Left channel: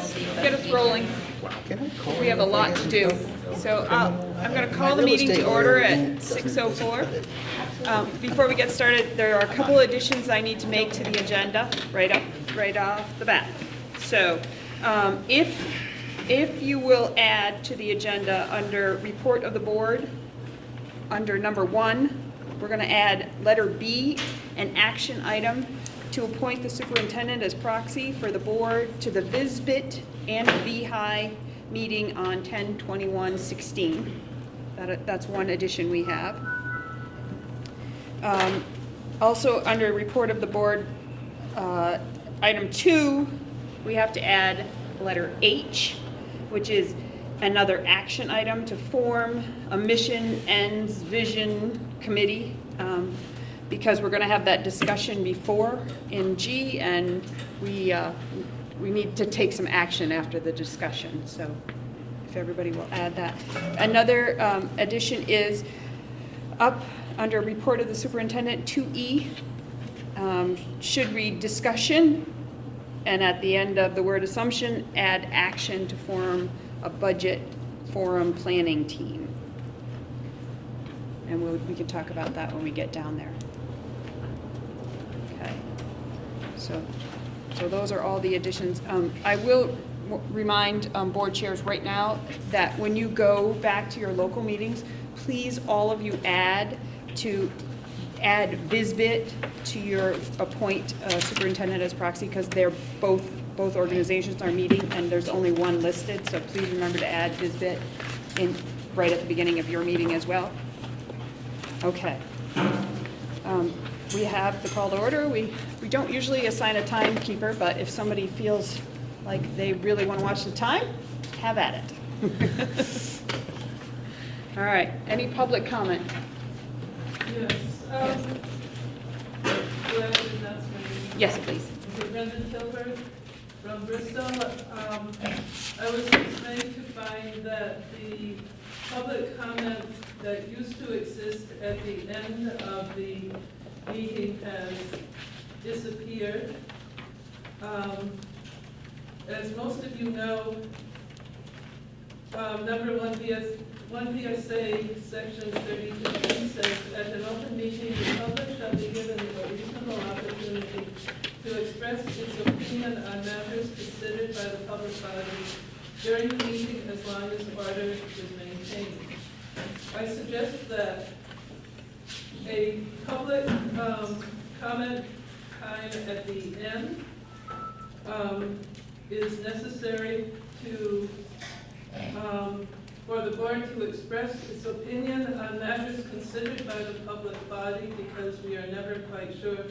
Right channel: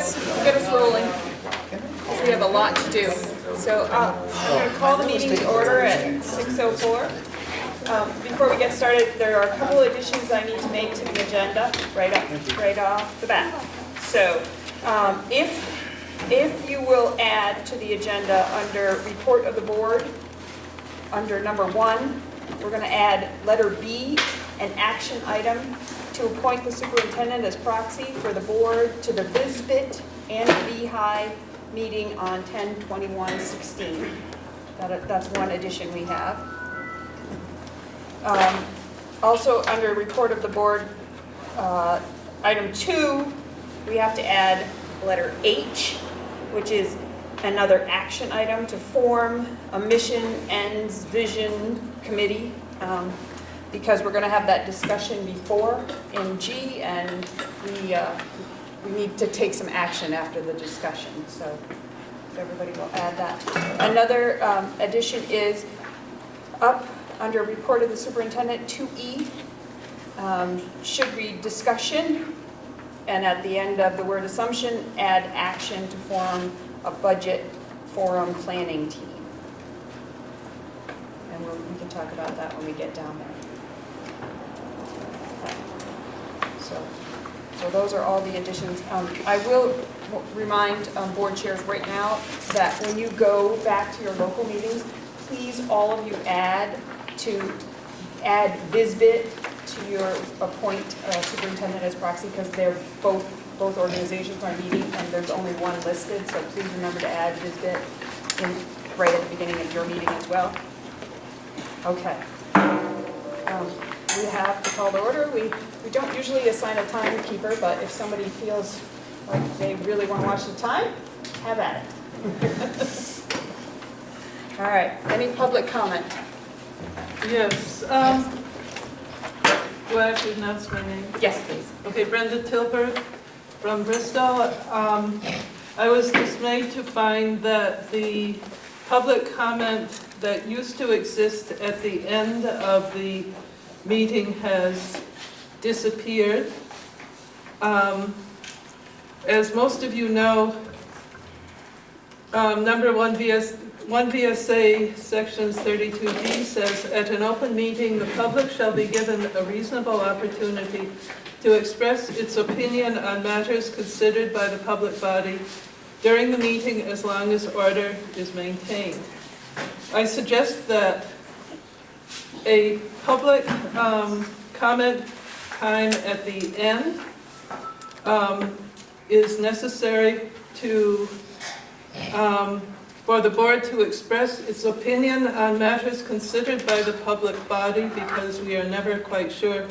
us rolling. We have a lot to do. So I'm going to call the meeting to order at 6:04. Before we get started, there are a couple additions I need to make to the agenda right off the bat. So if you will add to the agenda under report of the board, under number 1, we're going to add letter B, an action item to appoint the superintendent as proxy for the board to the VISBIT and VHI meeting on 10/21/16. That's one addition we have. Also, under report of the board, item 2, we have to add letter H, which is another action item to form a mission, ends, vision committee, because we're going to have that discussion before in G, and we need to take some action after the discussion. So if everybody will add that. Another addition is up under report of the superintendent, 2E, should read discussion, and at the end of the word assumption, add action to form a budget forum planning team. And we can talk about that when we get down there. Okay. So those are all the additions. I will remind board chairs right now that when you go back to your local meetings, please all of you add VISBIT to your appoint superintendent as proxy, because they're both organizations are meeting and there's only one listed, so please remember to add VISBIT right at the beginning of your meeting as well. Okay. We have the call to order. We don't usually assign a timekeeper, but if somebody feels like they really want to watch the time, have at it. All right, any public comment? Yes. Do I have to announce my name? Yes, please. Okay, Brenda Tilber from Bristol. I was dismayed to find that the public comment that used to exist at the end of the meeting has disappeared. As most of you know, number 1 VSA sections 32B says, at an open meeting, the public shall be given a reasonable opportunity to express its opinion on matters considered by the public body during the meeting as long as order is maintained. I suggest that a public comment time at the end is necessary to for the board to express its opinion on matters considered by the public body, because we are never quite sure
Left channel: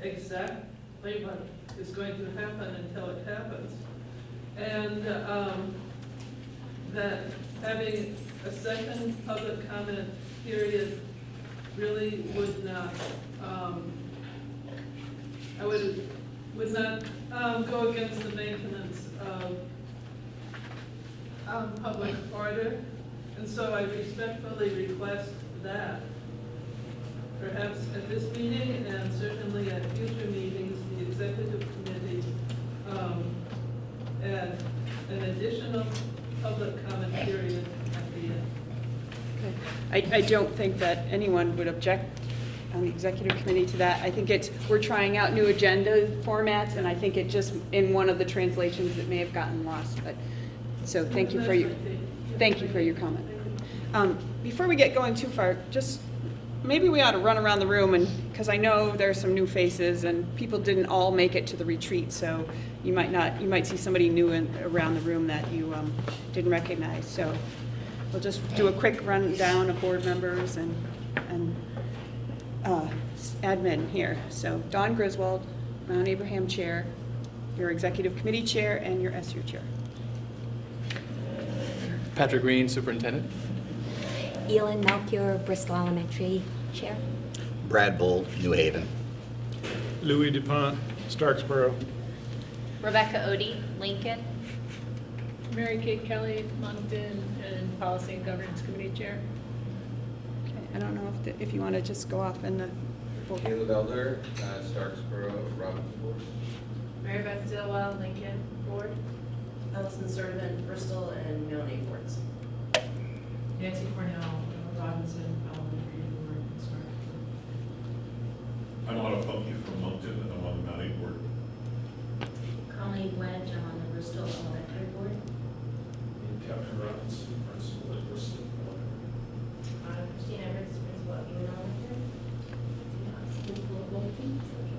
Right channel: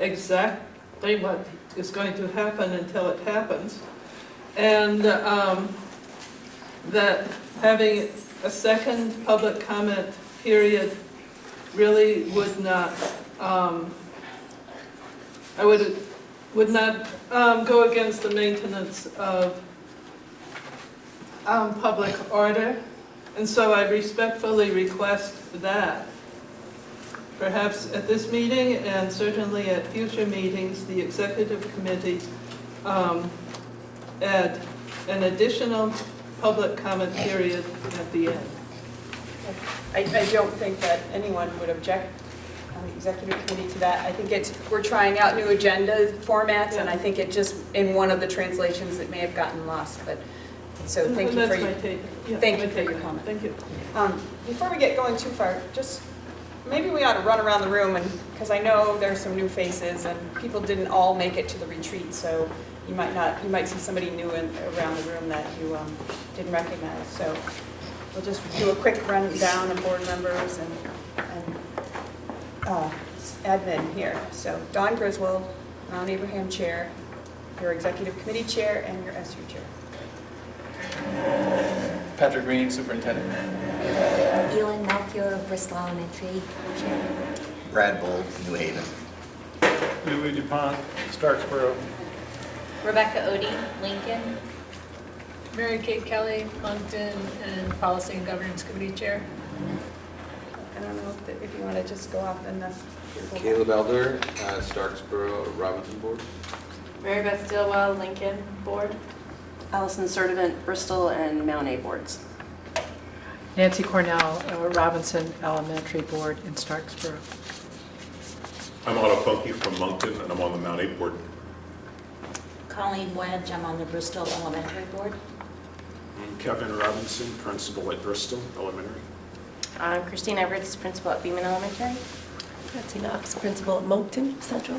exactly what is going to happen until it happens. And that having a second public comment period really would not, would not go against the maintenance of public order, and so I respectfully request that perhaps at this meeting and certainly at future meetings, the executive committee add an additional public comment period at the end. I don't think that anyone would object on the executive committee to that. I think we're trying out new agenda formats, and I think it just, in one of the translations, it may have gotten lost. But so thank you for your comment. Thank you. Before we get going too far, just maybe we ought to run around the room, and because I know there's some new faces and people didn't all make it to the retreat, so you might see somebody new around the room that you didn't recognize. So we'll just do a quick rundown of board members and admin here. So Dawn Griswold, Ron Abraham Chair, your Executive Committee Chair, and your SU Chair. Patrick Green, Superintendent. Elin Melchior, Bristol Elementary Chair. Brad Bull, New Haven. Louis DuPont, Starksboro. Rebecca Odie, Lincoln. Mary Kate Kelly, Moncton, and Policy and Governance Committee Chair. I don't know if you want to just go off in the... Caleb Elder, Starksboro, Robinson Board. Mary Beth Stillwell, Lincoln Board. Allison Sertivant, Bristol and Mount A boards. Nancy Cornell, Robinson Elementary Board in Starksboro. I'm Otto Funky from Moncton, and I'm on the Mount 8 board. Colleen Wedge, I'm on the Bristol Elementary Board. I'm Kevin Robinson, principal at Bristol Elementary. Christine Everett, principal at Beaman Elementary. Betsy Knox, principal at Moncton Central.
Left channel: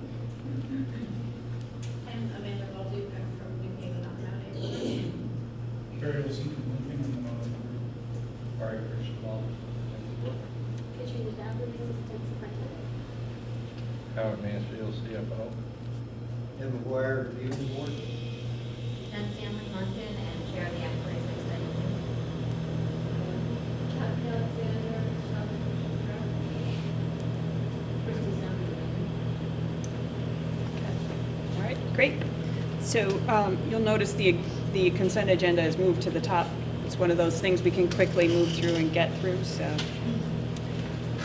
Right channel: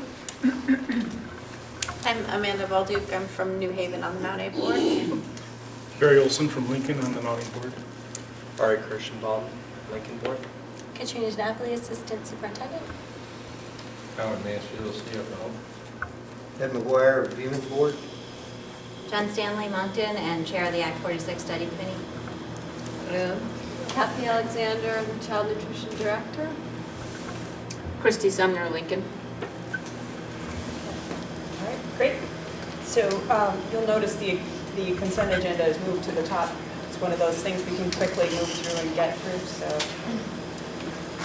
I'm Amanda Balduke. I'm from New Haven on the Mount A board. Carrie Olson from Lincoln on the Mountain Board. Ari Kirschenbaum, Lincoln Board. Katrina Napoli, Assistant Superintendent. Howard Mansfield, CFO. Ted McGuire, Beaman Board. Jen Stanley, Moncton, and Chair of the Act 46 Study Committee. Kathy Alexander, I'm the Child Nutrition Director. Christy Sumner, Lincoln. All right, great. So you'll notice the consent agenda is moved to the top. It's one of those things we can quickly move through and get through, so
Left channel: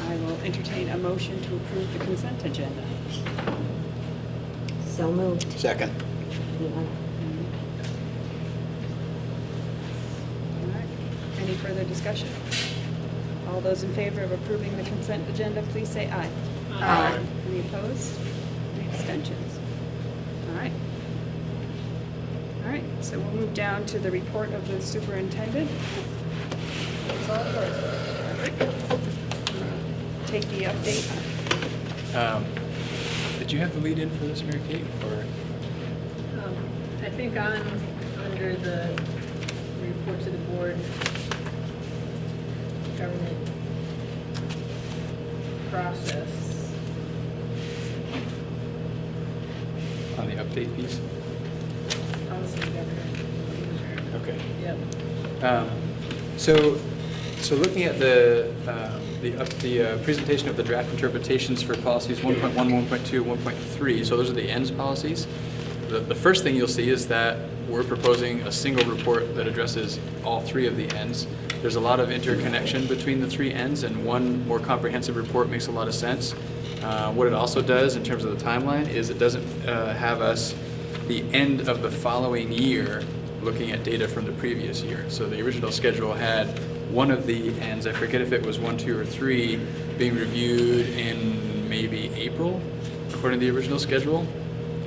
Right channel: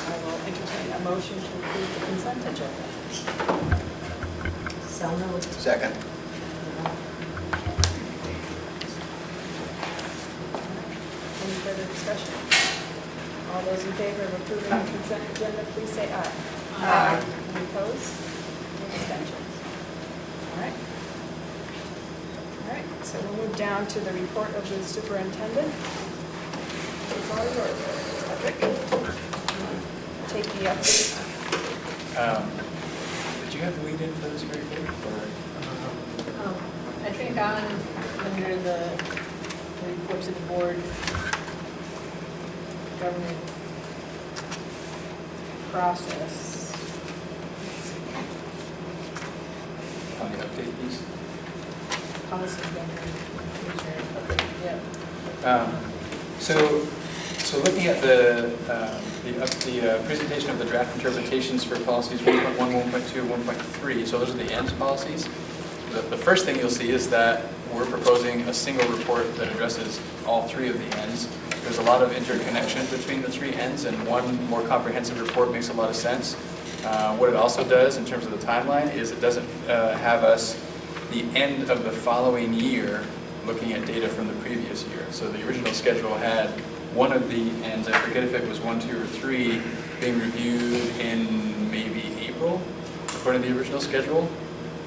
I will entertain a motion to approve the consent agenda. So moved. Second. Any further discussion? All those in favor of approving the consent agenda, please say aye. Aye. Any opposed? Any abstentions? All right. All right, so we'll move down to the report of the superintendent. Take the update. Did you have the lead in for this, Mary Kate? I think under the reports of the board, government process. On the update piece? Policy government. Okay. Yep. So looking at the presentation of the draft interpretations for policies 1.1, 1.2, and 1.3, so those are the ends policies. The first thing you'll see is that we're proposing a single report that addresses all three of the ends. There's a lot of interconnection between the three ends, and one more comprehensive report makes a lot of sense. What it also does in terms of the timeline is it doesn't have us the end of the following year looking at data from the previous year. So the original schedule had one of the ends, I forget if it was 1, 2, or 3, being reviewed in maybe April, according to the original schedule.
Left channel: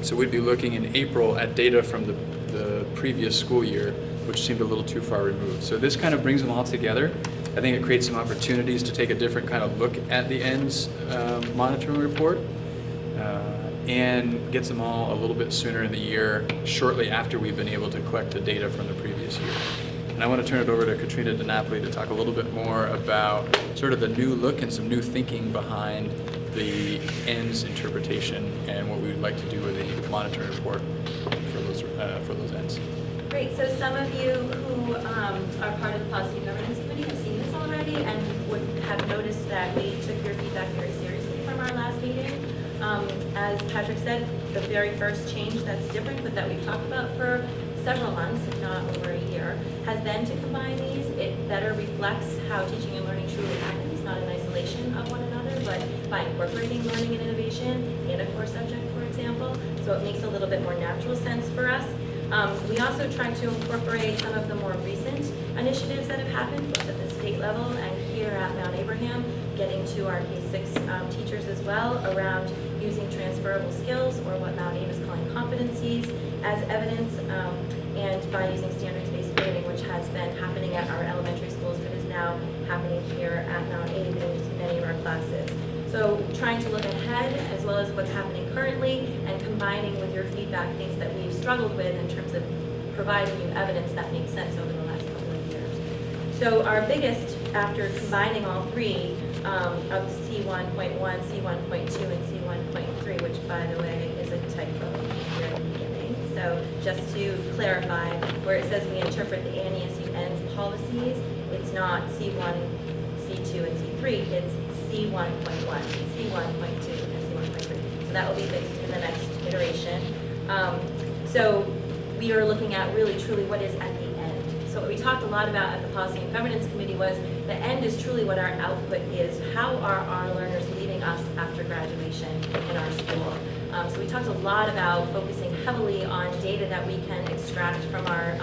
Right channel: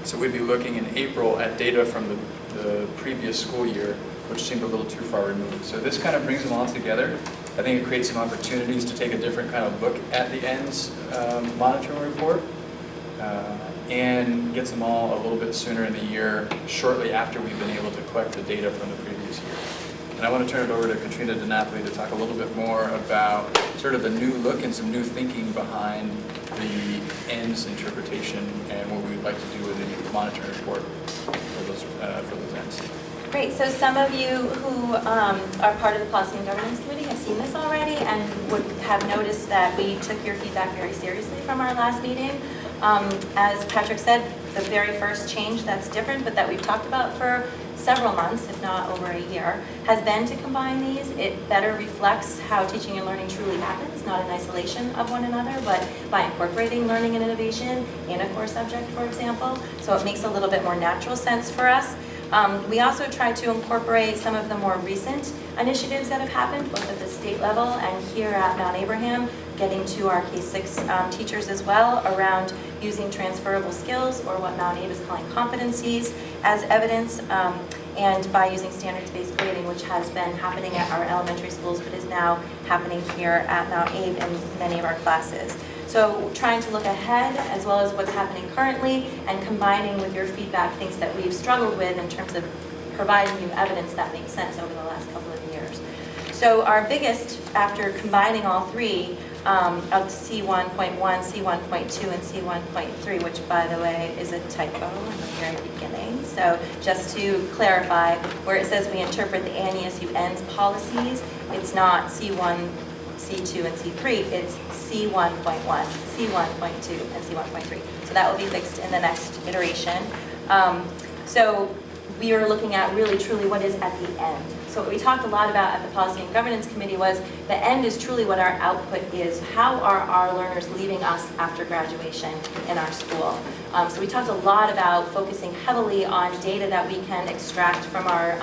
So we'd be looking in April at data from the previous school year, which seemed a little too far removed. So this kind of brings them all together. I think it creates some opportunities to take a different kind of look at the ends monitoring report and gets them all a little bit sooner in the year, shortly after we've been able to collect the data from the previous year. And I want to turn it over to Katrina DiNapoli to talk a little bit more about sort of the new look and some new thinking behind the ends interpretation and what we would like to do with the monitoring report for those ends. Great, so some of you who are part of the Policy and Governance Committee have seen this already and would have noticed that we took your feedback very seriously from our last meeting. As Patrick said, the very first change that's different, but that we've talked about for several months, if not over a year, has been to combine these. It better reflects how teaching and learning truly happens, not in isolation of one another, but by incorporating learning and innovation in a core subject, for example. So it makes a little bit more natural sense for us. We also tried to incorporate some of the more recent initiatives that have happened, both at the state level and here at Mount Abraham, getting to our K-6 teachers as well, around using transferable skills, or what Mount Abe is calling competencies, as evidence, and by using standards-based grading, which has been happening at our elementary schools, but is now happening here at Mount Abe in many of our classes. So trying to look ahead as well as what's happening currently and combining with your feedback things that we've struggled with in terms of providing you evidence that makes sense over the last couple of years. So our biggest, after combining all three of C1.1, C1.2, and C1.3, which by the way is a typo at the very beginning. So just to clarify, where it says we interpret the ANESU ends policies, it's not C1, C2, and C3, it's C1.1, C1.2, and C1.3. So that will be fixed in the next iteration. So we are looking at really truly what is at the end. So what we talked a lot about at the Policy and Governance Committee was the end is truly what our output is. How are our learners leaving us after graduation in our school? So we talked a lot about focusing heavily on data that we can extract from our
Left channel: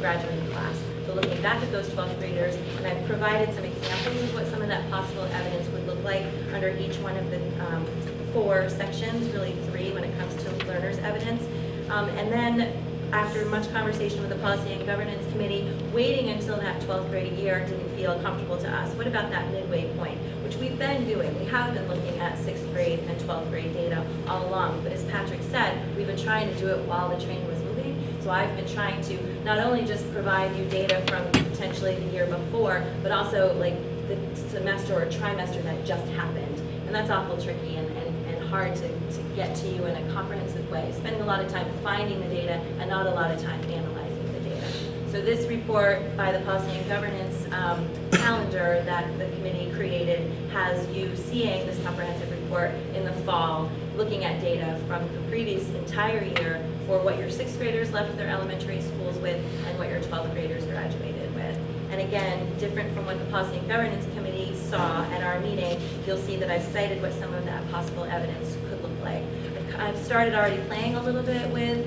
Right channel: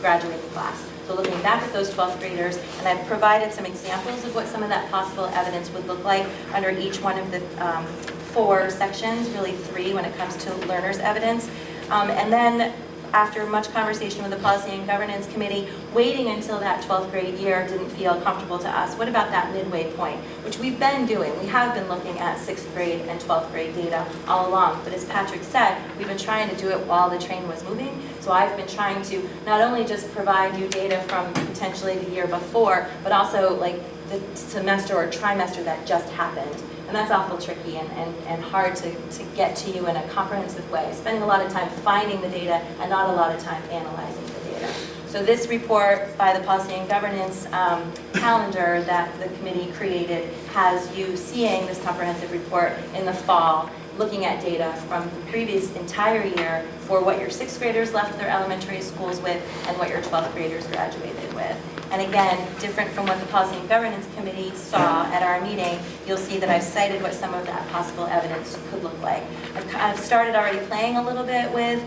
graduating class. So looking back at those 12th graders, and I've provided some examples of what some of that possible evidence would look like under each one of the 4 sections, really 3 when it comes to learners' evidence. And then after much conversation with the Policy and Governance Committee, waiting until that 12th grade year didn't feel comfortable to us. What about that midway point, which we've been doing? We have been looking at 6th grade and 12th grade data all along, but as Patrick said, we've been trying to do it while the train was moving. So I've been trying to not only just provide you data from potentially the year before, but also like the semester or trimester that just happened. And that's awful tricky and hard to get to you in a comprehensive way. Spending a lot of time finding the data and not a lot of time analyzing the data. So this report by the Policy and Governance calendar that the committee created has you seeing this comprehensive report in the fall, looking at data from the previous entire year for what your 6th graders left their elementary schools with and what your 12th graders graduated with. And again, different from what the Policy and Governance Committee saw at our meeting, you'll see that I've cited what some of that possible evidence could look like. I've started already playing a little bit with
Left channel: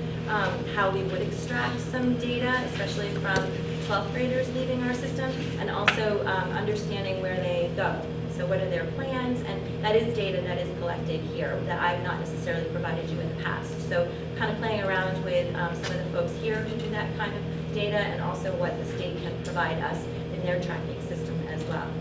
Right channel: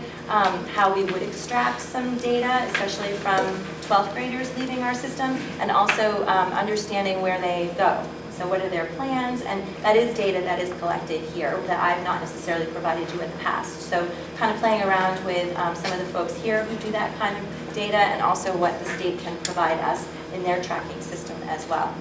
how we would extract some data, especially from 12th graders leaving our system, and also understanding where they go. So what are their plans? And that is data that is collected here that I've not necessarily provided you in the past. So kind of playing around with some of the folks here who do that kind of data, and also what the state can provide us in their tracking system as well.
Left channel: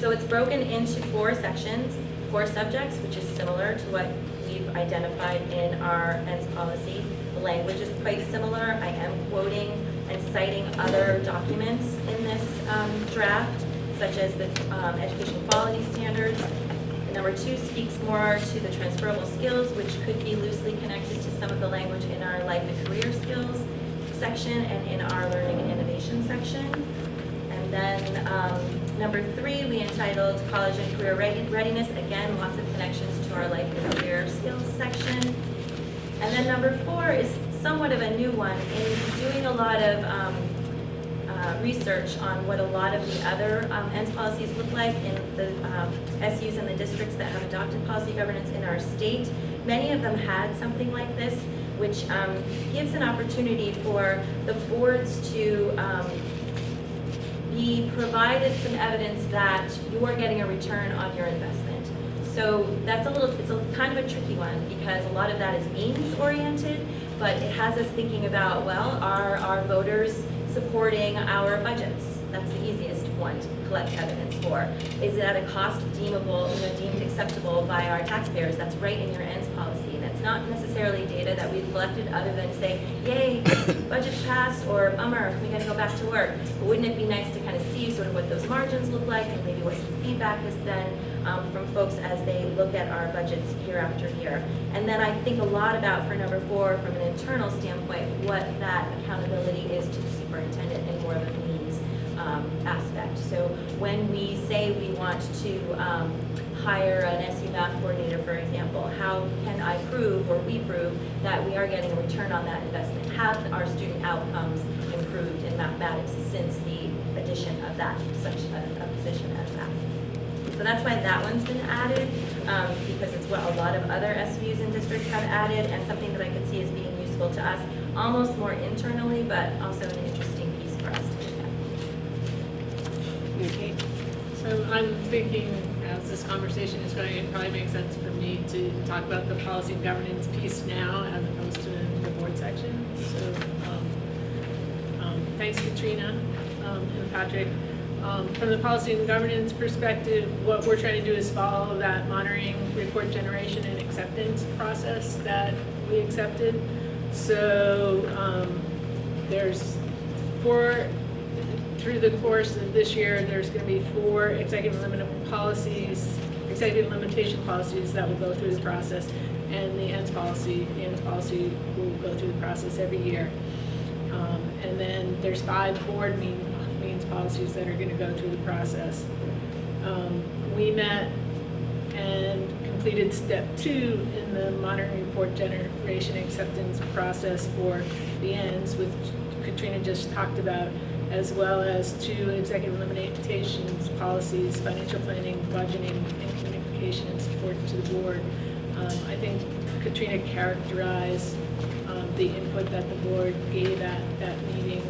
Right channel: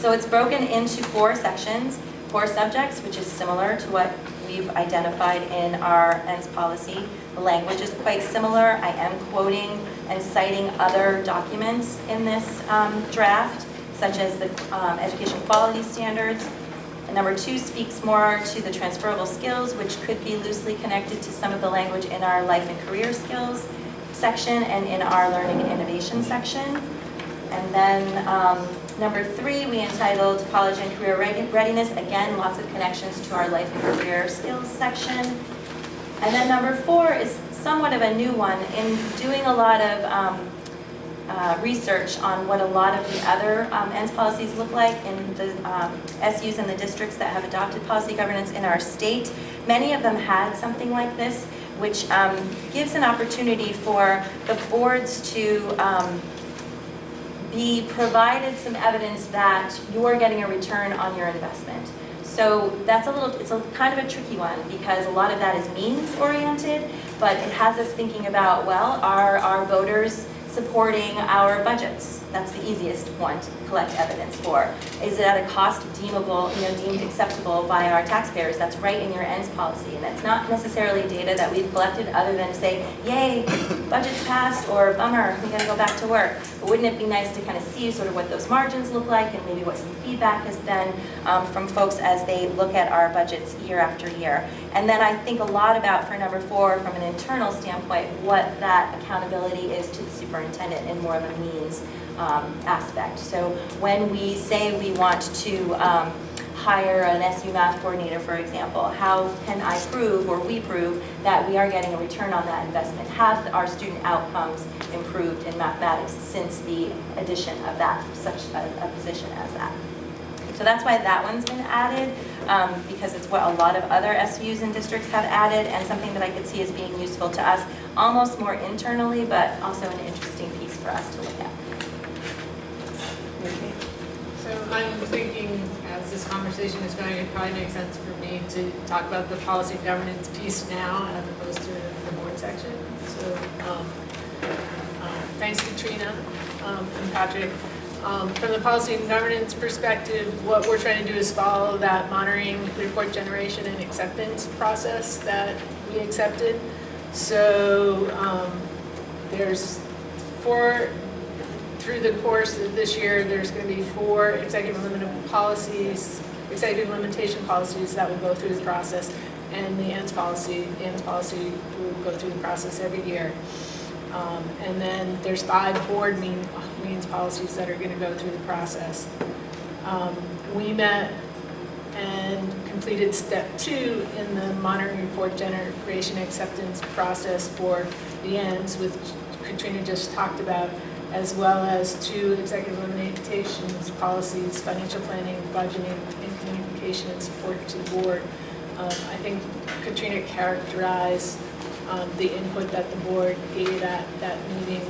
So it's broken into 4 sections, 4 subjects, which is similar to what we've identified in our ENDS policy. The language is quite similar. I am quoting and citing other documents in this draft, such as the education quality standards. And number 2 speaks more to the transferable skills, which could be loosely connected to some of the language in our life and career skills section and in our learning and innovation section. And then number 3, we entitled College and Career Readiness. Again, lots of connections to our life and career skills section. And then number 4 is somewhat of a new one. In doing a lot of research on what a lot of the other ENDS policies look like in the SUs and the districts that have adopted policy governance in our state, many of them had something like this, which gives an opportunity for the boards to be provided some evidence that you are getting a return on your investment. So that's it's a kind of a tricky one, because a lot of that is means oriented, but it has us thinking about, well, are our voters supporting our budgets? That's the easiest one to collect evidence for. Is it at a cost deemable, deemed acceptable by our taxpayers? That's right in your ENDS policy, and that's not necessarily data that we've collected other than to say, yay, budget's passed, or bummer, we gotta go back to work. But wouldn't it be nice to kind of see sort of what those margins look like, and maybe what some feedback has been from folks as they look at our budgets year after year. And then I think a lot about, for number 4, from an internal standpoint, what that accountability is to the superintendent in more of a means aspect. So when we say we want to hire an SU math coordinator, for example, how can I prove, or we prove, that we are getting a return on that investment? Have our student outcomes improved in mathematics since the addition of that, such a position as that? So that's why that one's been added, because it's what a lot of other SUs and districts have added, and something that I could see as being useful to us, almost more internally, but also an interesting piece for us to look at. Okay. So I'm thinking, as this conversation is going, it probably makes sense for me to talk about the policy governance piece now, as opposed to the board section. So thanks, Katrina and Patrick. From the policy and governance perspective, what we're trying to do is follow that monitoring, report generation, and acceptance process that we accepted. So there's 4, through the course of this year, there's going to be 4 executive limitation policies that will go through the process, and the ENDS policy will go through the process every year. And then there's 5 board means policies that are going to go through the process. We met and completed step 2 in the monitoring report generation acceptance process for the ends, which Katrina just talked about, as well as 2 executive limitations policies, financial planning, budgeting, and communication and support to the board. I think Katrina characterized the input that the board gave at that meeting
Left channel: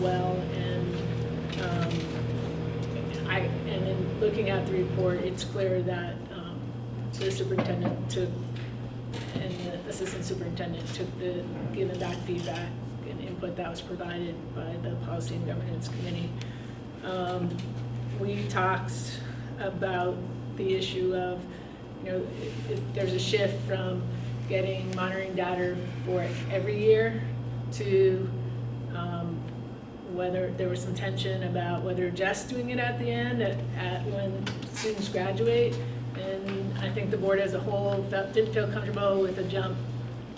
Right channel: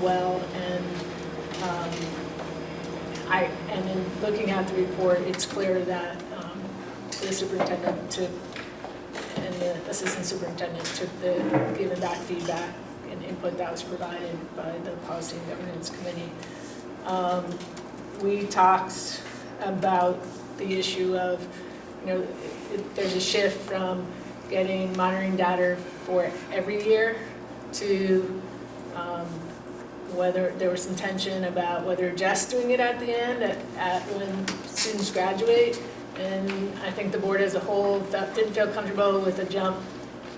well, and in looking at the report, it's clear that the superintendent took, and the assistant superintendent took the given back feedback and input that was provided by the Policy and Governance Committee. We talked about the issue of, there's a shift from getting monitoring data for every year to whether there was some tension about whether just doing it at the end, at when students graduate. And I think the board as a whole didn't feel comfortable with a jump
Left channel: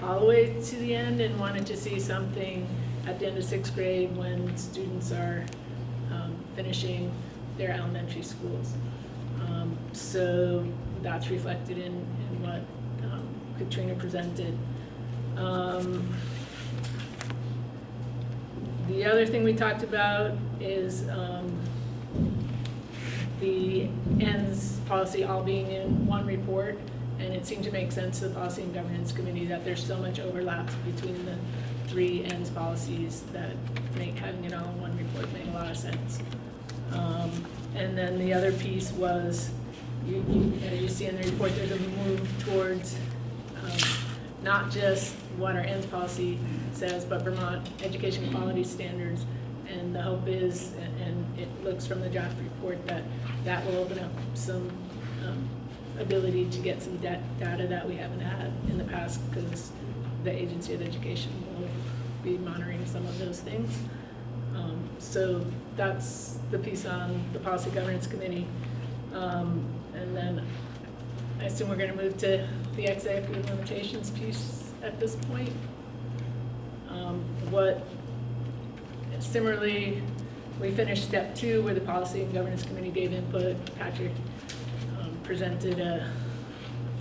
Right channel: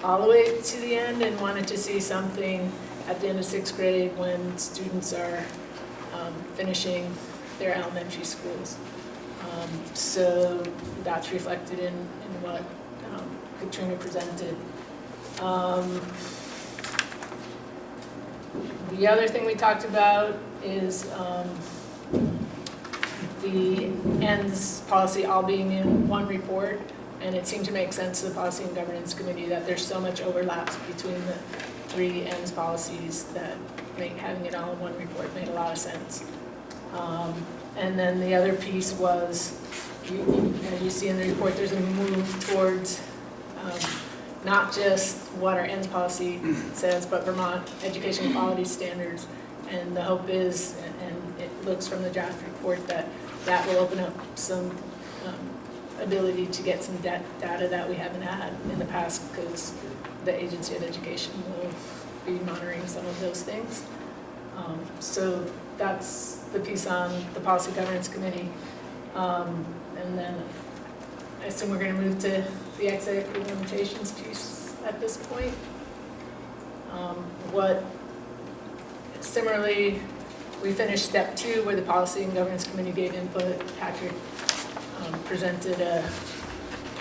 all the way to the end and wanted to see something at the end of 6th grade when students are finishing their elementary schools. So that's reflected in what Katrina presented. The other thing we talked about is the ends policy all being in one report, and it seemed to make sense to the Policy and Governance Committee that there's so much overlap between the 3 ends policies that having it all in one report made a lot of sense. And then the other piece was, as you see in the report, there's a move towards not just what our ends policy says, but Vermont education quality standards. And the hope is, and it looks from the draft report, that will open up some ability to get some data that we haven't had in the past, because the Agency of Education will be monitoring some of those things. So that's the piece on the Policy Governance Committee. And then I assume we're going to move to the executive limitations piece at this point. Similarly, we finished step 2 where the Policy and Governance Committee gave input. Patrick presented a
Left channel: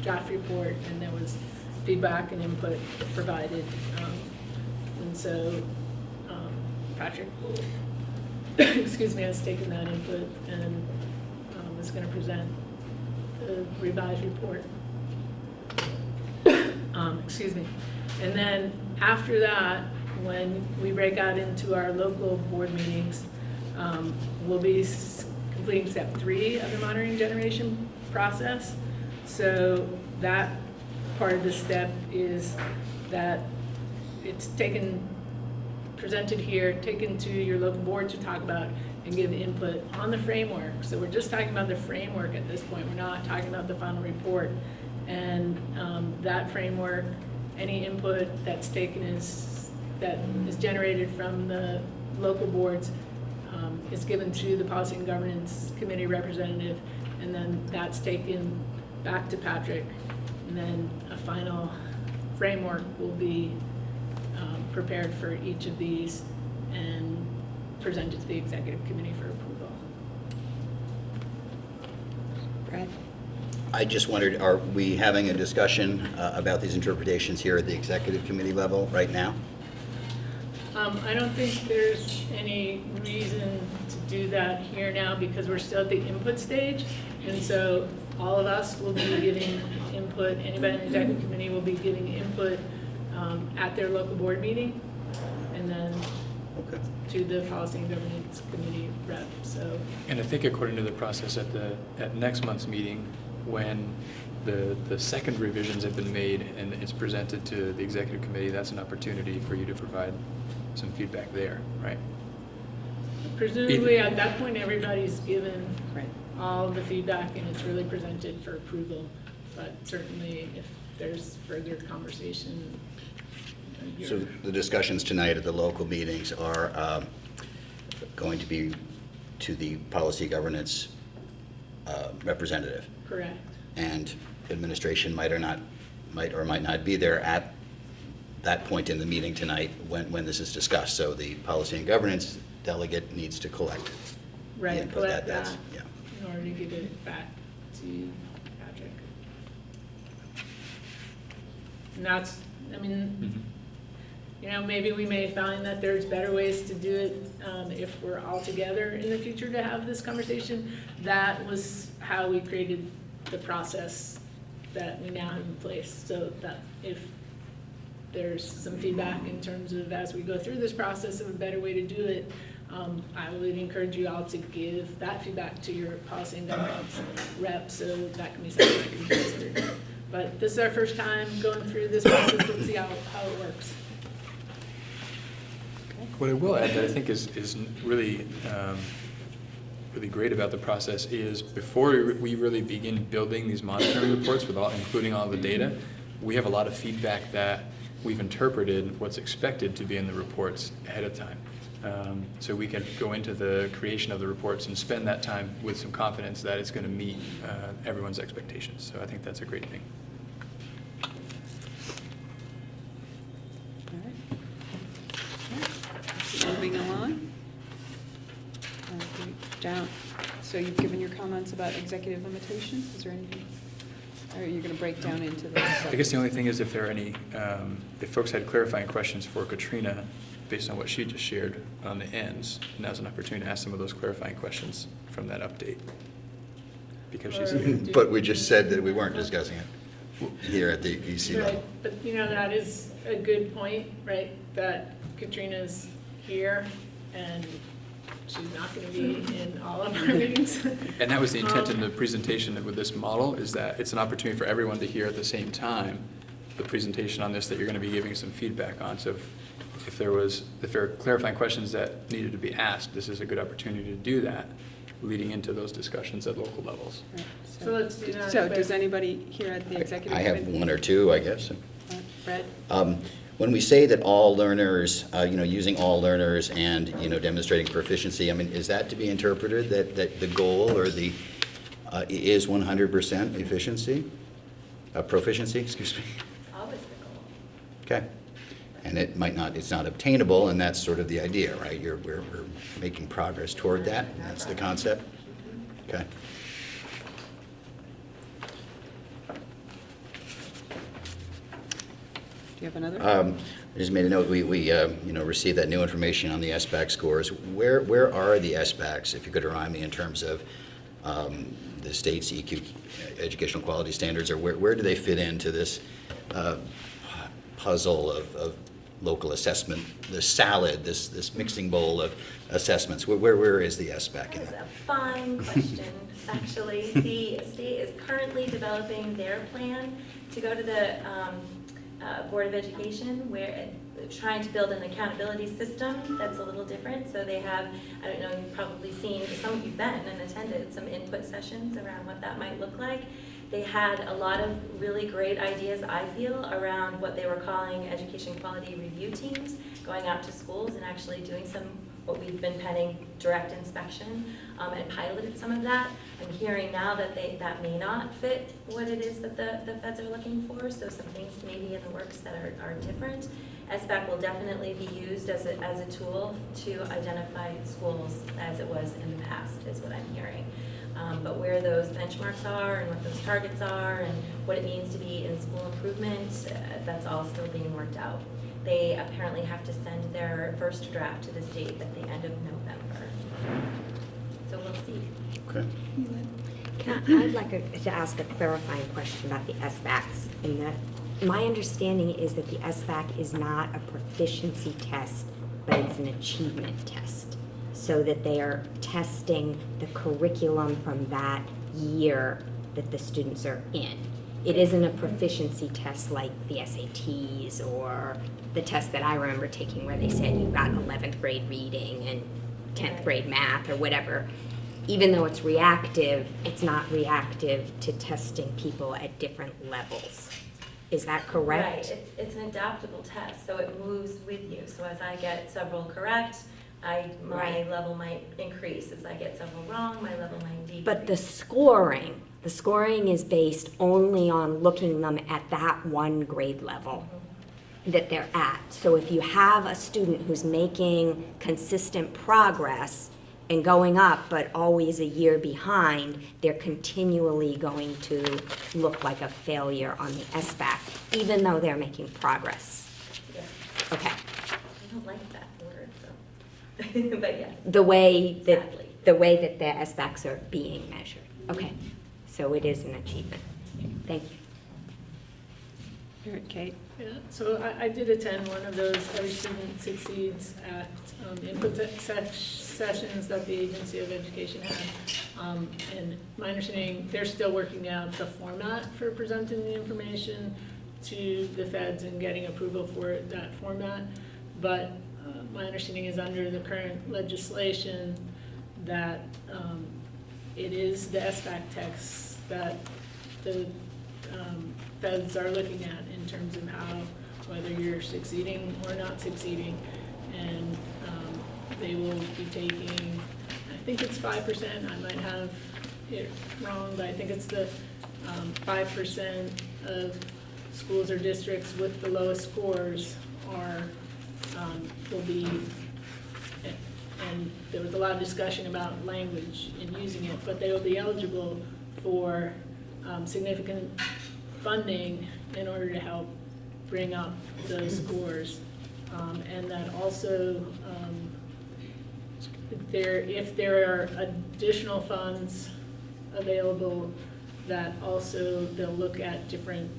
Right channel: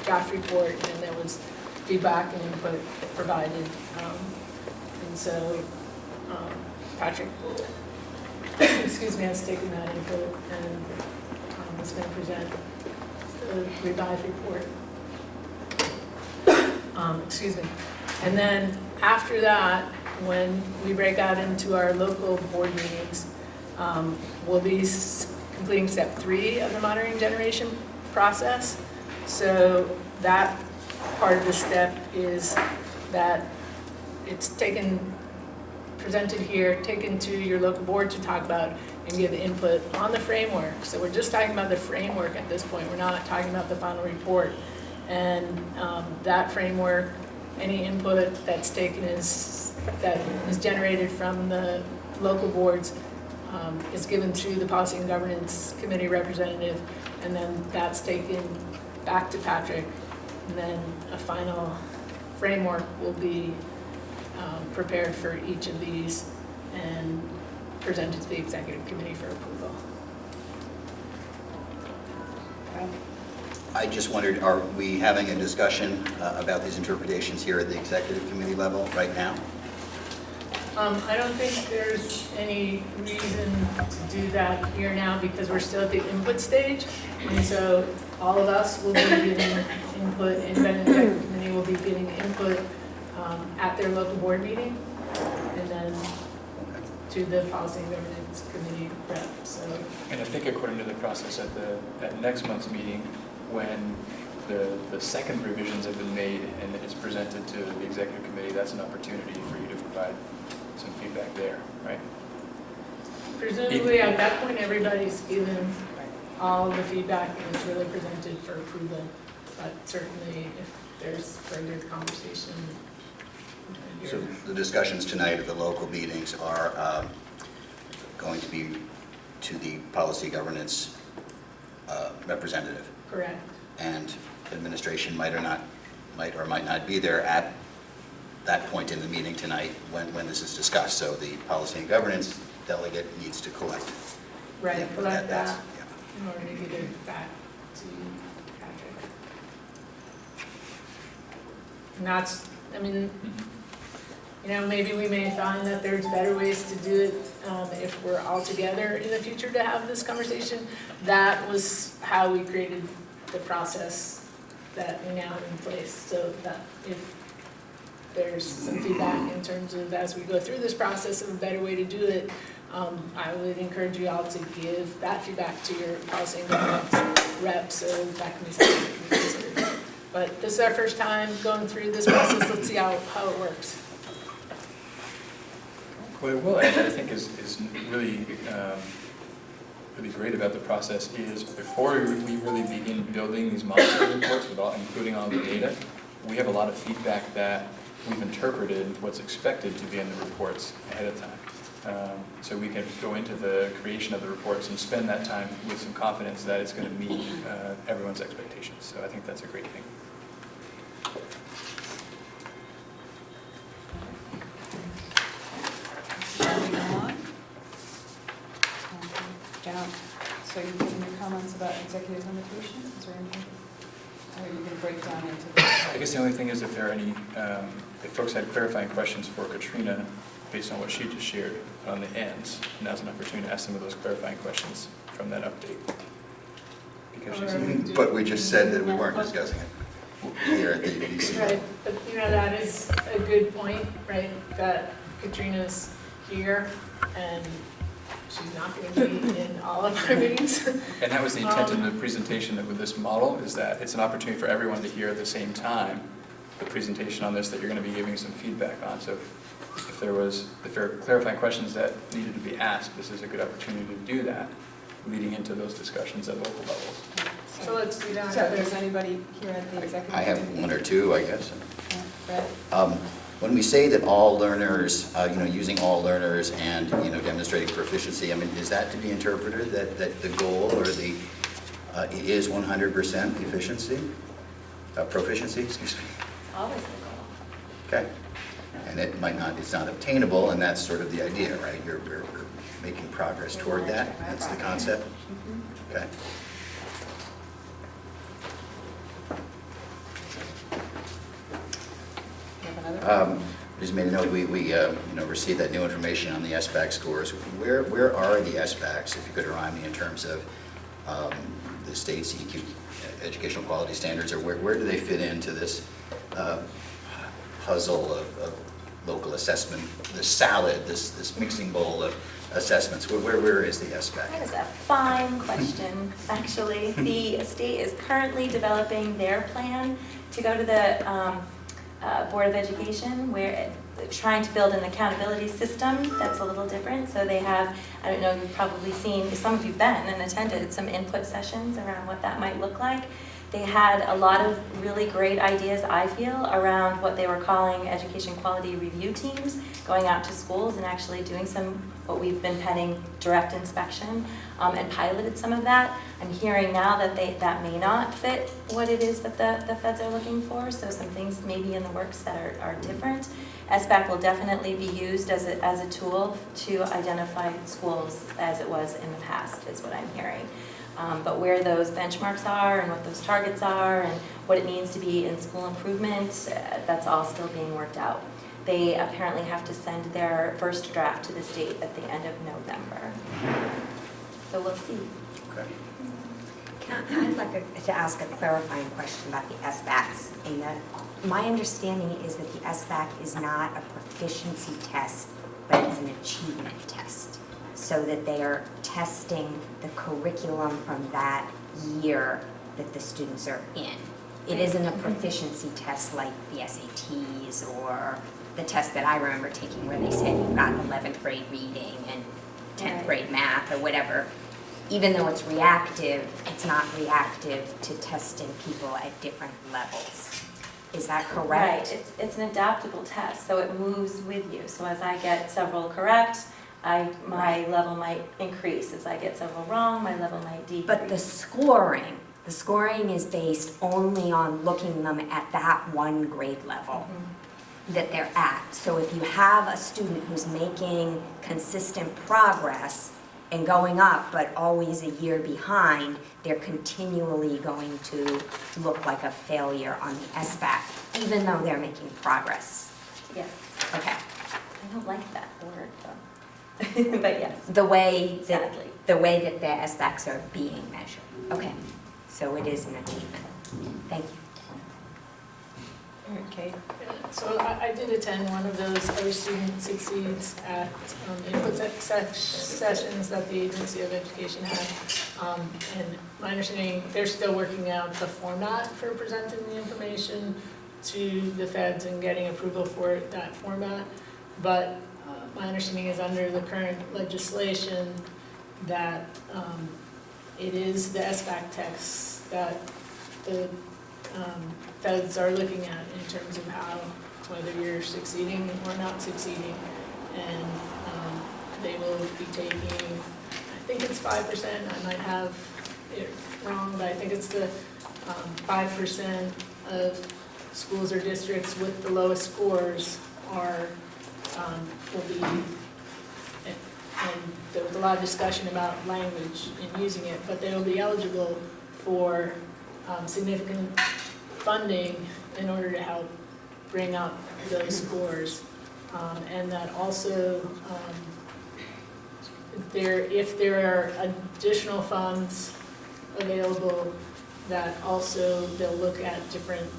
draft report, and there was feedback and input provided. And so Patrick, excuse me, has taken that input and is going to present the revised report. Excuse me. And then after that, when we break out into our local board meetings, we'll be completing step 3 of the monitoring generation process. So that part of the step is that it's presented here, taken to your local board to talk about and give input on the framework. So we're just talking about the framework at this point. We're not talking about the final report. And that framework, any input that's taken that is generated from the local boards is given to the Policy and Governance Committee representative, and then that's taken back to Patrick, and then a final framework will be prepared for each of these and presented to the Executive Committee for approval. Okay. I just wondered, are we having a discussion about these interpretations here at the Executive Committee level right now? I don't think there's any reason to do that here now, because we're still at the input stage. And so all of us will be giving input, anybody in the Executive Committee will be giving input at their local board meeting, and then to the Policy and Governance Committee rep. So. And I think according to the process at next month's meeting, when the second revisions have been made and it's presented to the Executive Committee, that's an opportunity for you to provide some feedback there, right? Presumably at that point, everybody's given all of the feedback and it's really presented for approval. But certainly if there's further conversation. So the discussions tonight at the local meetings are going to be to the Policy Governance representative. Correct. And administration might or might not be there at that point in the meeting tonight when this is discussed. So the Policy and Governance delegate needs to collect. Right, collect that yeah. in order to give it back to Patrick. And that's, I mean, you know, maybe we may find that there's better ways to do it if we're all together in the future to have this conversation. That was how we created the process that we now have in place, so that if there's some feedback in terms of as we go through this process of a better way to do it, I would encourage you all to give that feedback to your policy and governance rep, so that can be something that you can consider. But this is our first time going through this process. Let's see how it works. What I will add, that I think is really, really great about the process is before we really begin building these monitoring reports, including all the data, we have a lot of feedback that we've interpreted what's expected to be in the reports ahead of time. So we can go into the creation of the reports and spend that time with some confidence that it's going to meet everyone's expectations. So I think that's a great thing. Moving on. Down. So you've given your comments about executive limitations. Is there anything? Or are you going to break down into this? I guess the only thing is if there are any, if folks had clarifying questions for Katrina based on what she just shared on the ends, now's an opportunity to ask some of those clarifying questions from that update. Because she's. But we just said that we weren't discussing it here at the EDC. Right, but you know, that is a good point, right? That Katrina's here and she's not going to be in all of our meetings. And that was the intent of the presentation with this model, is that it's an opportunity for everyone to hear at the same time the presentation on this that you're going to be giving some feedback on. So if there are clarifying questions that needed to be asked, this is a good opportunity to do that, leading into those discussions at local levels. So let's do that. So if there's anybody here at the executive I have committee? one or two, I guess. Fred? When we say that all learners, using all learners and, demonstrating proficiency, I mean, is that to be interpreted that the goal or the is 100% efficiency? Proficiency, excuse me. Always the goal. Okay. And it's not obtainable, and that's sort of the idea, right? You're making progress toward that. That's the concept. Okay. I just made a note, we received that new information on the SBAC scores. Where are the SBACs, if you could remind me, in terms of the state's EQ, educational quality standards, or where do they fit into this puzzle of local assessment, the salad, this mixing bowl of assessments? Where is the SBAC? That is a fine question, actually. The state is currently developing their plan to go to the Board of Education, where trying to build an accountability system that's a little different. So they have, I don't know, you've probably seen, some of you've been and attended some input sessions around what that might look like. They had a lot of really great ideas, I feel, around what they were calling education quality review teams, going out to schools and actually doing some, what we've been penning, direct inspection, and piloted some of that. I'm hearing now that that may not fit what it is that the feds are looking for, so some things maybe in the works that are different. SBAC will definitely be used as a tool to identify schools as it was in the past, is what I'm hearing. But where those benchmarks are and what those targets are and what it means to be in school improvement, that's all still being worked out. They apparently have to send their first draft to the state at the end of November. So we'll see. Okay. I'd like to ask a clarifying question about the SBACs. In that, my understanding is that the SBAC is not a proficiency test, but it's an achievement test, so that they are testing the curriculum from that year that the students are in. It isn't a proficiency test like the SATs or the test that I remember taking where they said you've got 11th grade reading and 10th grade math or whatever. Even though it's reactive, it's not reactive to testing people at different levels. Is that correct? Right, it's an adaptable test, so it moves with you. So as I get several correct, my level might increase. As I get several wrong, my level might decrease. But the scoring is based only on looking them at that one grade level that they're at. So if you have a student who's making consistent progress and going up, but always a year behind, they're continually going to look like a failure on the SBAC, even though they're making progress. Yes. Okay. I don't like that word, though. But yes. The way that Sadly. the SBACs are being measured. Okay. So it is an achievement. Thank you. All right, Kate. So I did attend one of those Every Student Succeeds at input sessions that the Agency of Education had. And my understanding, they're still working out the format for presenting the information to the feds and getting approval for that format. But my understanding is under the current legislation that it is the SBAC text that the feds are looking at in terms of how, whether you're succeeding or not succeeding. And they will be taking, I think it's 5%, I might have it wrong, but I think it's the 5% of schools or districts with the lowest scores are, will be, and there was a lot of discussion about language and using it, but they will be eligible for significant funding in order to help bring up those scores. And that also, if there are additional funds available, that also they'll look at different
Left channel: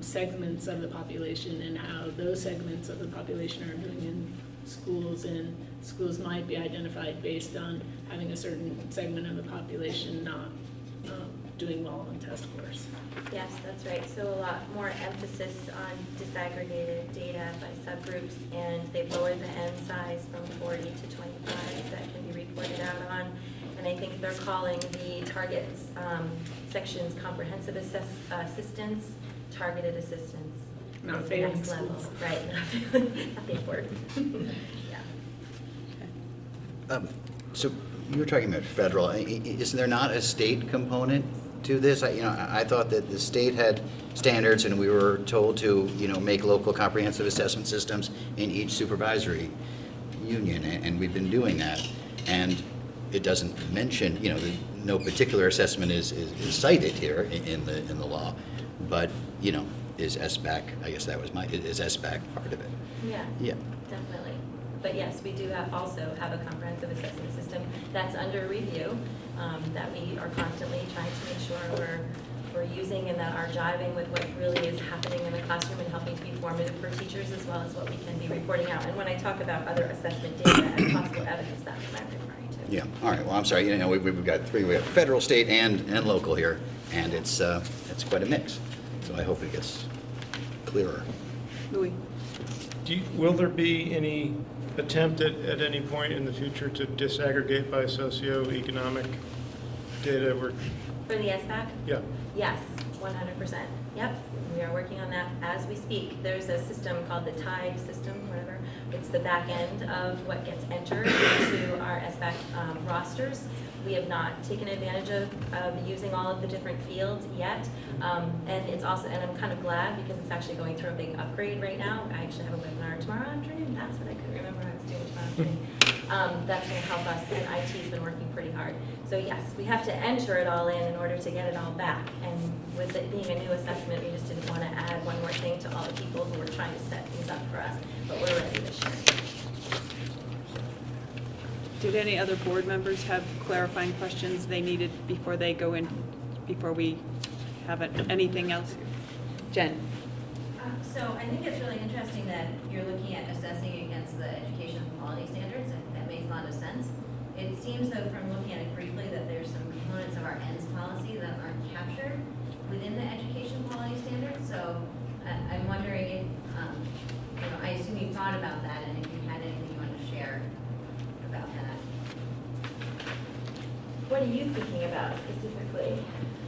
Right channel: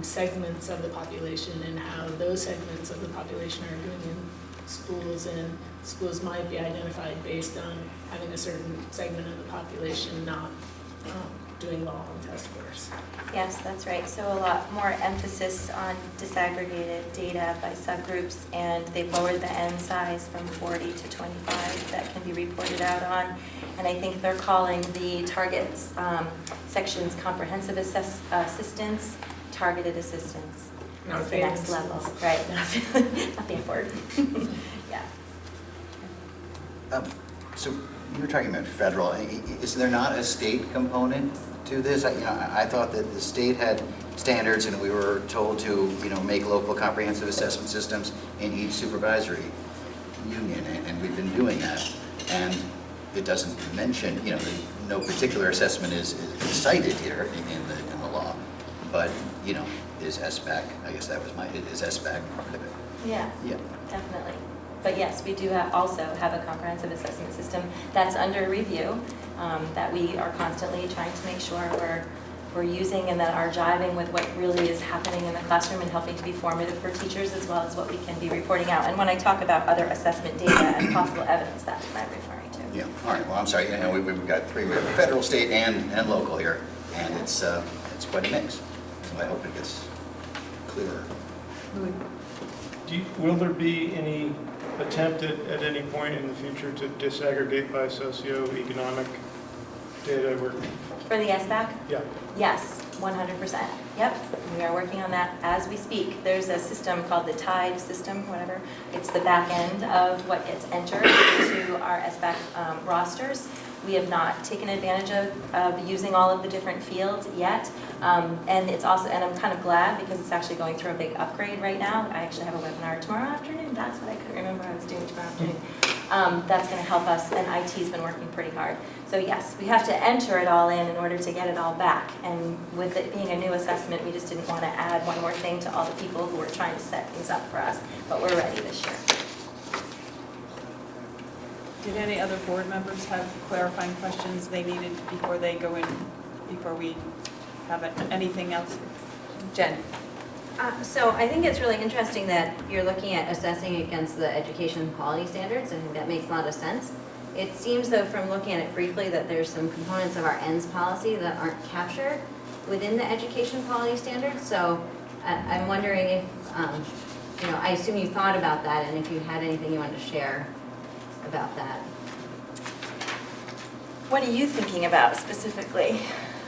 segments of the population and how those segments of the population are doing in schools, and schools might be identified based on having a certain segment of the population not doing well on test scores. Yes, that's right. So a lot more emphasis on disaggregated data by subgroups, and they've lowered the N size from 40 to 25 that can be reported out on. And I think they're calling the targets sections comprehensive assistance, targeted assistance. As the next level, right? Not the word. Yeah. So you were talking about federal. Is there not a state component to this? I thought that the state had standards, and we were told to, make local comprehensive assessment systems in each supervisory union, and we've been doing that. And it doesn't mention, no particular assessment is cited here in the law, but, is SBAC, I guess that was is SBAC part of it? Yes, Yeah. definitely. But yes, we do also have a comprehensive assessment system that's under review, that we are constantly trying to make sure we're using and that are jiving with what really is happening in the classroom and helping to be formative for teachers, as well as what we can be reporting out. And when I talk about other assessment data and possible evidence, that's what I'm referring to. Yeah, all right, well, I'm sorry, we've got three, we have federal, state, and local here, and it's quite a mix, so I hope it gets clearer. Will there be any attempt at any point in the future to disaggregate by socioeconomic data? For the SBAC? Yeah. Yes, 100%. Yep, we are working on that as we speak. There's a system called the TIDE system, whatever. It's the back end of what gets entered into our SBAC rosters. We have not taken advantage of using all of the different fields yet. And it's also, and I'm kind of glad because it's actually going through a big upgrade right now. I actually have a webinar tomorrow afternoon. That's what I couldn't remember I was doing tomorrow afternoon. That's going to help us, and IT's been working pretty hard. So yes, we have to enter it all in order to get it all back. And with it being a new assessment, we just didn't want to add one more thing to all the people who were trying to set things up for us. But we're ready this year. Did any other board members have clarifying questions they needed before they go in, before we have anything else? Jen? So I think it's really interesting that you're looking at assessing against the education quality standards. I think that makes a lot of sense. It seems though, from looking at it briefly, that there's some components of our ends policy that aren't captured within the education quality standards. So I'm wondering if, I assume you thought about that, and if you had anything you wanted to share about that. What are you thinking about specifically?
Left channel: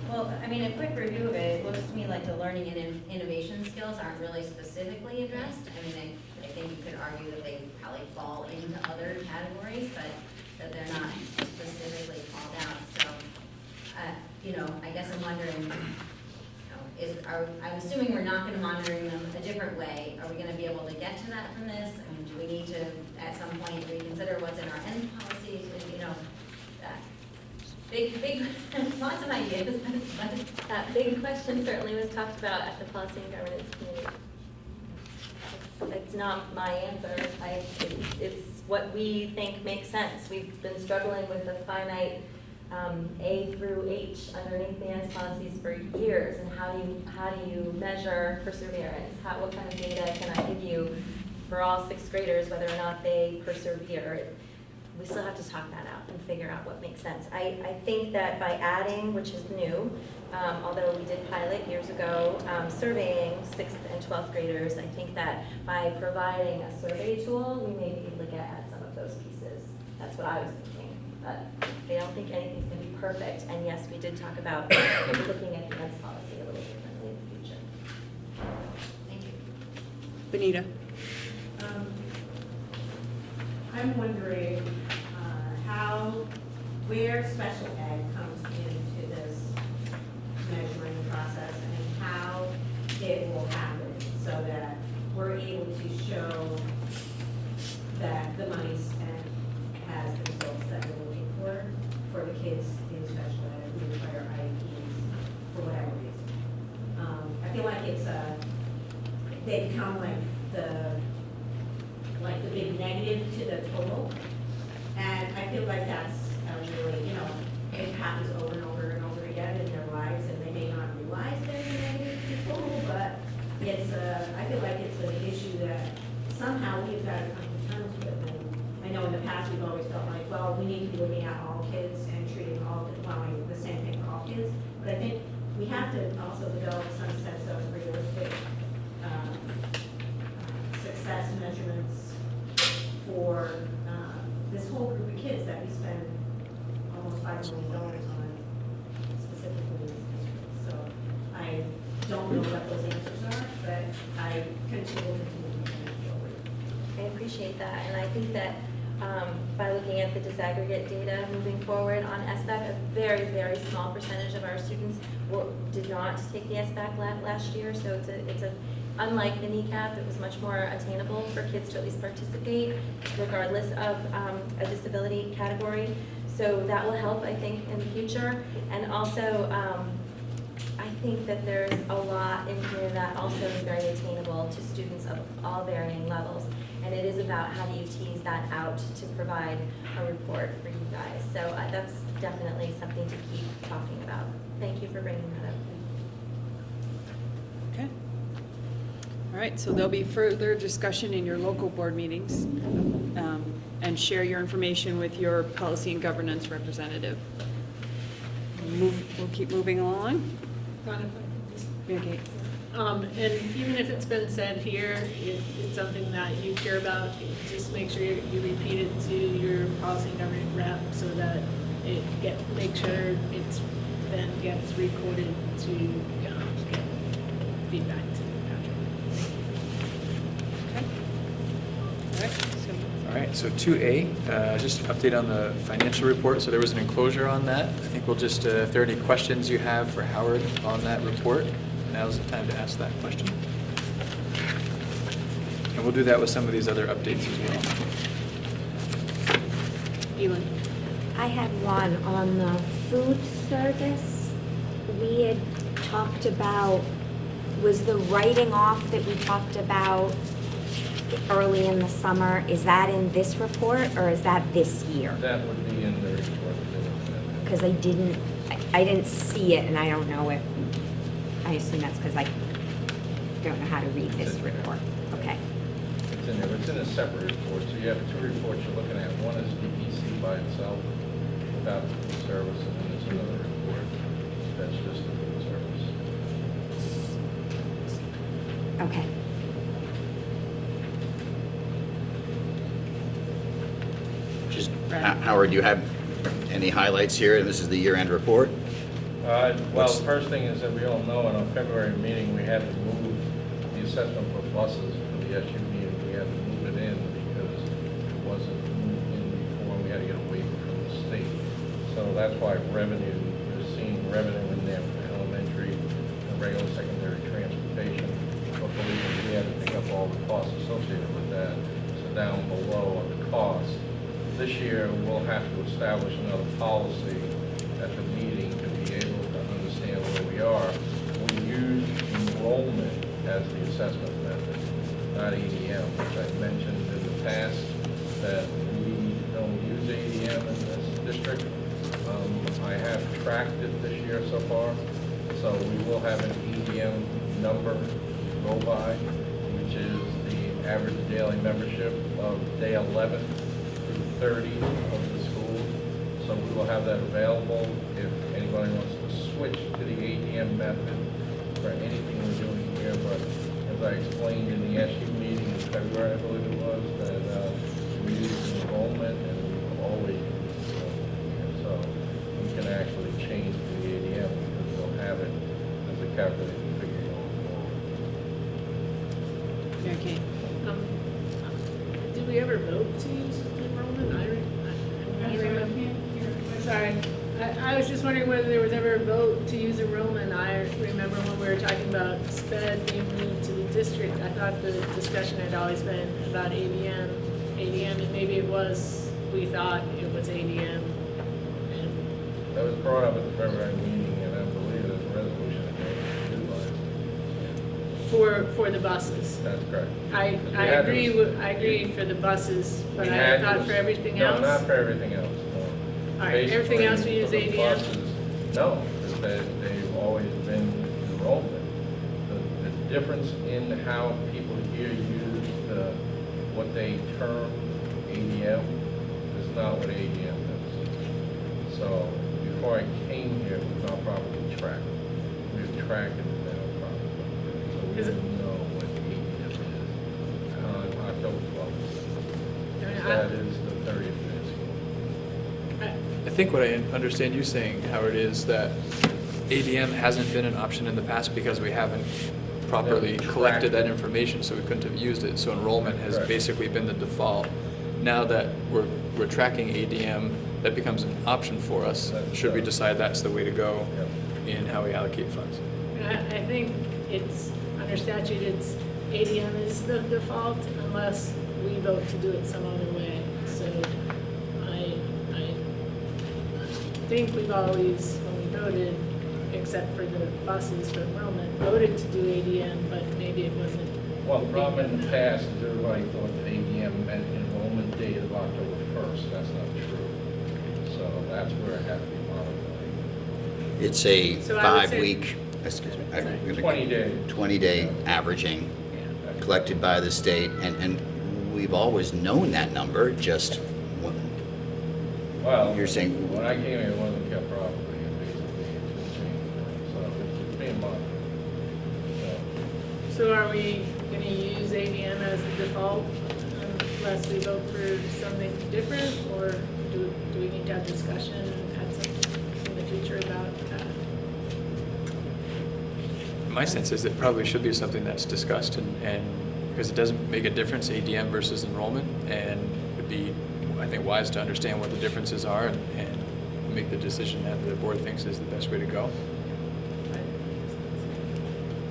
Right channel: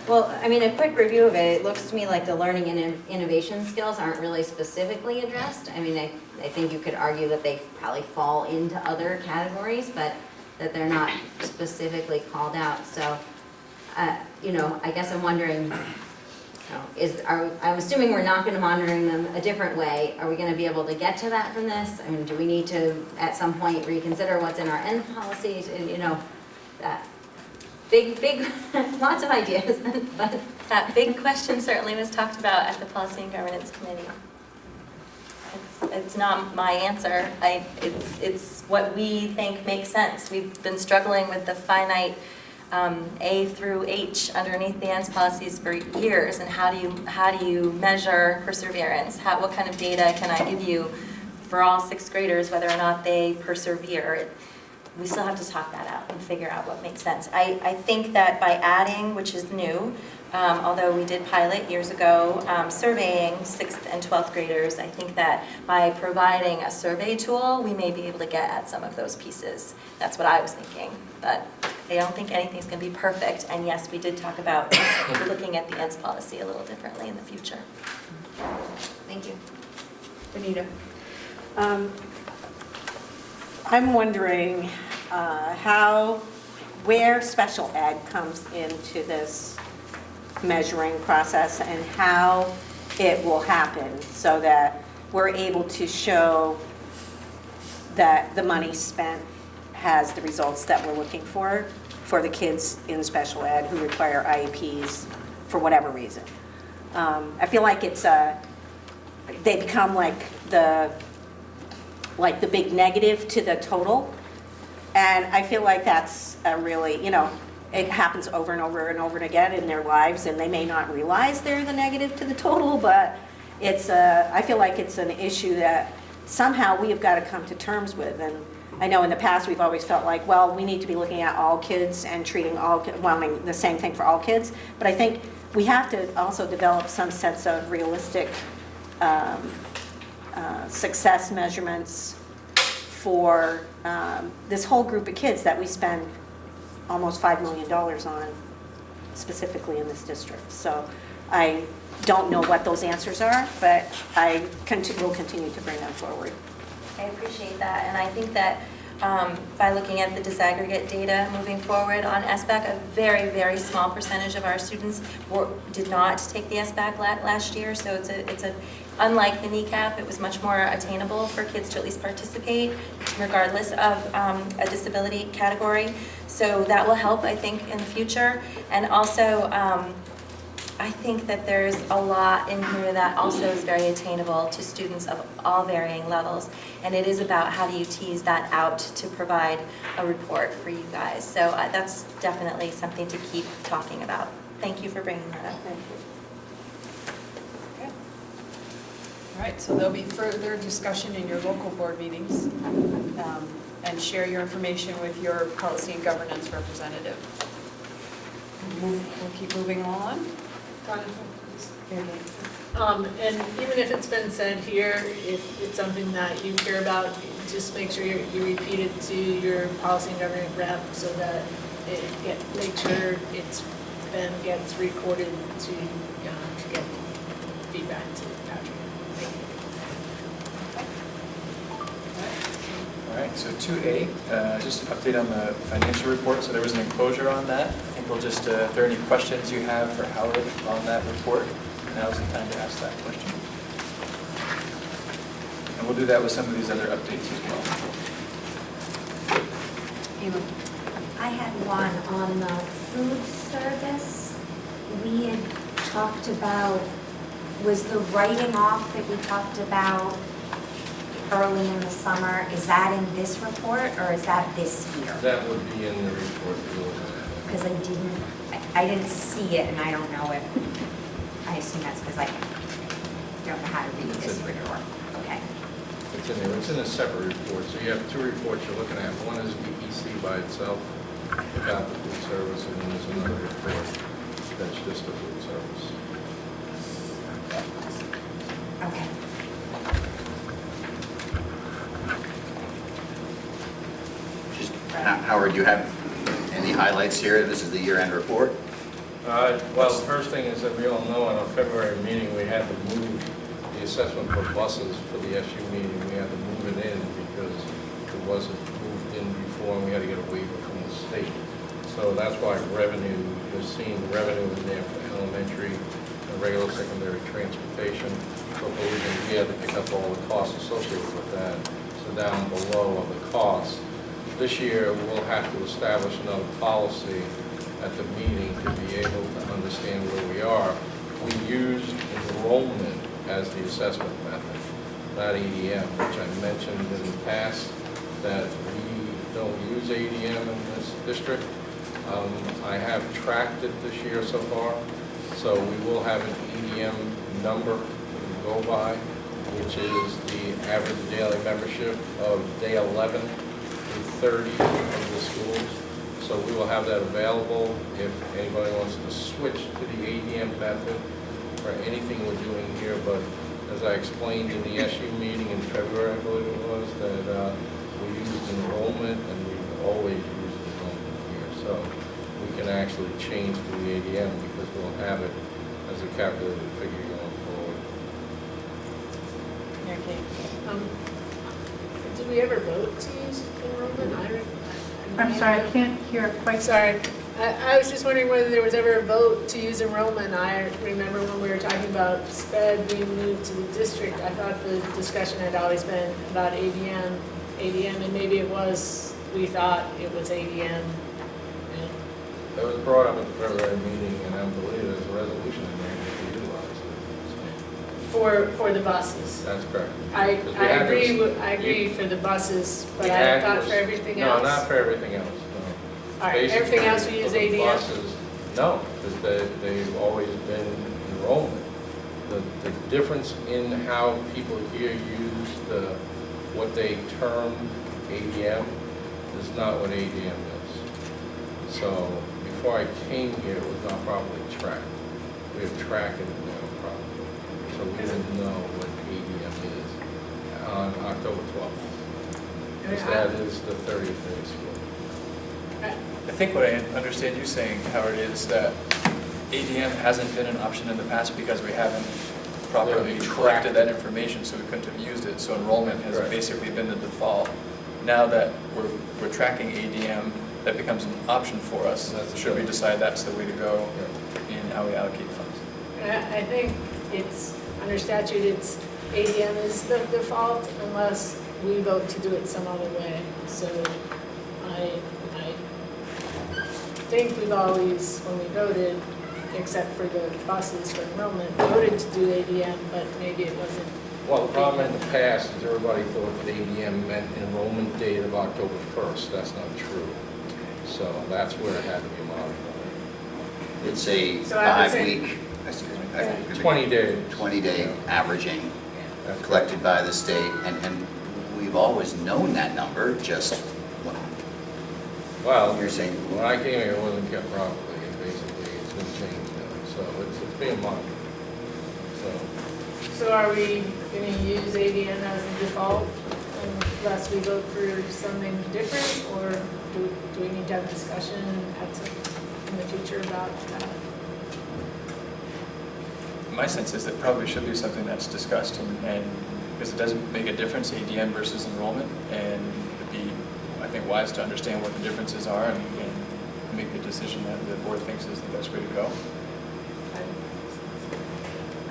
Well, I mean, a quick review of it, it looks to me like the learning and innovation skills aren't really specifically addressed. I mean, I think you could argue that they probably fall into other categories, but that they're not specifically called out. So, I guess I'm wondering, I'm assuming we're not gonna monitoring them a different way. Are we gonna be able to get to that from this? I mean, do we need to, at some point, reconsider what's in our end policies, and, you know, that big, lots of ideas, but That big question certainly was talked about at the Policy and Governance Committee. It's not my answer. It's what we think makes sense. We've been struggling with the finite A through H underneath the ends policies for years, and how do you measure perseverance? What kind of data can I give you for all sixth graders, whether or not they persevere? We still have to talk that out and figure out what makes sense. I think that by adding, which is new, although we did pilot years ago, surveying 6th and 12th graders, I think that by providing a survey tool, we may be able to get at some of those pieces. That's what I was thinking, but I don't think anything's going to be perfect. And yes, we did talk about looking at the ends policy a little differently in the future. Thank you. Benita? I'm wondering where special ed comes into this measuring process, and how it will happen so that we're able to show that the money spent has the results that we're looking for the kids in special ed who require IEPs for whatever reason. I feel like they become like the big negative to the total. And I feel like that's a really, it happens over and over and over again in their lives, and they may not realize they're the negative to the total, but I feel like it's an issue that somehow we have got to come to terms with. And I know in the past we've always felt like, well, we need to be looking at all kids and treating all kids, well, I mean, the same thing for all kids. But I think we have to also develop some sense of realistic success measurements for this whole group of kids that we spend almost $5 million on, specifically in this district. So I don't know what those answers are, but I will continue to bring them forward. I appreciate that, and I think that by looking at the disaggregate data moving forward on SBAC, a very, very small percentage of our students did not take the SBAC last year, so it's unlike the kneecap, it was much more attainable for kids to at least participate, regardless of a disability category. So that will help, I think, in the future. And also, I think that there's a lot in here that also is very attainable to students of all varying levels. And it is about how do you tease that out to provide a report for you guys. So that's definitely something to keep talking about. Thank you for bringing that up. Okay. All right, so there'll be further discussion in your local board meetings, and share your information with your policy and governance representative. We'll keep moving along. And even if it's been said here, if it's something that you care about, just make sure you repeat it to your policy and governance rep so that make sure it's then gets recorded to get feedback to Patrick. All right, so 2A, just an update on the financial report. So there was an enclosure on that. I think we'll just, if there are any questions you have for Howard on that report, now's the time to ask that question. And we'll do that with some of these other updates as well. I had one on the food service. We had talked about, was the writing off that we talked about early in the summer, is that in this report or is that this year? That would be in the report. Because I didn't see it, and I don't know if, I assume that's because I don't know how to read this report. Okay. It's in there. It's in a separate report. So you have two reports you're looking at. One is the EC by itself, without the food service, and then there's another report that's just the food service. Okay. Howard, do you have any highlights here? This is the year-end report. Well, the first thing is that we all know in our February meeting, we had to move the assessment for buses for the SU meeting. We had to move it in because it wasn't moved in before, and we had to get a waiver from the state. So that's why revenue, you're seeing revenue in there for elementary, and regular secondary transportation. But believe me, we had to pick up all the costs associated with that. So down below are the costs. This year, we'll have to establish another policy at the meeting to be able to understand where we are. We used enrollment as the assessment method, not ADM, which I mentioned in the past, that we don't use ADM in this district. I have tracked it this year so far, so we will have an ADM number to go by, which is the average daily membership of day 11 through 30 of the schools. So we will have that available if anybody wants to switch to the ADM method for anything we're doing here. But as I explained in the SU meeting in February, I believe it was, that we use enrollment and we've always used enrollment here. So we can actually change to the ADM because we'll have it as a calculated figure going forward. Mayor Kane. Did we ever vote to use enrollment? I'm sorry, I can't hear quite. Sorry. I was just wondering whether there was ever a vote to use enrollment. I remember when we were talking about SPED being moved to the district, I thought the discussion had always been about ADM, and maybe it was, we thought it was ADM. That was brought up at the February meeting, and I believe there's a resolution in there to utilize it. For the buses. That's correct. I agree for the buses, but I thought for everything else. No, not for everything else. All right, everything else we use for the ADM? buses, no, because they've always been enrollment. The difference in how people here use what they term ADM is not what ADM is. So before I came here, it was not properly tracked. We have tracked it properly. So we didn't know what ADM is on October 12th. Because that is the 30th day of school. I think what I understand you saying, Howard, is that ADM hasn't been an option in the past because we haven't properly collected that information, so we couldn't have used it. So enrollment has basically been the default. Now that we're tracking ADM, that becomes an option for us. Should we decide that's the way to go in how we allocate funds? I think it's, under statute, it's ADM is the default unless we vote to do it some other way. So I think we've always, when we voted, except for the buses for enrollment, voted to do ADM, but maybe it wasn't. Well, the problem in the past is everybody thought that ADM meant enrollment date of October 1st. That's not true. So that's where it had to be modified. It's a 5-week, 20-day averaging collected by the state, and we've always known that number, just well, you're saying when I came here, it wasn't kept properly, and basically it's been changed now. So it's being monitored. So are we going to use ADM as the default unless we vote for something different, or do we need to have a discussion in the future about that? My sense is it probably should be something that's discussed, and because it doesn't make a difference, ADM versus enrollment, and it would be, I think, wise to understand what the differences are and make the decision that the board thinks is the best way to go.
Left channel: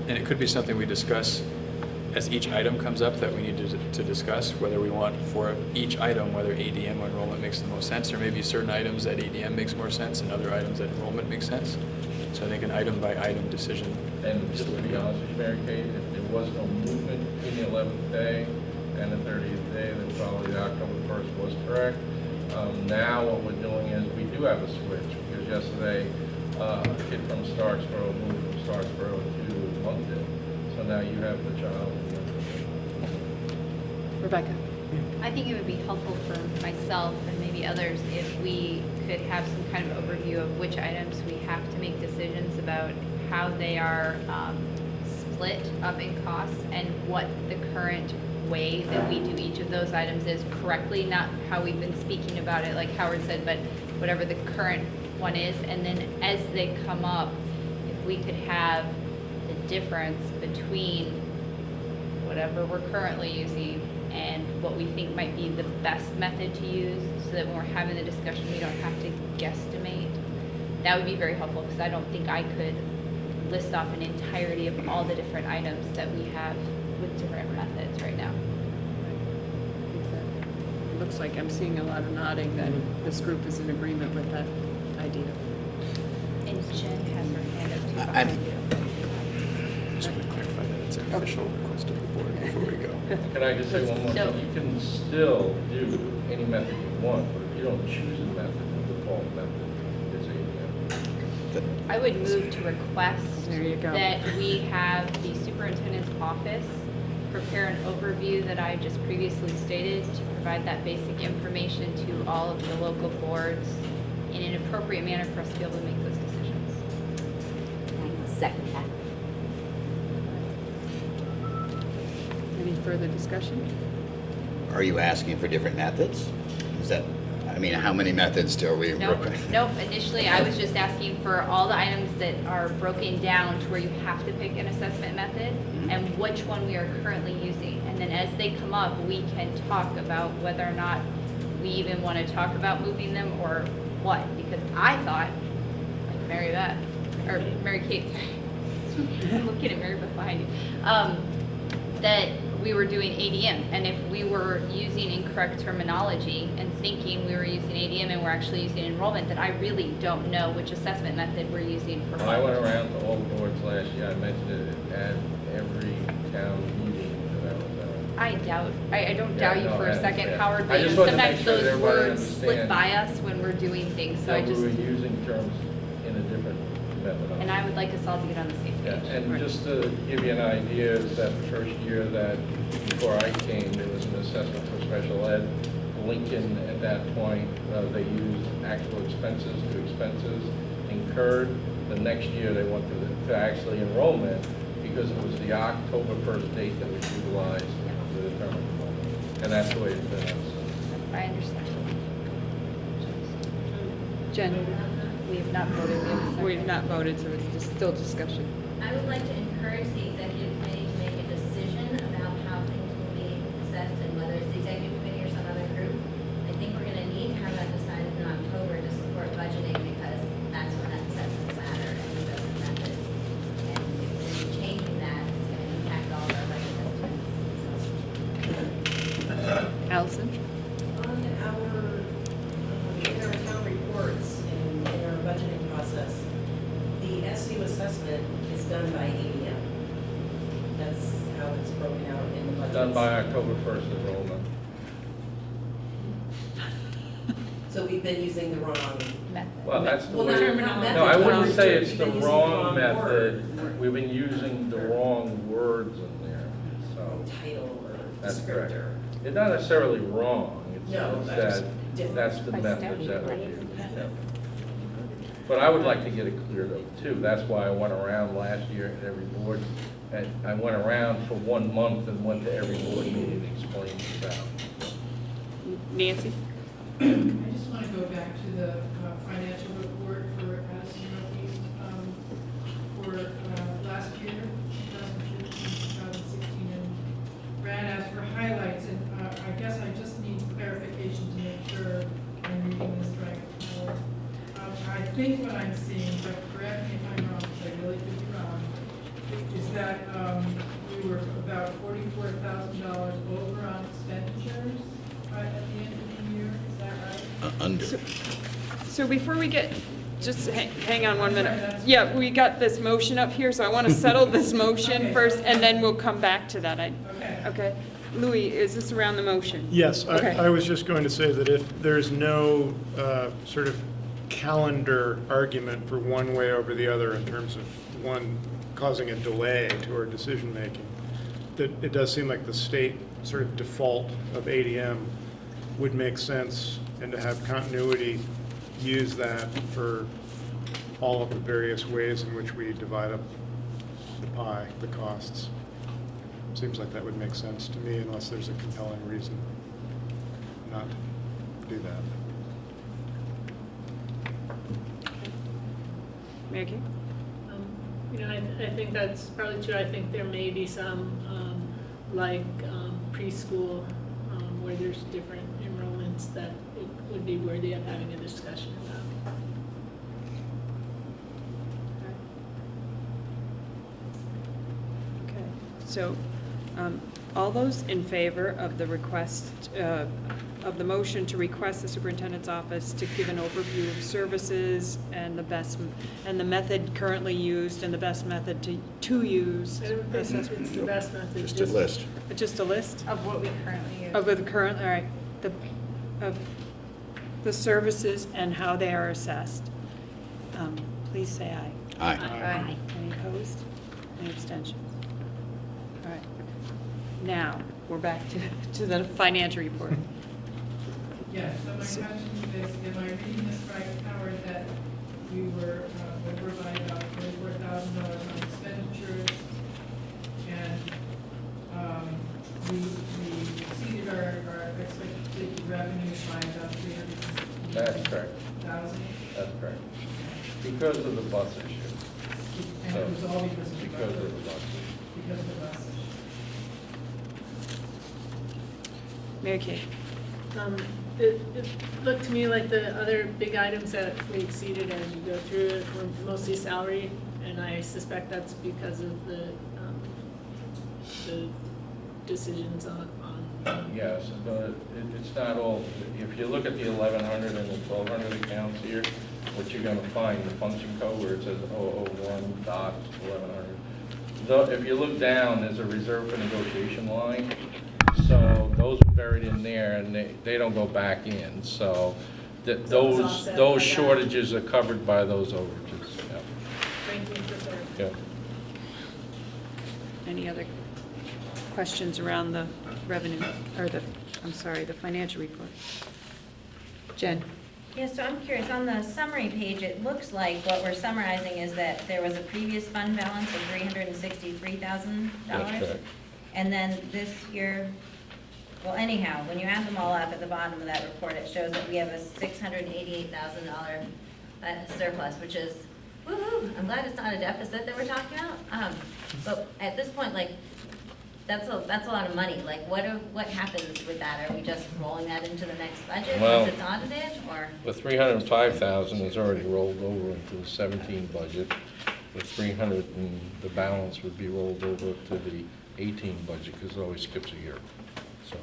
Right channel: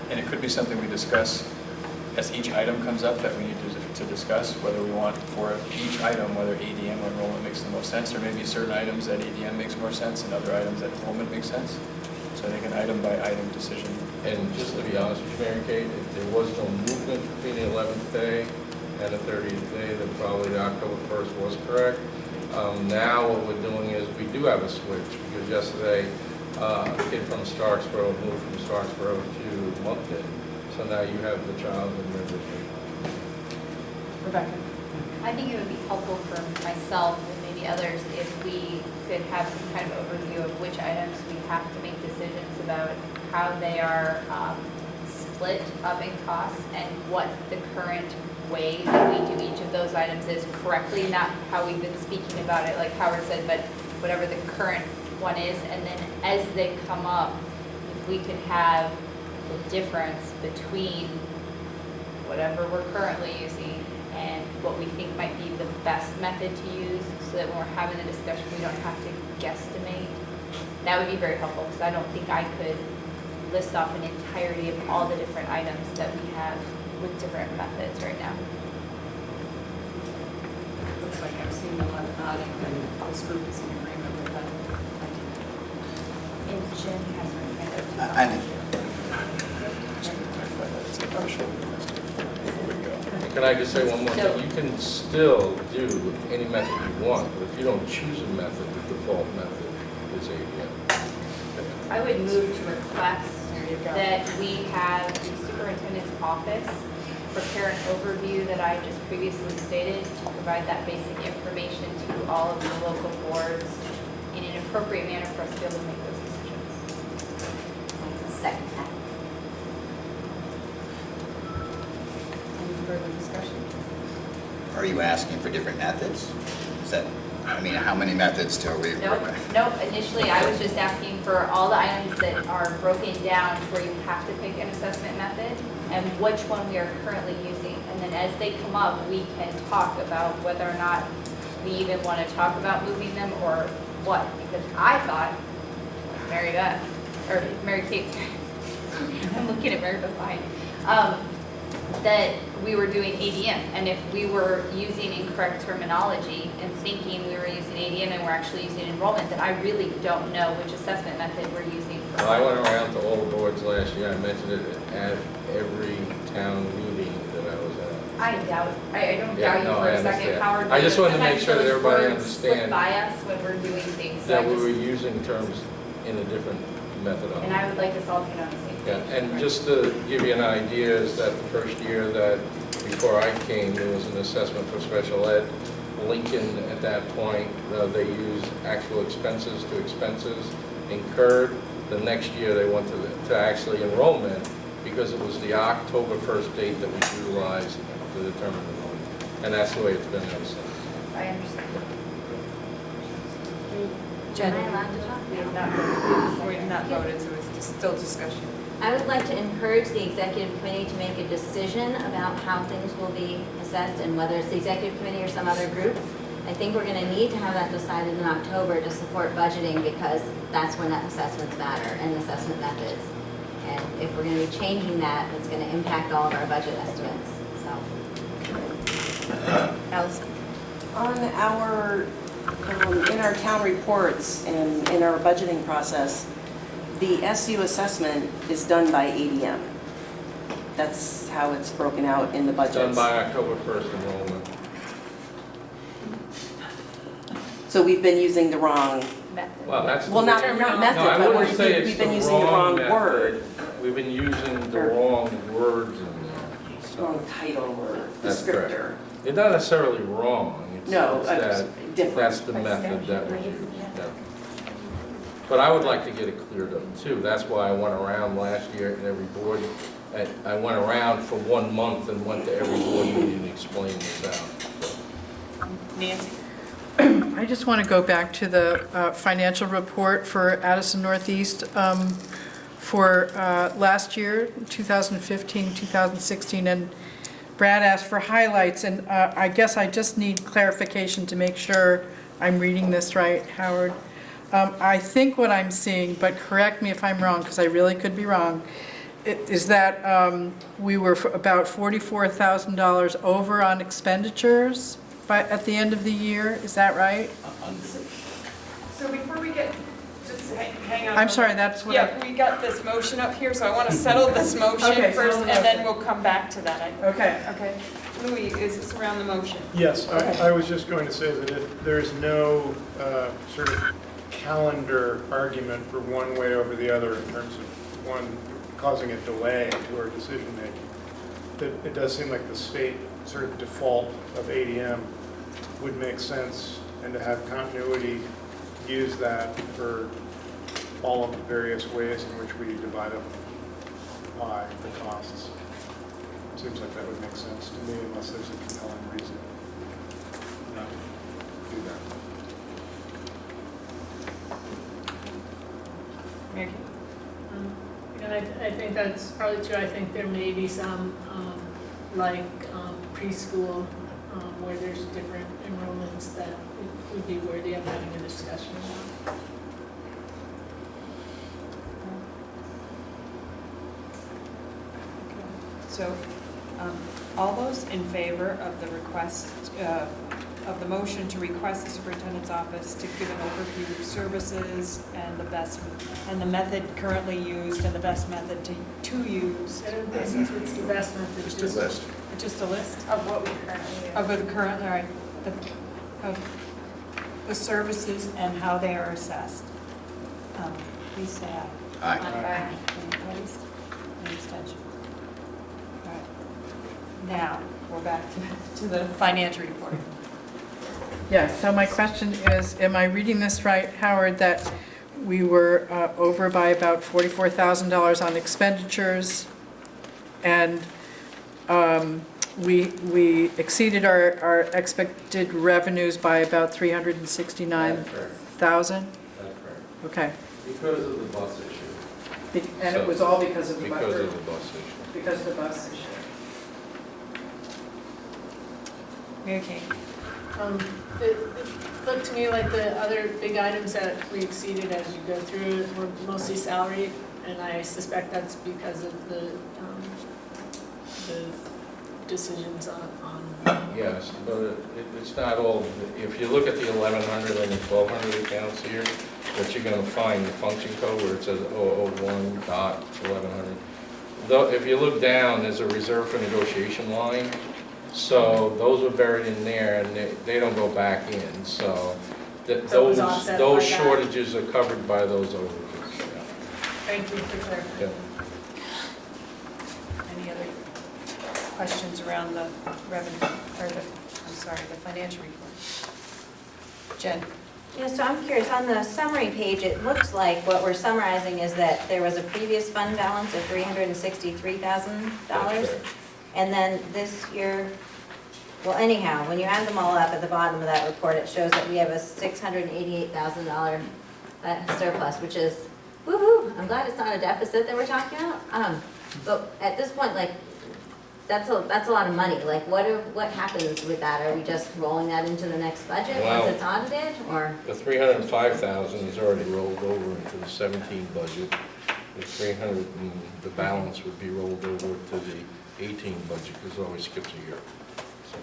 And it could be something we discuss as each item comes up that we need to discuss, whether we want for each item, whether ADM or enrollment makes the most sense, or maybe certain items that ADM makes more sense and other items that enrollment makes sense. So I think an item by item decision. And just to be honest with you, Mary Kate, if there was no movement between the 11th day and the 30th day, then probably October 1st was correct. Now what we're doing is we do have a switch, because yesterday a kid from Starksboro moved from Starksboro to Moncton. So now you have the child in registry. Rebecca? I think it would be helpful for myself and maybe others if we could have some kind of overview of which items we have to make decisions about, how they are split up in costs, and what the current way that we do each of those items is correctly, not how we've been speaking about it, like Howard said, but whatever the current one is. And then as they come up, if we could have the difference between whatever we're currently using and what we think might be the best method to use, so that when we're having the discussion, we don't have to guesstimate. That would be very helpful, because I don't think I could list off an entirety of all the different items that we have with different methods right now. Looks like I'm seeing a lot of nodding that this group is in agreement with that idea. And Jen has her hand up. I think Can I just say one more thing? You can still do any method you want, but if you don't choose a method, the default method is ADM. I would move to request that we have the superintendent's office prepare an overview that I just previously stated to provide that basic information to all of the local boards in an appropriate manner for us to be able to make those decisions. Second that. Any further discussion? Are you asking for different methods? Is that, I mean, how many methods are we? Nope, initially I was just asking for all the items that are broken down to where you have to pick an assessment method and which one we are currently using. And then as they come up, we can talk about whether or not we even want to talk about moving them or what. Because I thought, Mary Beth, or Mary Kate, I'm looking at Mary Beth behind me, that we were doing ADM, and if we were using incorrect terminology and thinking we were using ADM and we're actually using enrollment, that I really don't know which assessment method we're using for. Well, I went around to all the boards last year, I mentioned it at every town meeting that I was at. I don't doubt you for a second, understand. Howard. I just wanted to make sometimes sure that those everybody words slip understands by us when we're doing things, so that I we just, were using terms in a different methodology. and I would like us all to be on the same Yeah, page. and just to give you an idea, is that the first year that, before I came, there was an assessment for special ed. Lincoln, at that point, they used actual expenses to expenses incurred. The next year, they went to actually enrollment, because it was the October 1st date that was utilized to determine enrollment. And that's the way it's been ever since. I understand. Jen? Am I allowed to talk? We've not voted, so it's still discussion. I would like to encourage the executive committee to make a decision about how things will be assessed and whether it's the executive committee or some other group. I think we're going to need to have that decided in October to support budgeting, because that's when assessments matter and assessment methods. And if we're going to be changing that, it's going to impact all of our budget estimates, so. Allison? On our, in our town reports and in our budgeting process, the SU assessment is done by ADM. That's how it's broken out in the budgets. Done by October 1st enrollment. So we've been using the wrong, Well, that's. well, not method, No, I but wouldn't say it's we've been the using the wrong method. word. We've been using the wrong words in there. Wrong title or That's correct. descriptor. They're not necessarily wrong. It's No, it's just that, different. that's the method that we use, yeah. But I would like to get it cleared up too. That's why I went around last year at every board. I went around for 1 month and went to every board meeting and explained this out. Nancy? I just want to go back to the financial report for Addison Northeast for last year, 2015, 2016, and Brad asked for highlights, and I guess I just need clarification to make sure I'm reading this right, Howard. I think what I'm seeing, but correct me if I'm wrong, because I really could be wrong, is that we were about $44,000 over on expenditures at the end of the year. Is that right? Under. So before we get, just hang on. I'm sorry, that's what Yeah, we got this motion up here, so I want to settle this motion Okay, first, settle the and then motion. we'll come back to that. Okay. Okay. Louis, is this around the motion? Yes, Okay. I was just going to say that if there's no sort of calendar argument for one way over the other in terms of one causing a delay to our decision-making, that it does seem like the state sort of default of ADM would make sense, and to have continuity, use that for all of the various ways in which we divide up the pie, the costs. Seems like that would make sense to me, unless there's a compelling reason not to do that. Maggie? I think that's probably true. I think there may be some, like preschool, where there's different enrollments that it would be worthy of having a discussion about. So, all those in favor of the request, of the motion to request the superintendent's office to give an overview of services and the method currently used and the best method to use? Basically, it's the best method. Just a list. Just a list? Of what we currently use. Of the current, all right, of the services and how they are assessed. Please say aye. Aye. Aye. Any opposed? Any abstentions? All right. Now, we're back to the financial report. Yeah, so my question is, am I reading this right, Howard, that we were over by about $44,000 on expenditures, and we exceeded our expected revenues by about $369,000? That's correct. Okay. Because of the bus issue. And it was all because of the bus? Because of the bus issue. Because of the bus issue. Mary Kate. It looked to me like the other big items that we exceeded as you go through it were mostly salary, and I suspect that's because of the decisions on. Yes, but it's not all, if you look at the 1,100 and the 1,200 accounts here, what you're gonna find, the function code where it says 001.1100. Though, if you look down, there's a reserve for negotiation line. So those were buried in there, and they don't go back in, so those shortages are covered by those overages. Yeah. Thank you for clarifying. Yeah. Any other questions around the revenue, or the financial report? Jen? Yeah, so I'm curious, on the summary page, it looks like what we're summarizing is that there was a previous fund balance of $363,000. And then this year, well anyhow, when you add them all up at the bottom of that report, it shows that we have a $688,000 surplus, which is, woo-hoo, I'm glad it's not a deficit that we're talking about. But at this point, like, that's a lot of money. Like, what happens with that? Are we just rolling that into the next budget Well, once it's audited, or? The 305,000 is already rolled over into the 17 budget. The 300 and the balance would be rolled over to the 18 budget, because it always skips a year. So.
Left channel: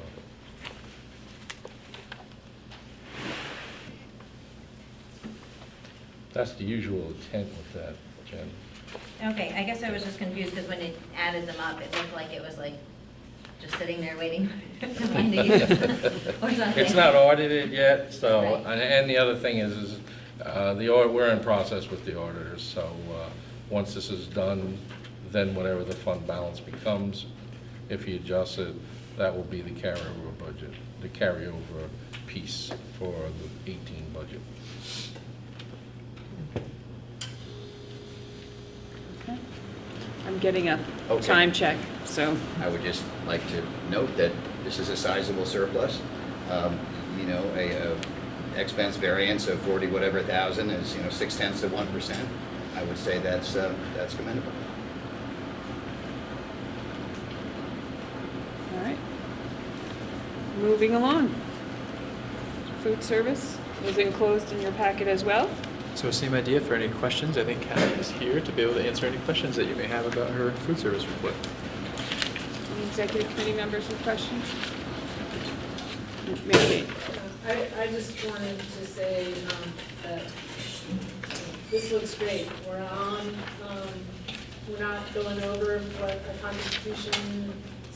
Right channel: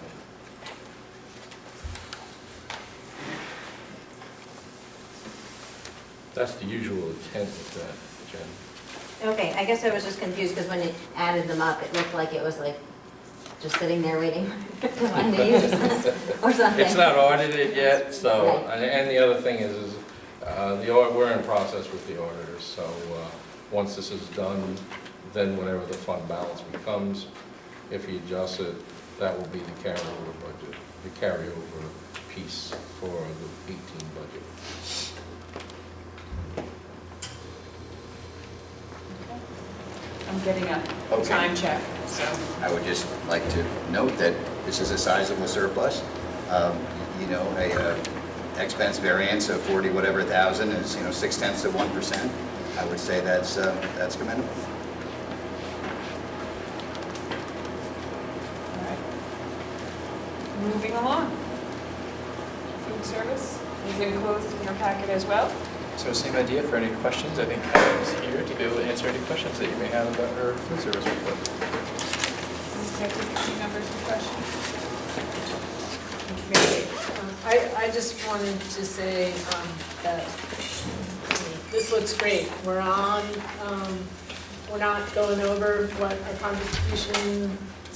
That's the usual intent of that, Jen. Okay, I guess I was just confused because when it added them up, it looked like it was like just sitting there waiting to find the use or something. It's not audited yet, so, Right. and the other thing is we're in process with the auditors, so once this is done, then whatever the fund balance becomes, if he adjusts it, that will be the carryover budget, the carryover piece for the 18 budget. I'm getting a Okay. time check, so. I would just like to note that this is a sizable surplus. You know, a expense variance of 40 whatever thousand is, 0.6%. I would say that's commendable. All right. Moving along. Food service is enclosed in your packet as well. So same idea for any questions. I think Karen is here to be able to answer any questions that you may have about her food service report. Executive committee members with questions? I just wanted to say that this looks great. We're not going over what our contributions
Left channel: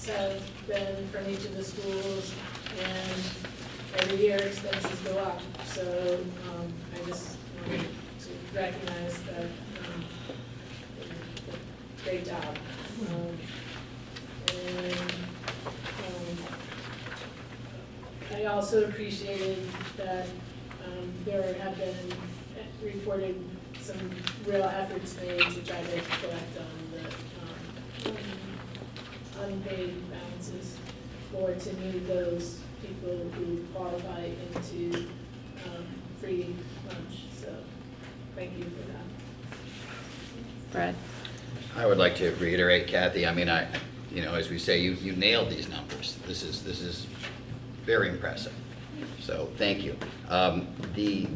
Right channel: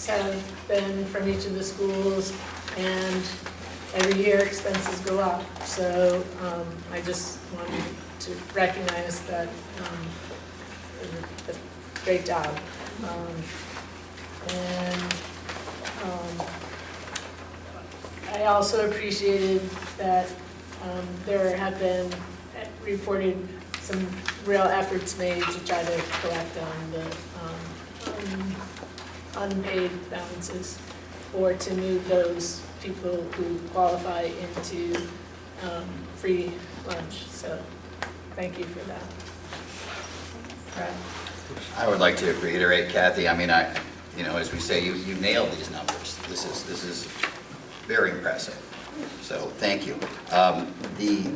have been from each of the schools, and every year expenses go up. So I just wanted to recognize that great job. I also appreciated that there have been reported some real efforts made to try to collect on the unpaid balances, or to move those people who qualify into free lunch. So thank you for that. Fred? I would like to reiterate, Kathy, I mean, as we say, you nailed these numbers. This is very impressive. So thank you. The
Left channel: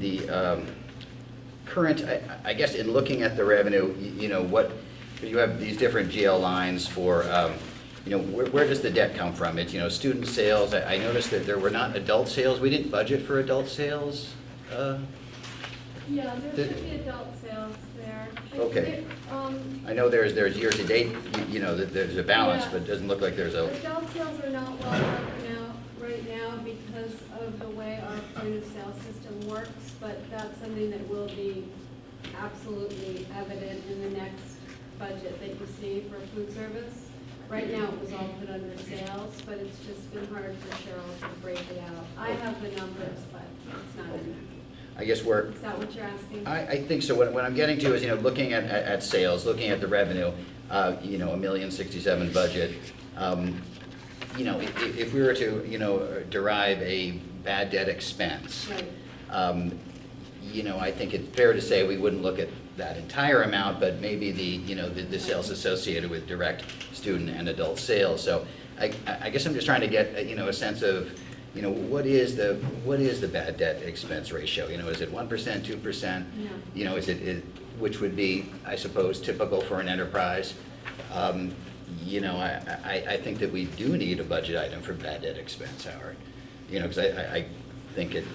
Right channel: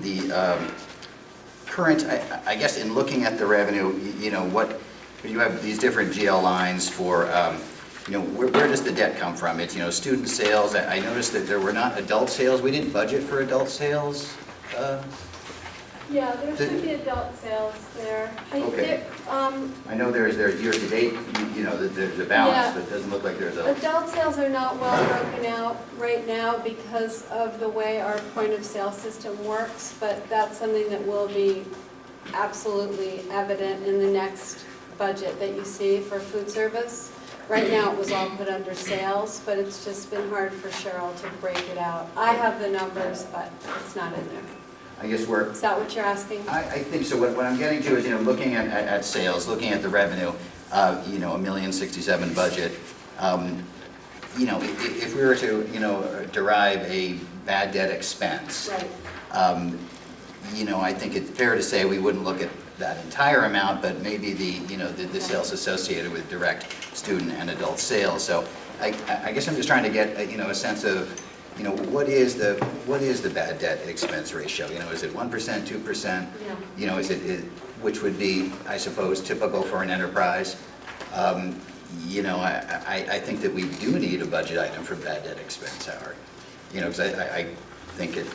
current, I guess in looking at the revenue, what you have these different GL lines for where does the debt come from? It's, student sales. I noticed that there were not adult sales. We didn't budget for adult sales. Yeah, there should be adult sales there. Okay. I know there's year-to-date, there's a balance, Yeah. but it doesn't look like there's a... Adult sales are not well broken out right now because of the way our point of sale system works, but that's something that will be absolutely evident in the next budget that you see for food service. Right now, it was all put under sales, but it's just been hard for Cheryl to break it out. I have the numbers, but it's not in there. I guess we're... Is that what you're asking? I think so. What I'm getting to is, looking at sales, looking at the revenue, $1,067,000 budget. If we were to, derive a bad debt expense, Right. I think it's fair to say we wouldn't look at that entire amount, but maybe the sales associated with direct student and adult sales. So I guess I'm just trying to get, a sense of, what is the bad debt expense ratio? Is it 1%, 2%? Yeah. Is it, which would be, I suppose, typical for an enterprise? I think that we do need a budget item for bad debt expense, Howard. Because I think it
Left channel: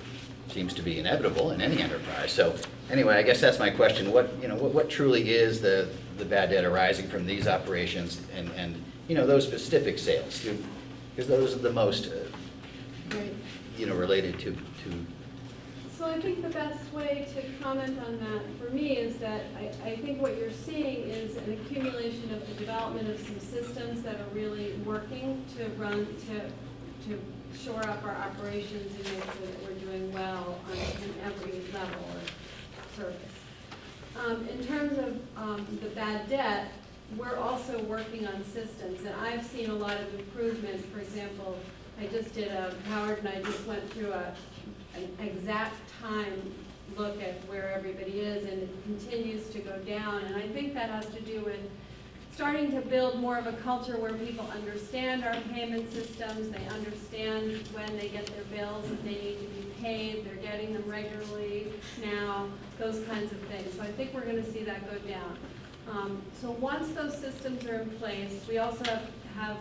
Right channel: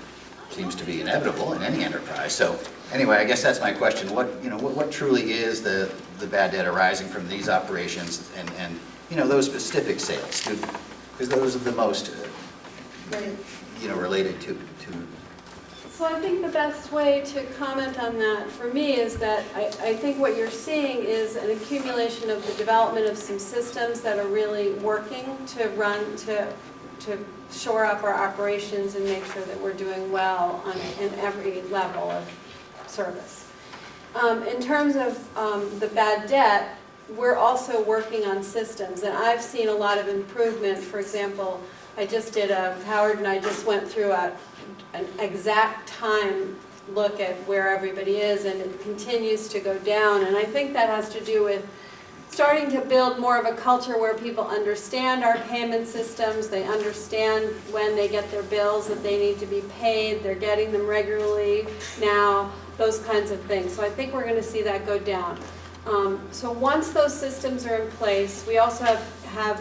seems to be inevitable in any enterprise. So anyway, I guess that's my question. What truly is the bad debt arising from these operations and those specific sales? Because those are the most related to. So I think the best way to comment on that for me is that I think what you're seeing is an accumulation of the development of some systems that are really working to run, to shore up our operations and make sure that we're doing well in every level of service. In terms of the bad debt, we're also working on systems, and I've seen a lot of improvement. For example, Howard and I just went through an exact time look at where everybody is, and it continues to go down. And I think that has to do with starting to build more of a culture where people understand our payment systems, they understand when they get their bills that they need to be paid, they're getting them regularly now, those kinds of things. So I think we're going to see that go down. So once those systems are in place, we also have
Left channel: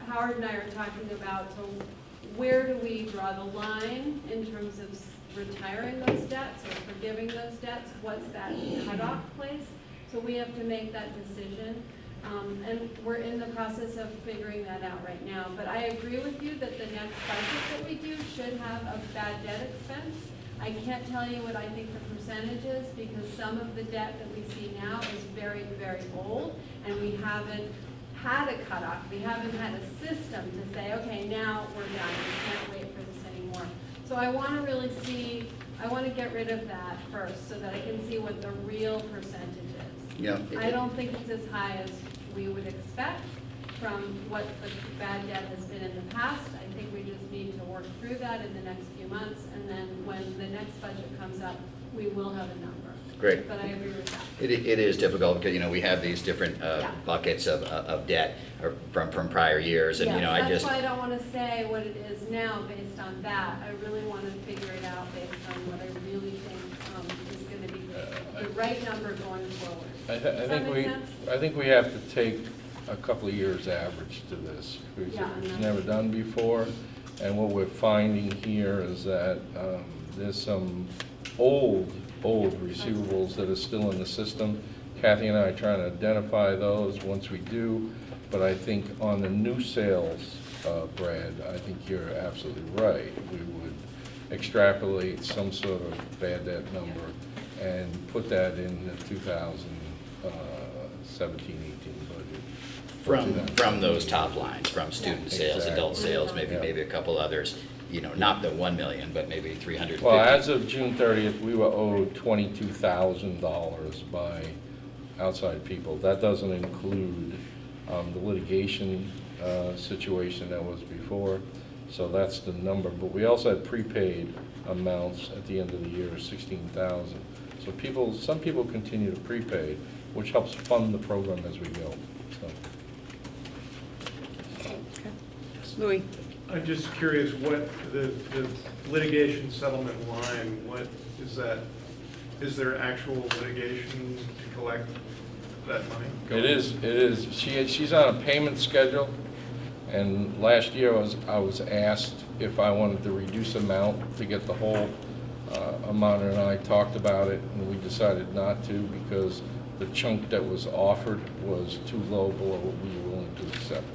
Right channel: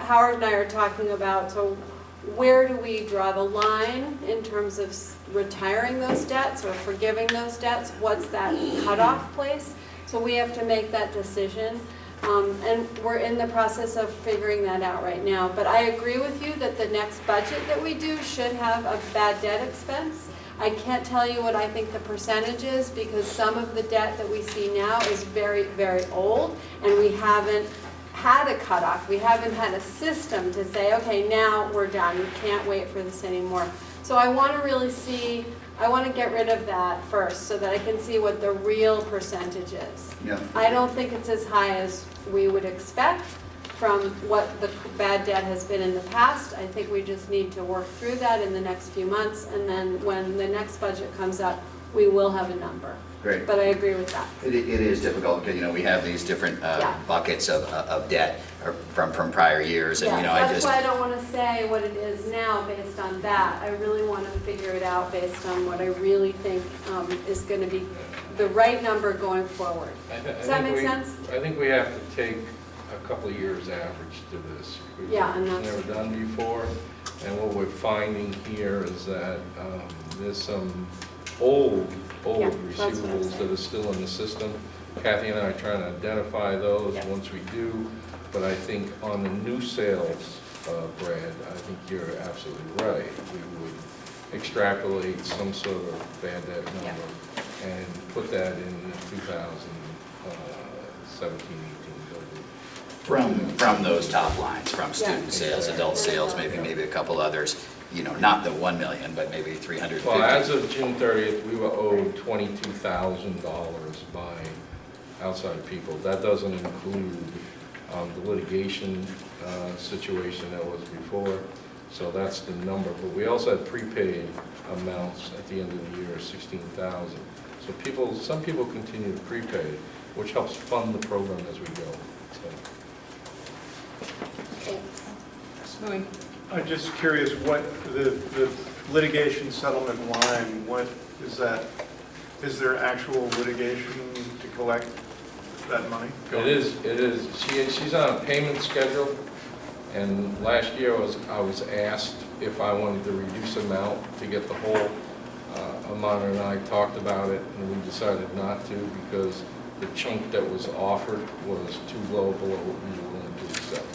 Howard and I are talking about, so where do we draw the line in terms of retiring those debts or forgiving those debts? What's that cutoff place? So we have to make that decision, and we're in the process of figuring that out right now. But I agree with you that the next budget that we do should have a bad debt expense. I can't tell you what I think the percentage is because some of the debt that we see now is very, very old, and we haven't had a cutoff. We haven't had a system to say, okay, now we're done. You can't wait for this anymore. So I want to really see, I want to get rid of that first so that I can see what the real percentage is. Yeah. I don't think it's as high as we would expect from what the bad debt has been in the past. I think we just need to work through that in the next few months, and then when the next budget comes up, we will have a number. Great. But I agree with that. It is difficult because, we have these different buckets of debt from prior years. And, That's why I don't want to say what it is now based on that. I really want to figure it out based on what I really think is going to be the right number going forward. Does that make sense? I think we have to take a couple of years average to this. It's never done before. And what we're finding here is that there's some old receivables that are still in the system. Kathy and I are trying to identify those once we do. But I think on the new sales, Brad, I think you're absolutely right. We would extrapolate some sort of bad debt number and put that in the 2017-18 budget. From those top lines, from student sales, adult sales, maybe a couple others, not the 1 million, but maybe 350. Well, as of June 30th, we were owed $22,000 by outside people. That doesn't include the litigation situation that was before. So that's the number. But we also had prepaid amounts at the end of the year, 16,000. So some people continue to prepay, which helps fund the program as we go. Louis. I'm just curious, what the litigation settlement line, what is that? Is there actual litigation to collect that money? It is. She's on a payment schedule, and last year I was asked if I wanted to reduce amount to get the whole amount, and I talked about it, and we decided not to because the chunk that was offered was too low below what we were willing to accept.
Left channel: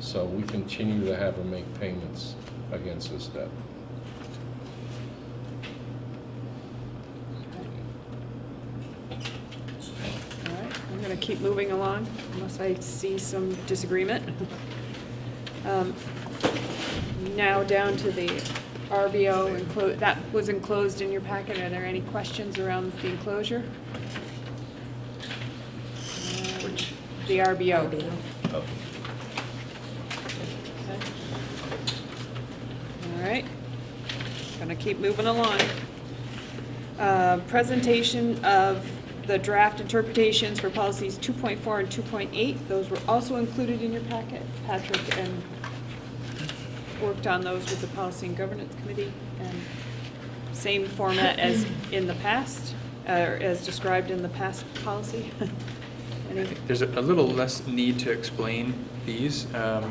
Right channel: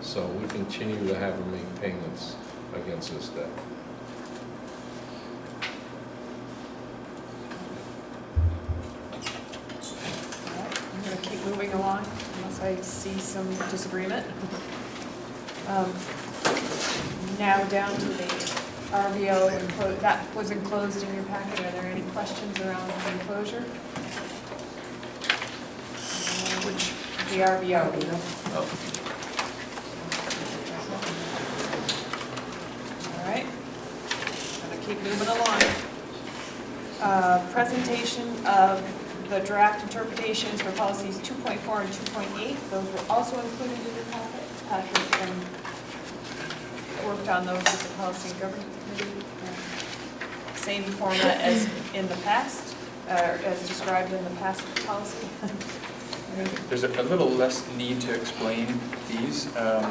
So we continue to have to make payments against this debt. I'm going to keep moving along unless I see some disagreement. Now down to the RBO, that was enclosed in your packet. Are there any questions around the enclosure? Which, the RBO. All right, I'm going to keep moving along. Presentation of the draft interpretations for policies 2.4 and 2.8. Those were also included in your packet. Patrick worked on those with the Policy and Governance Committee. Same format as in the past, as described in the past policy. There's a little less need to explain these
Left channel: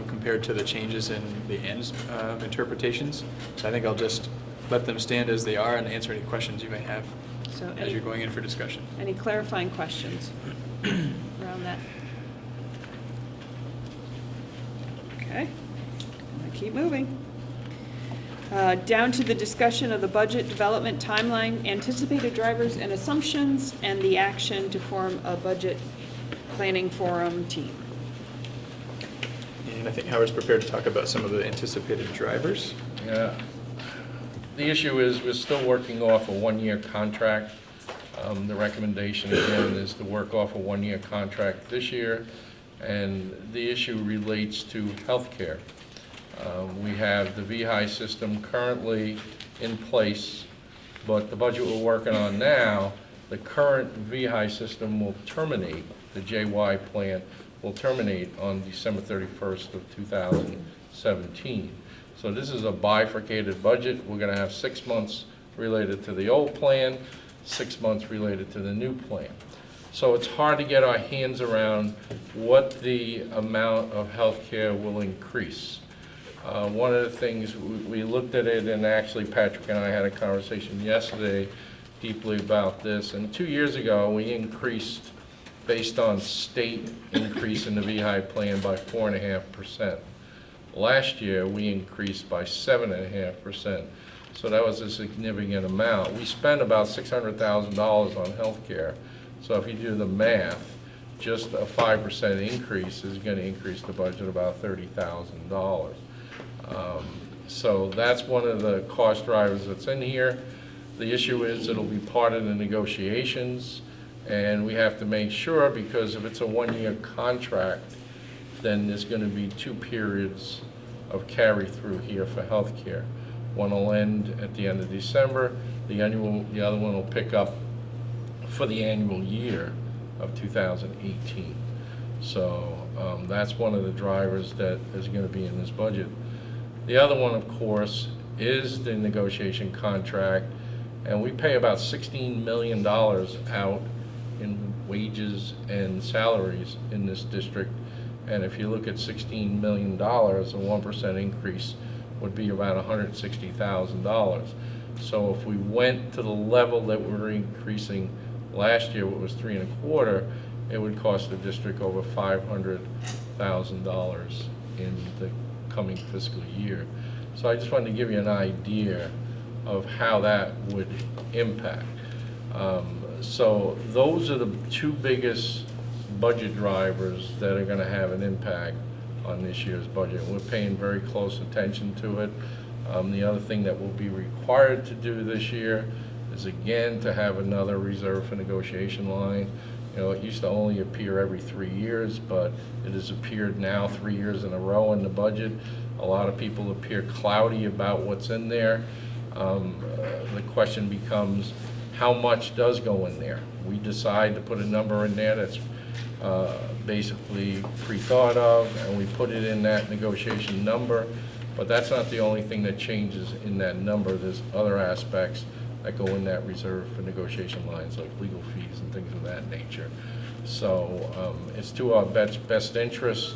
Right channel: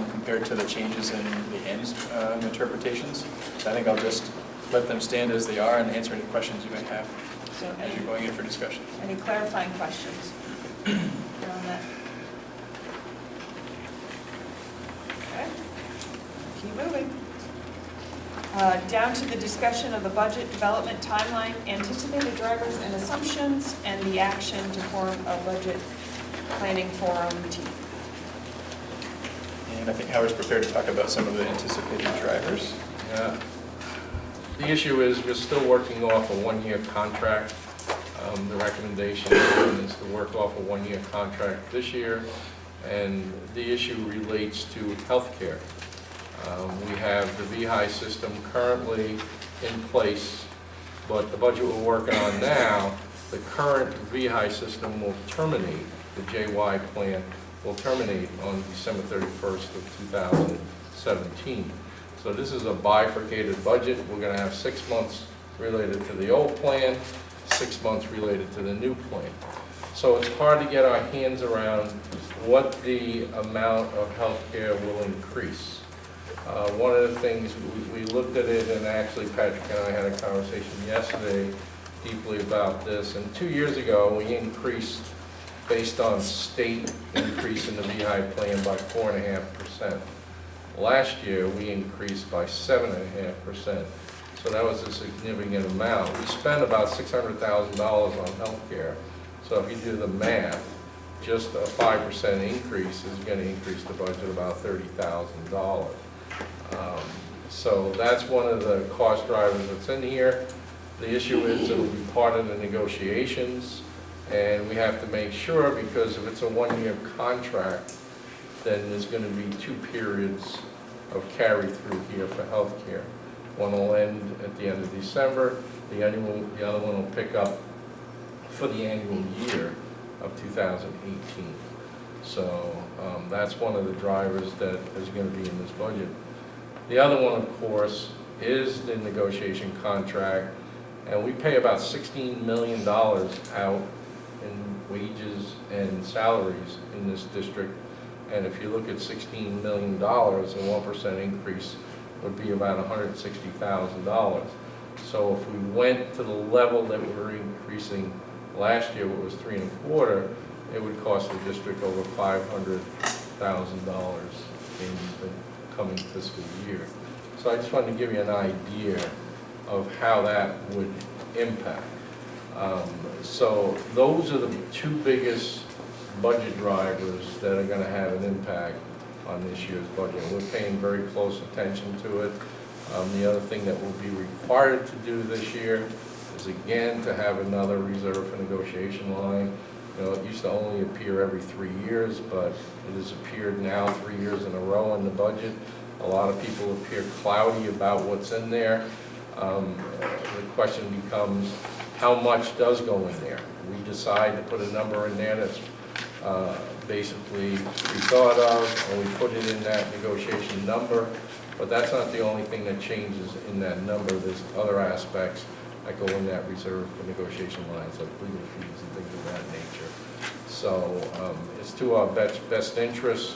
compared to the changes in the ends interpretations. So I think I'll just let them stand as they are and answer any questions you may have as you're going in for discussion. Any clarifying questions around that? Okay, keep moving. Down to the discussion of the budget development timeline, anticipated drivers and assumptions, and the action to form a budget planning forum team. And I think Howard's prepared to talk about some of the anticipated drivers. Yeah. The issue is we're still working off a one-year contract. The recommendation is to work off a one-year contract this year, and the issue relates to healthcare. We have the VHI system currently in place, but the budget we're working on now, the current VHI system will terminate, the JY plan will terminate on December 31st of 2017. So this is a bifurcated budget. We're going to have 6 months related to the old plan, 6 months related to the new plan. So it's hard to get our hands around what the amount of health care will increase. One of the things, we looked at it, and actually Patrick and I had a conversation yesterday deeply about this, and 2 years ago we increased, based on state increase in the VHI plan, by 4.5%. Last year, we increased by 7.5%, so that was a significant amount. We spent about $600,000 on health care, so if you do the math, just a 5% increase is going to increase the budget about $30,000. So that's one of the cost drivers that's in here. The issue is it'll be part of the negotiations, and we have to make sure, because if it's a one-year contract, then there's going to be 2 periods of carry-through here for health care. One will end at the end of December, the other one will pick up for the annual year of 2018. So that's one of the drivers that is going to be in this budget. The other one, of course, is the negotiation contract, and we pay about $16 million out in wages and salaries in this district. And if you look at $16 million, a 1% increase would be about $160,000. So if we went to the level that we were increasing last year, it was 3.25%, it would cost the district over $500,000 in the coming fiscal year. So I just wanted to give you an idea of how that would impact. So those are the 2 biggest budget drivers that are going to have an impact on this year's budget. We're paying very close attention to it. The other thing that will be required to do this year is, again, to have another reserve for negotiation line. You know, it used to only appear every 3 years, but it has appeared now 3 years in a row in the budget. A lot of people appear cloudy about what's in there. The question becomes, how much does go in there? We decide to put a number in there that's basically pre-thought of, and we put it in that negotiation number, but that's not the only thing that changes in that number. There's other aspects that go in that reserve for negotiation lines, like legal fees and things of that nature. So it's to our best interest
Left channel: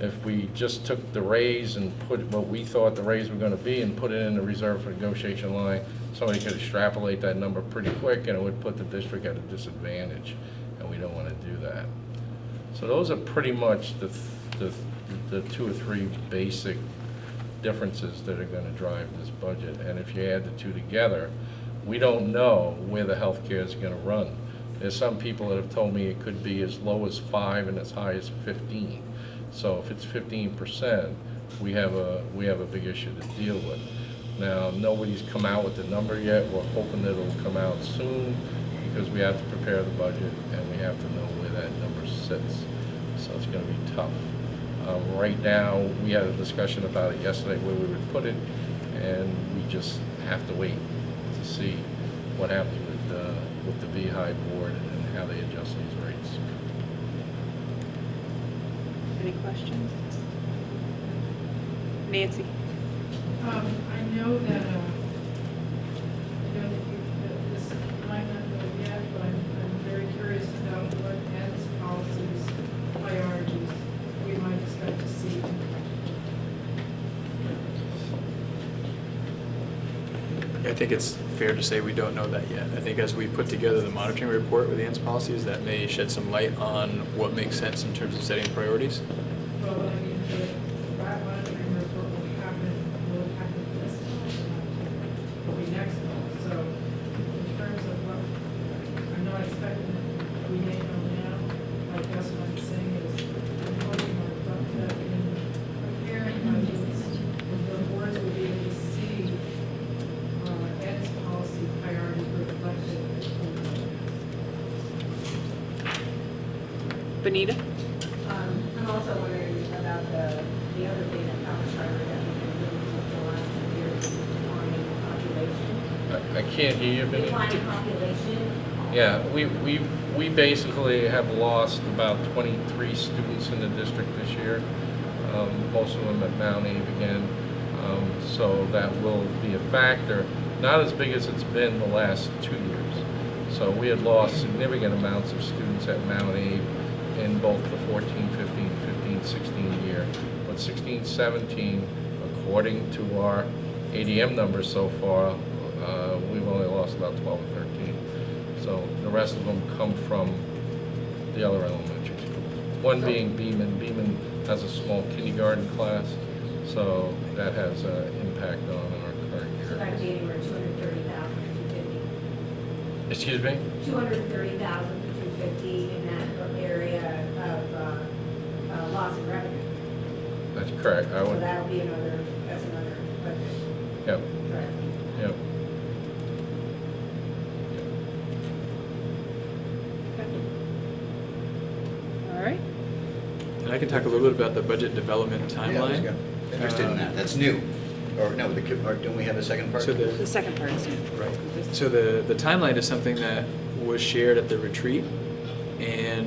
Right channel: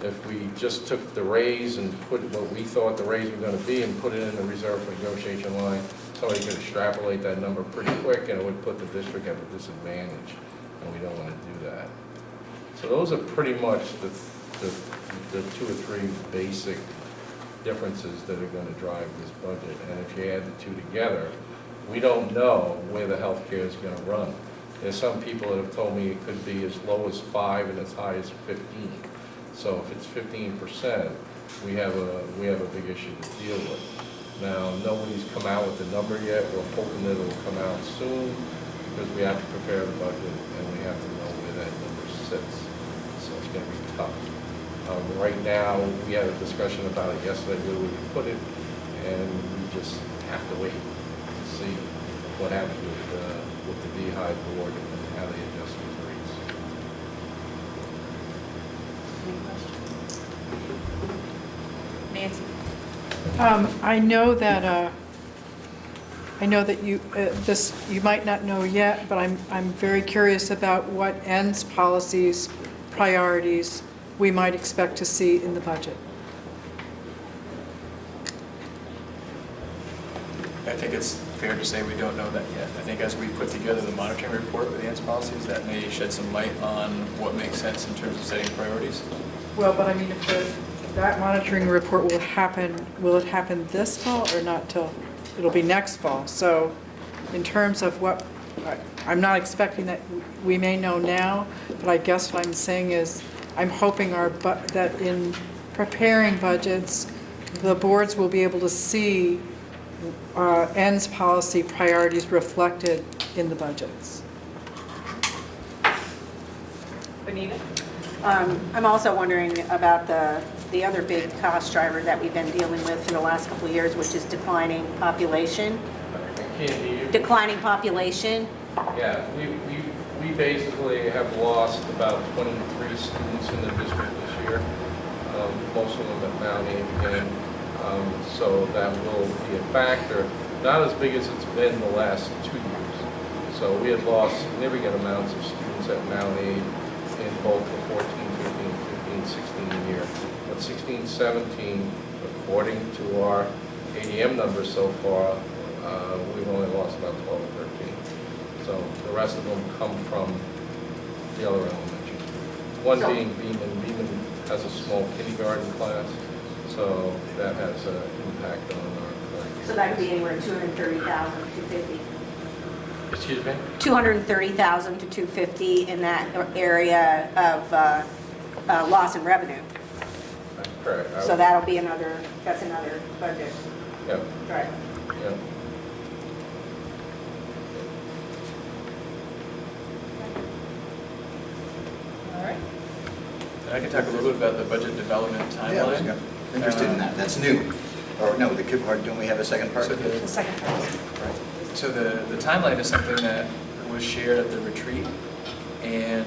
if we just took the raise and put what we thought the raise was going to be and put it in the reserve for negotiation line. Somebody could extrapolate that number pretty quick, and it would put the district at a disadvantage, and we don't want to do that. So those are pretty much the 2 or 3 basic differences that are going to drive this budget. And if you add the two together, we don't know where the healthcare is going to run. There's some people that have told me it could be as low as 5 and as high as 15. So if it's 15%, we have a big issue to deal with. Now, nobody's come out with the number yet. We're hoping that it'll come out soon because we have to prepare the budget and we have to know where that number sits. So it's going to be tough. Right now, we had a discussion about it yesterday where we would put it, and we just have to wait to see what happens with the Beehive board and how they adjust these rates. Any questions? Nancy? I know that you this you might not know yet, but I'm very curious about what ends policies, priorities we might expect to see in the budget. I think it's fair to say we don't know that yet. I think as we put together the monitoring report with ANS policies, that may shed some light on what makes sense in terms of setting priorities. Well, but I mean, if that monitoring report will it happen this fall or not till, it'll be next fall. So in terms of what, I'm not expecting that we may know now, but I guess what I'm saying is I'm hoping that in preparing budgets, the boards will be able to see ends policy priorities reflected in the budgets. Benita? I'm also wondering about the other big cost driver that we've been dealing with for the last couple of years, which is declining population. I can't hear you. Declining population. Yeah, we basically have lost about 23 students in the district this year, most of them at Mount Abe again. So that will be a factor, not as big as it's been the last 2 years. So we had lost significant amounts of students at Mount Abe in both the 14, 15, 15, 16 year. But 16, 17, according to our ADM numbers so far, we've only lost about 12 or 13. So the rest of them come from the other elementary schools. One being Beeman. Beeman has a small kindergarten class, so that has an impact on our current. So that could be anywhere 230,000 to 250. Excuse me? 230,000 to 250 in that area of loss in revenue. That's correct. So that'll be that's another budget. Yep. Right. Yep. All right. And I can talk a little bit about the budget development timeline. Yeah, I was interested in that. That's new. Or no, don't we have a second part? So The second part. Right. So the timeline is something that was shared at the retreat, and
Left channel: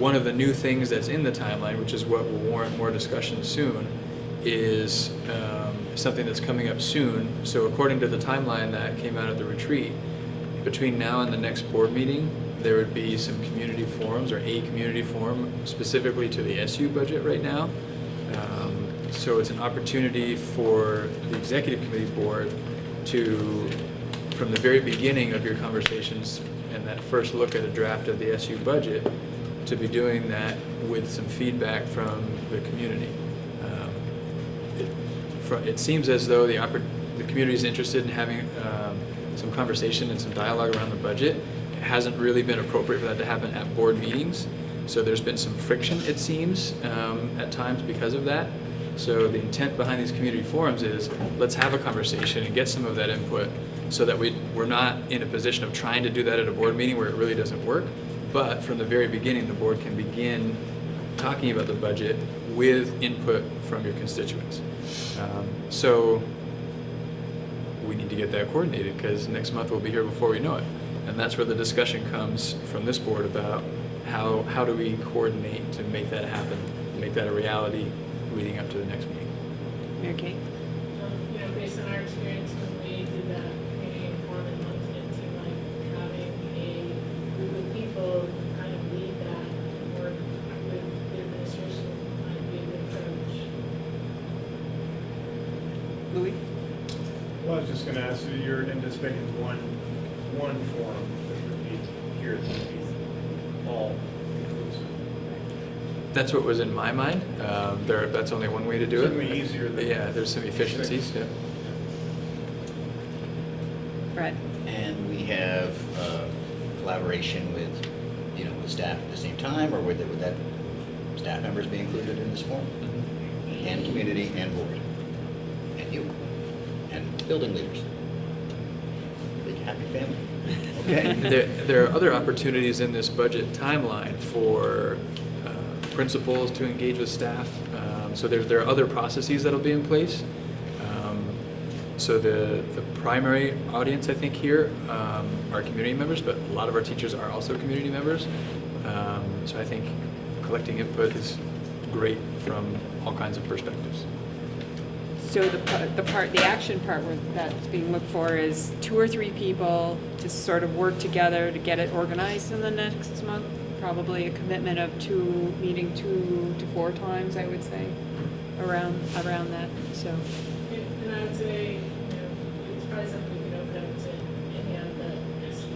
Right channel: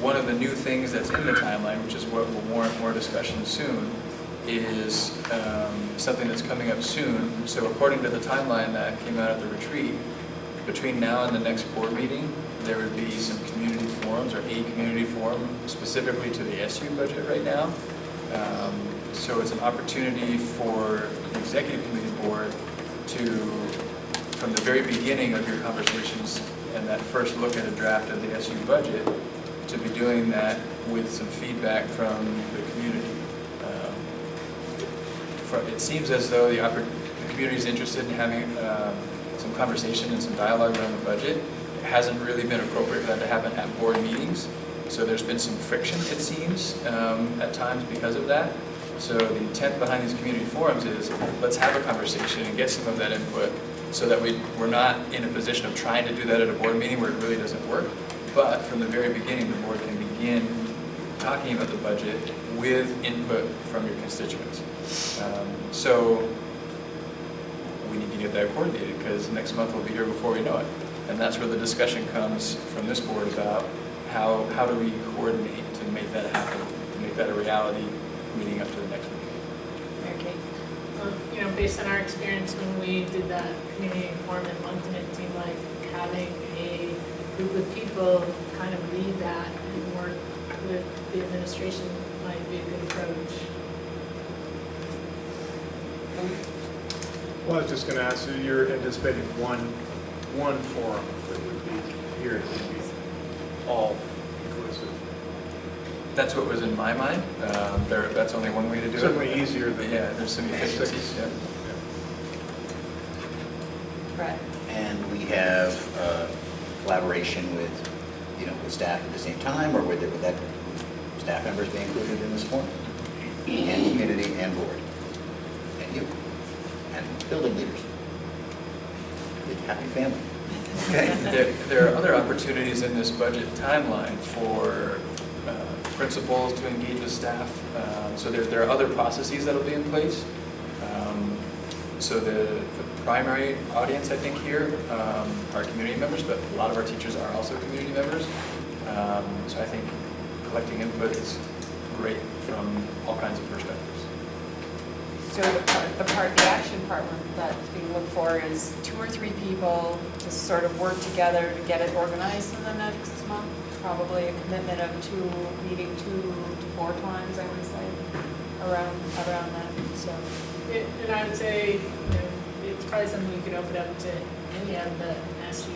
one of the new things that's in the timeline, which is what will warrant more discussion soon, is something that's coming up soon. So according to the timeline that came out of the retreat, between now and the next board meeting, there would be some community forums, or a community forum specifically to the SU budget right now. So it's an opportunity for the executive committee board to, from the very beginning of your conversations and that first look at a draft of the SU budget, to be doing that with some feedback from the community. It seems as though the community is interested in having some conversation and some dialogue around the budget. It hasn't really been appropriate for that to happen at board meetings. So there's been some friction, it seems, at times because of that. So the intent behind these community forums is, let's have a conversation and get some of that input so that we're not in a position of trying to do that at a board meeting where it really doesn't work. But from the very beginning, the board can begin talking about the budget with input from your constituents. So we need to get that coordinated, because next month we'll be here before we know it. And that's where the discussion comes from this board about how do we coordinate to make that happen, to make that a reality leading up to the next meeting. Okay. Based on our experience when we did that community forum in Moncton, it seemed like having a group of people kind of lead that and work with the administration might be a good approach. Well, I was just going to ask, so you're anticipating one forum that would be here, that would be all inclusive? That's what was in my mind. That's only one way to do it. Certainly easier than. Yeah, there's some efficiencies, yeah. Brett? And we have collaboration with, the staff at the same time, or would that staff members be included in this forum? And community and board, and you, and building leaders. Big happy family. There are other opportunities in this budget timeline for principals to engage with staff. So there are other processes that'll be in place. So the primary audience, I think, here are community members, but a lot of our teachers are also community members. So I think collecting input is great from all kinds of perspectives. So the action part that's being looked for is 2 or 3 people to sort of work together to get it organized in the next month. Probably a commitment of meeting 2 to 4 times, I would say, around that, so. And I would say, it's probably something we could open up to any of the SU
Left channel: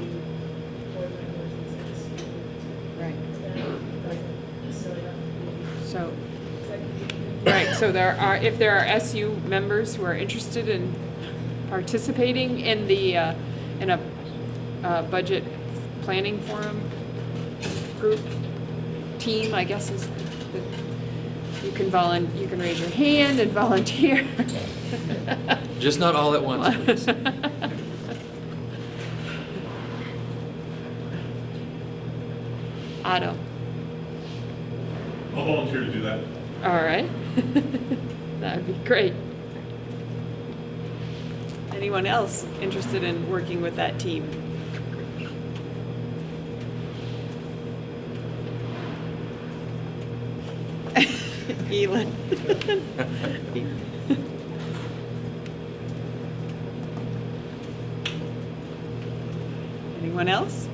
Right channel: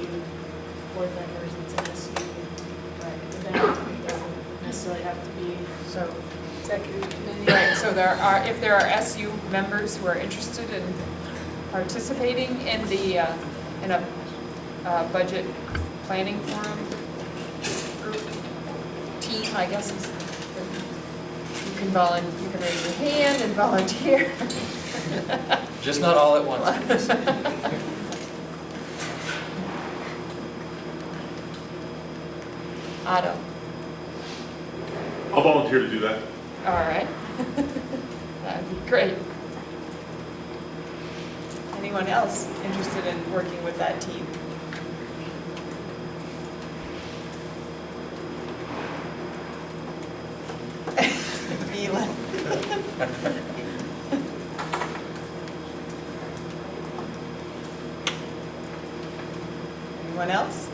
board members. It's an SU event. It doesn't necessarily have to be So, executive committee. right, so if there are SU members who are interested in participating in in a budget planning forum group, team, I guess is, you can raise your hand and volunteer. Just not all at once. Otto, I'll volunteer to do that. all right. That would be great. Anyone else interested in working with that team? Elin. Anyone else?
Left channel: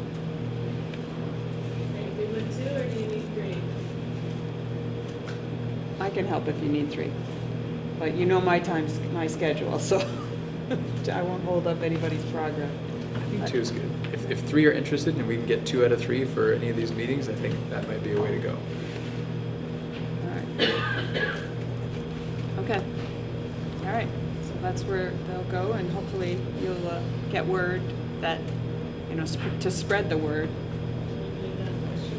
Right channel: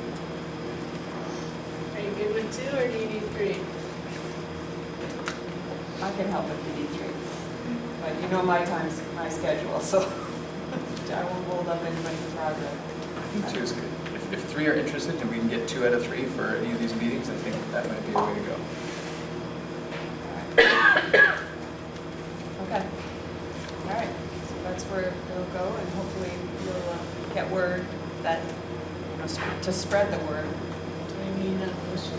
Are you good with 2 or do you need 3? I can help if you need 3. But you know my schedule, so I won't hold up anybody's progress. I think 2 is good. If 3 are interested and we can get 2 out of 3 for any of these meetings, I think that might be a way to go. Okay. All right, so that's where they'll go, and hopefully you'll get word that, to spread the word. Do we need a motion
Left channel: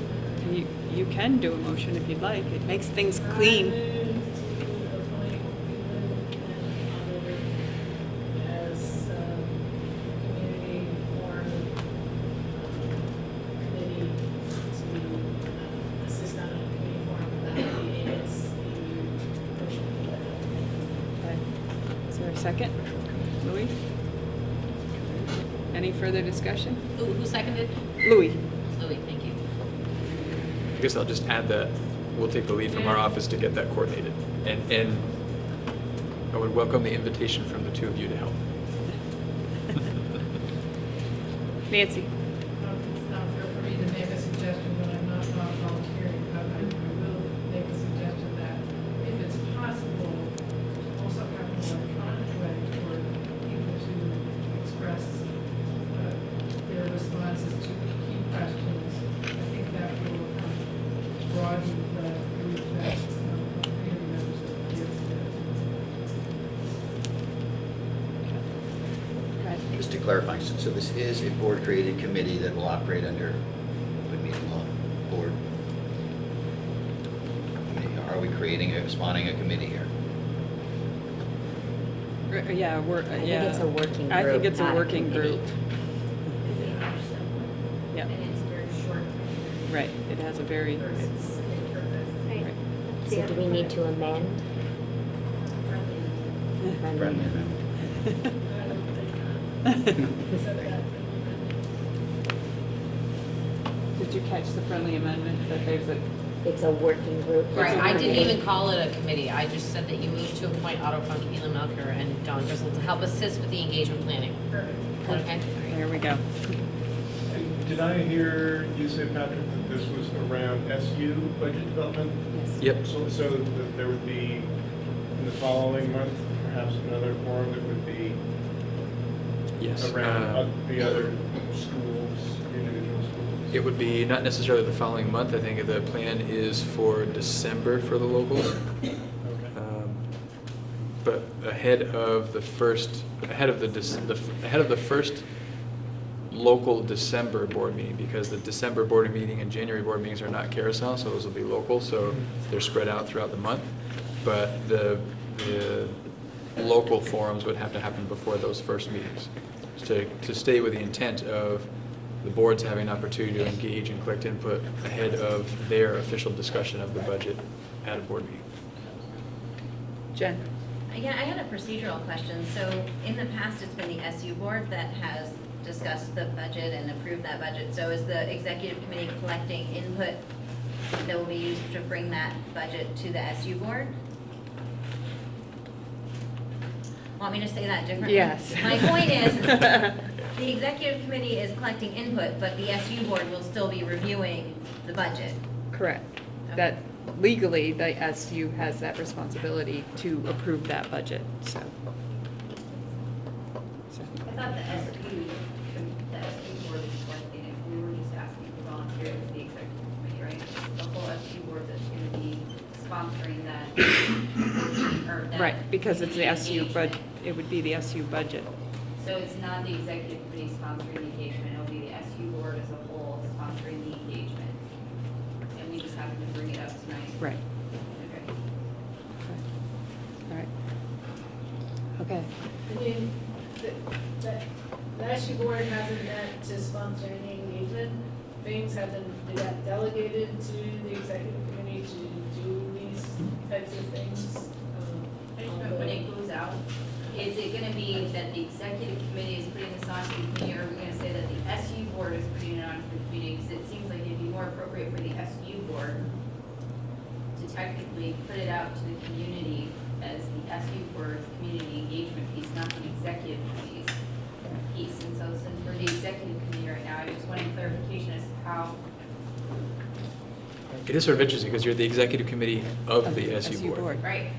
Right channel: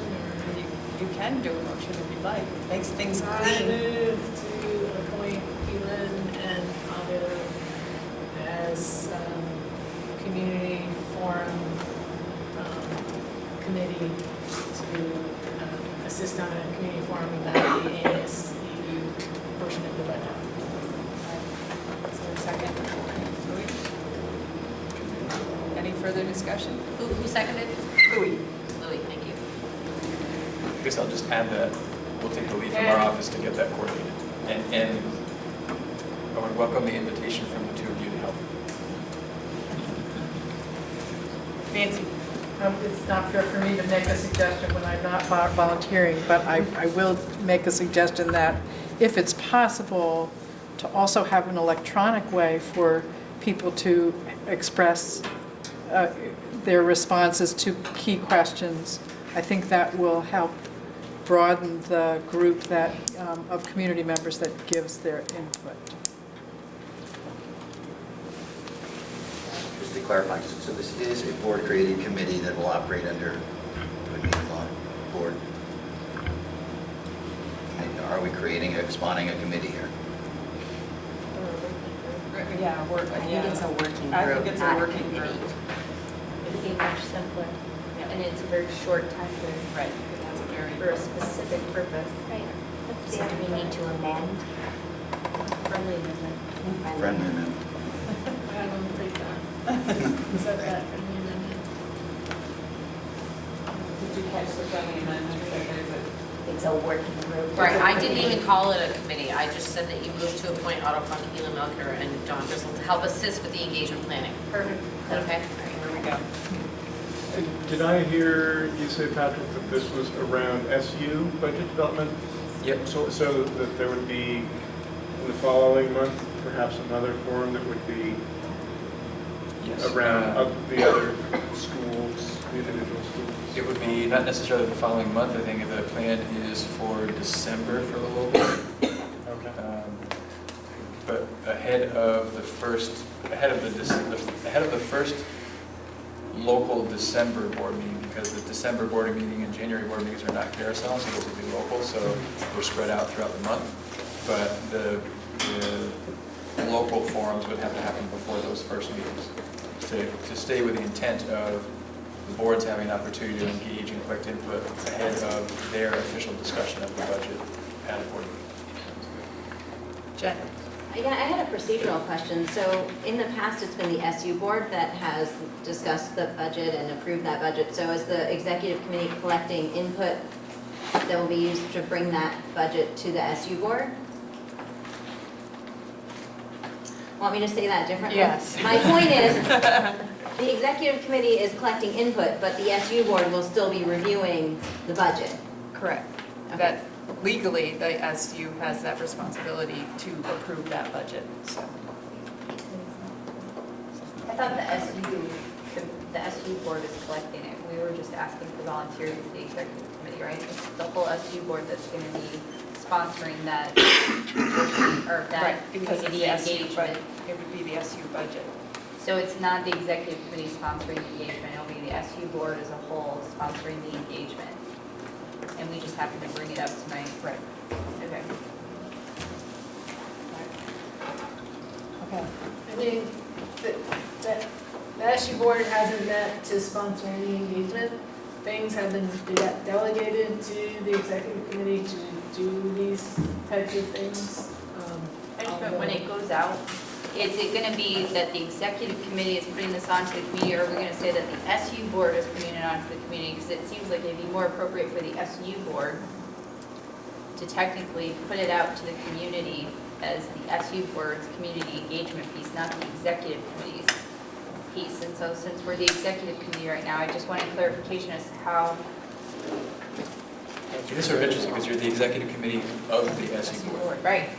or? You can do a motion if you'd like. It makes things I clean. move to appoint Elin and Otto as community forum committee to assist on a community forum about the ASU portion of the budget. Is there a second? Louis? Any further discussion? Who seconded? Louis? Louis, thank you. I guess I'll just add that we'll take the lead from our office to get that coordinated. And I would welcome the invitation from the 2 of you to help. Nancy? It's not fair for me to make a suggestion when I'm not volunteering, but I will make a suggestion that if it's possible to also have an electronic way for people to express their responses to key questions, I think that will help broaden the group that of community members that gives their input. Just to clarify, so this is a board-created committee that will operate under a meeting law board. Are we spawning a committee here? Yeah, I think it's a working group. I think it's a not working committee. group. It'd be much simpler. Yeah. And it's a very short time frame. Right, it has a very. For a specific purpose. Right. So do we need to amend? Friendly amendment. Friendly amendment. I don't think that. Said that. Did you catch the friendly amendment that there's it's a working group. Right, I didn't even call it a committee, I just said that you moved to appoint Otto Funk, Elon Melker, and John Driscoll to help assist with the engagement planning. Perfect. Is that okay? There we go. Did I hear you say, Patrick, that this was around SU budget development? Yep. So that there would be, in the following month, perhaps another forum that would be Yes. around the other schools, individual schools? It would be not necessarily the following month. I think the plan is for December for the local. But ahead of the first local December board meeting, because the December board meeting and January board meetings are not carousel, so those will be local, so they're spread out throughout the month. But the local forums would have to happen before those first meetings to stay with the intent of the boards having an opportunity to engage and collect input ahead of their official discussion of the budget at a board meeting. Jen? Yeah, I had a procedural question. So in the past, it's been the SU board that has discussed the budget and approved that budget. So is the executive committee collecting input that will be used to bring that budget to the SU board? Want me to say that differently? Yes. My point is, the executive committee is collecting input, but the SU board will still be reviewing the budget. Correct. That legally, the SU has that responsibility to approve that budget, so. I thought the SU board is collecting it. We were just asking for volunteers with the executive committee, right? It's the whole SU board that's gonna be sponsoring that, or that. Right, because it's the SU, engagement. but it would be the SU budget. So it's not the executive committee sponsoring the engagement, it'll be the SU board as a whole sponsoring the engagement. And we just happened to bring it up tonight. Right. Okay. Okay. I mean, the SU board hasn't met to sponsor any engagement. Things have been delegated to the executive committee to do these types of things. But when it goes out, is it gonna be that the executive committee is putting this on to the committee, or are we gonna say that the SU board is putting it on to the committee? Because it seems like it'd be more appropriate for the SU board to technically put it out to the community as the SU board's community engagement piece, not the executive committee's piece. And so since we're the executive committee right now, I just wanted clarification as to how. It is sort of interesting because you're the executive committee of the SU board. Right.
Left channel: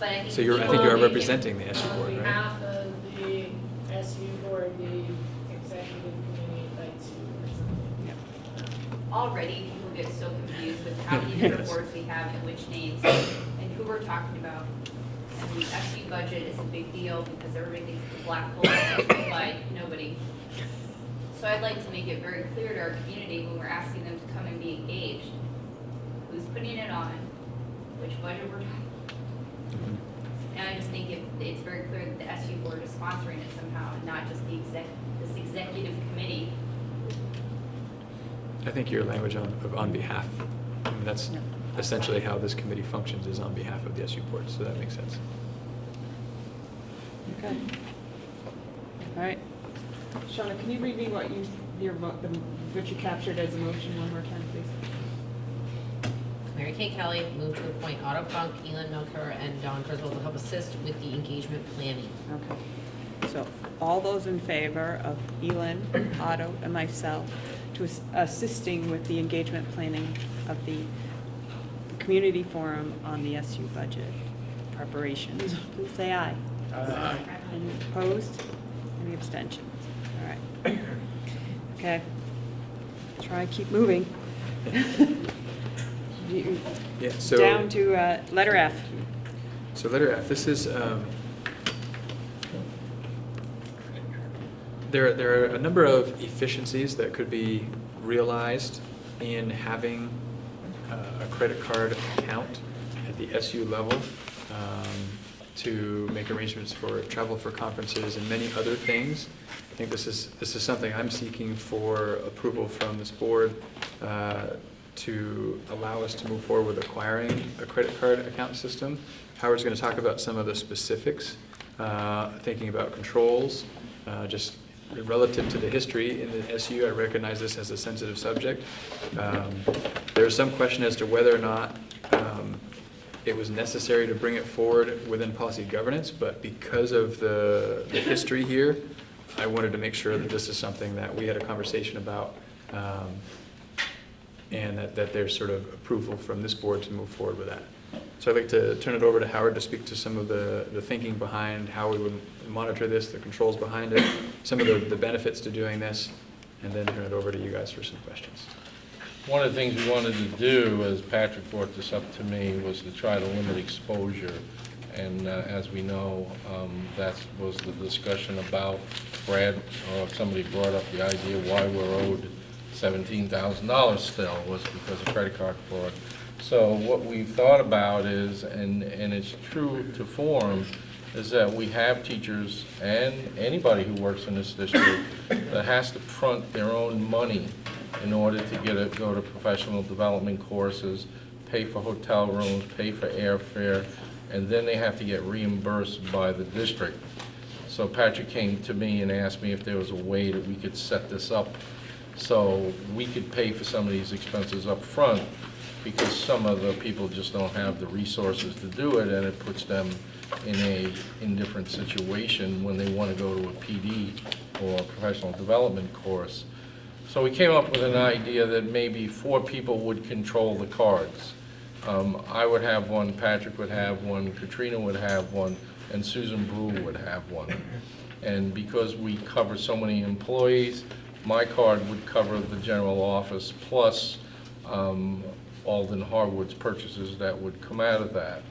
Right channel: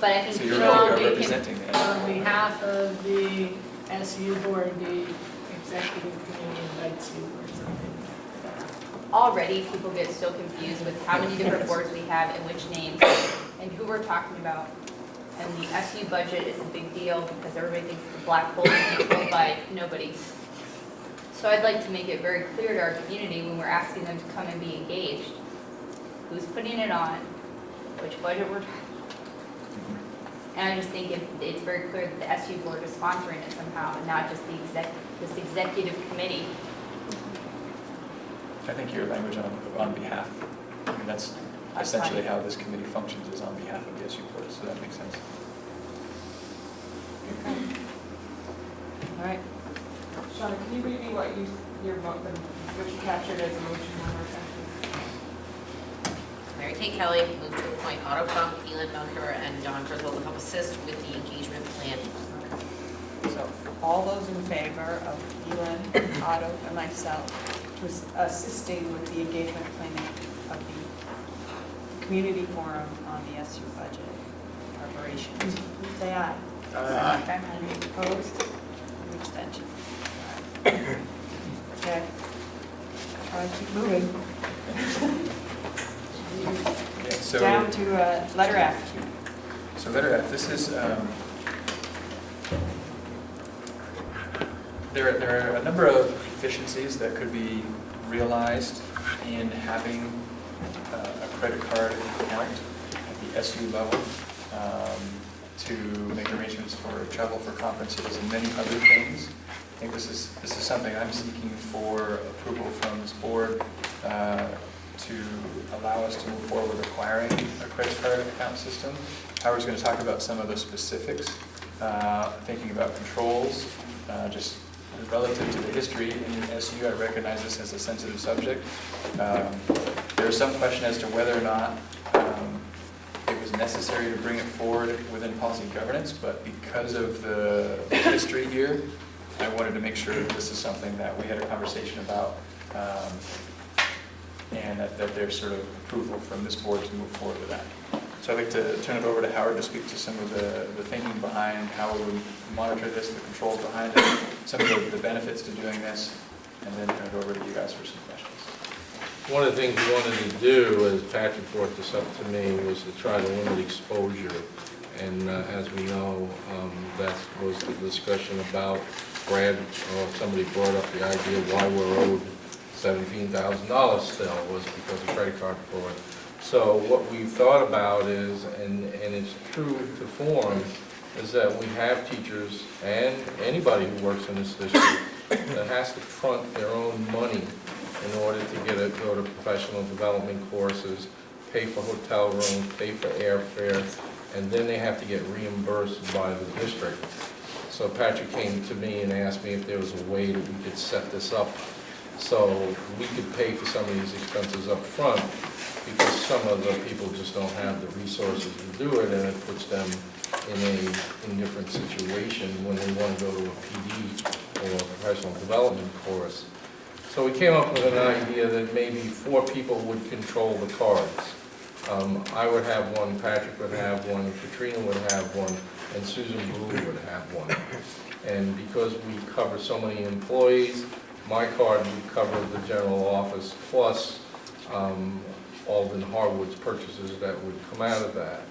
But I think So you're people- representing the SU On board. behalf of the SU board, the executive committee invites you or something. Already, people get so confused with how many different boards we have and which names and who we're talking about. And the SU budget is a big deal because everybody thinks it's a black hole and it's owned by nobody. So I'd like to make it very clear to our community when we're asking them to come and be engaged, who's putting it on, which budget we're talking. And I just think it's very clear that the SU board is sponsoring it somehow, and not just this executive committee. I think your language on behalf, I mean, that's essentially how this committee functions, is on behalf of the SU board, so that makes sense. Okay. All right. Shauna, can you read me what what you captured as a motion one more time, please? Mary Kay Kelly moved to appoint Otto Funk, Elon Melker, and John Driscoll to help assist with the engagement planning. So all those in favor of Elin, Otto, and myself to assisting with the engagement planning of the community forum on the SU budget preparations, please say aye. Aye. Any opposed? Any abstentions? All right. Okay. Try to keep moving. Yeah, so. Down to letter F. So letter F, this is, there are a number of efficiencies that could be realized in having a credit card account at the SU level to make arrangements for travel for conferences and many other things. I think this is something I'm seeking for approval from this board to allow us to move forward with acquiring a credit card account system. Howard's going to talk about some of the specifics, thinking about controls, just relative to the history in SU, I recognize this as a sensitive subject. There is some question as to whether or not it was necessary to bring it forward within policy governance, but because of the history here, I wanted to make sure that this is something that we had a conversation about, and that there's sort of approval from this board to move forward with that. So I'd like to turn it over to Howard to speak to some of the thinking behind how we would monitor this, the controls behind it, some of the benefits to doing this, and then turn it over to you guys for some questions. One of the things we wanted to do, as Patrick brought this up to me, was to try to limit exposure. And as we know, that was the discussion about somebody brought up the idea of why we're owed $17,000 still, was because of credit card fraud. So what we've thought about is, and it's true to form, is that we have teachers and anybody who works in this district that has to front their own money in order to go to professional development courses, pay for hotel rooms, pay for airfare, and then they have to get reimbursed by the district. So Patrick came to me and asked me if there was a way that we could set this up so we could pay for some of these expenses up front, because some of the people just don't have the resources to do it, and it puts them in a indifferent situation when they want to go to a PD or a professional development course. So we came up with an idea that maybe 4 people would control the cards. I would have one, Patrick would have one, Katrina would have one, and Susan Brewer would have one. And because we cover so many employees, my card would cover the general office plus Alden Harwood's purchases that would come out of that.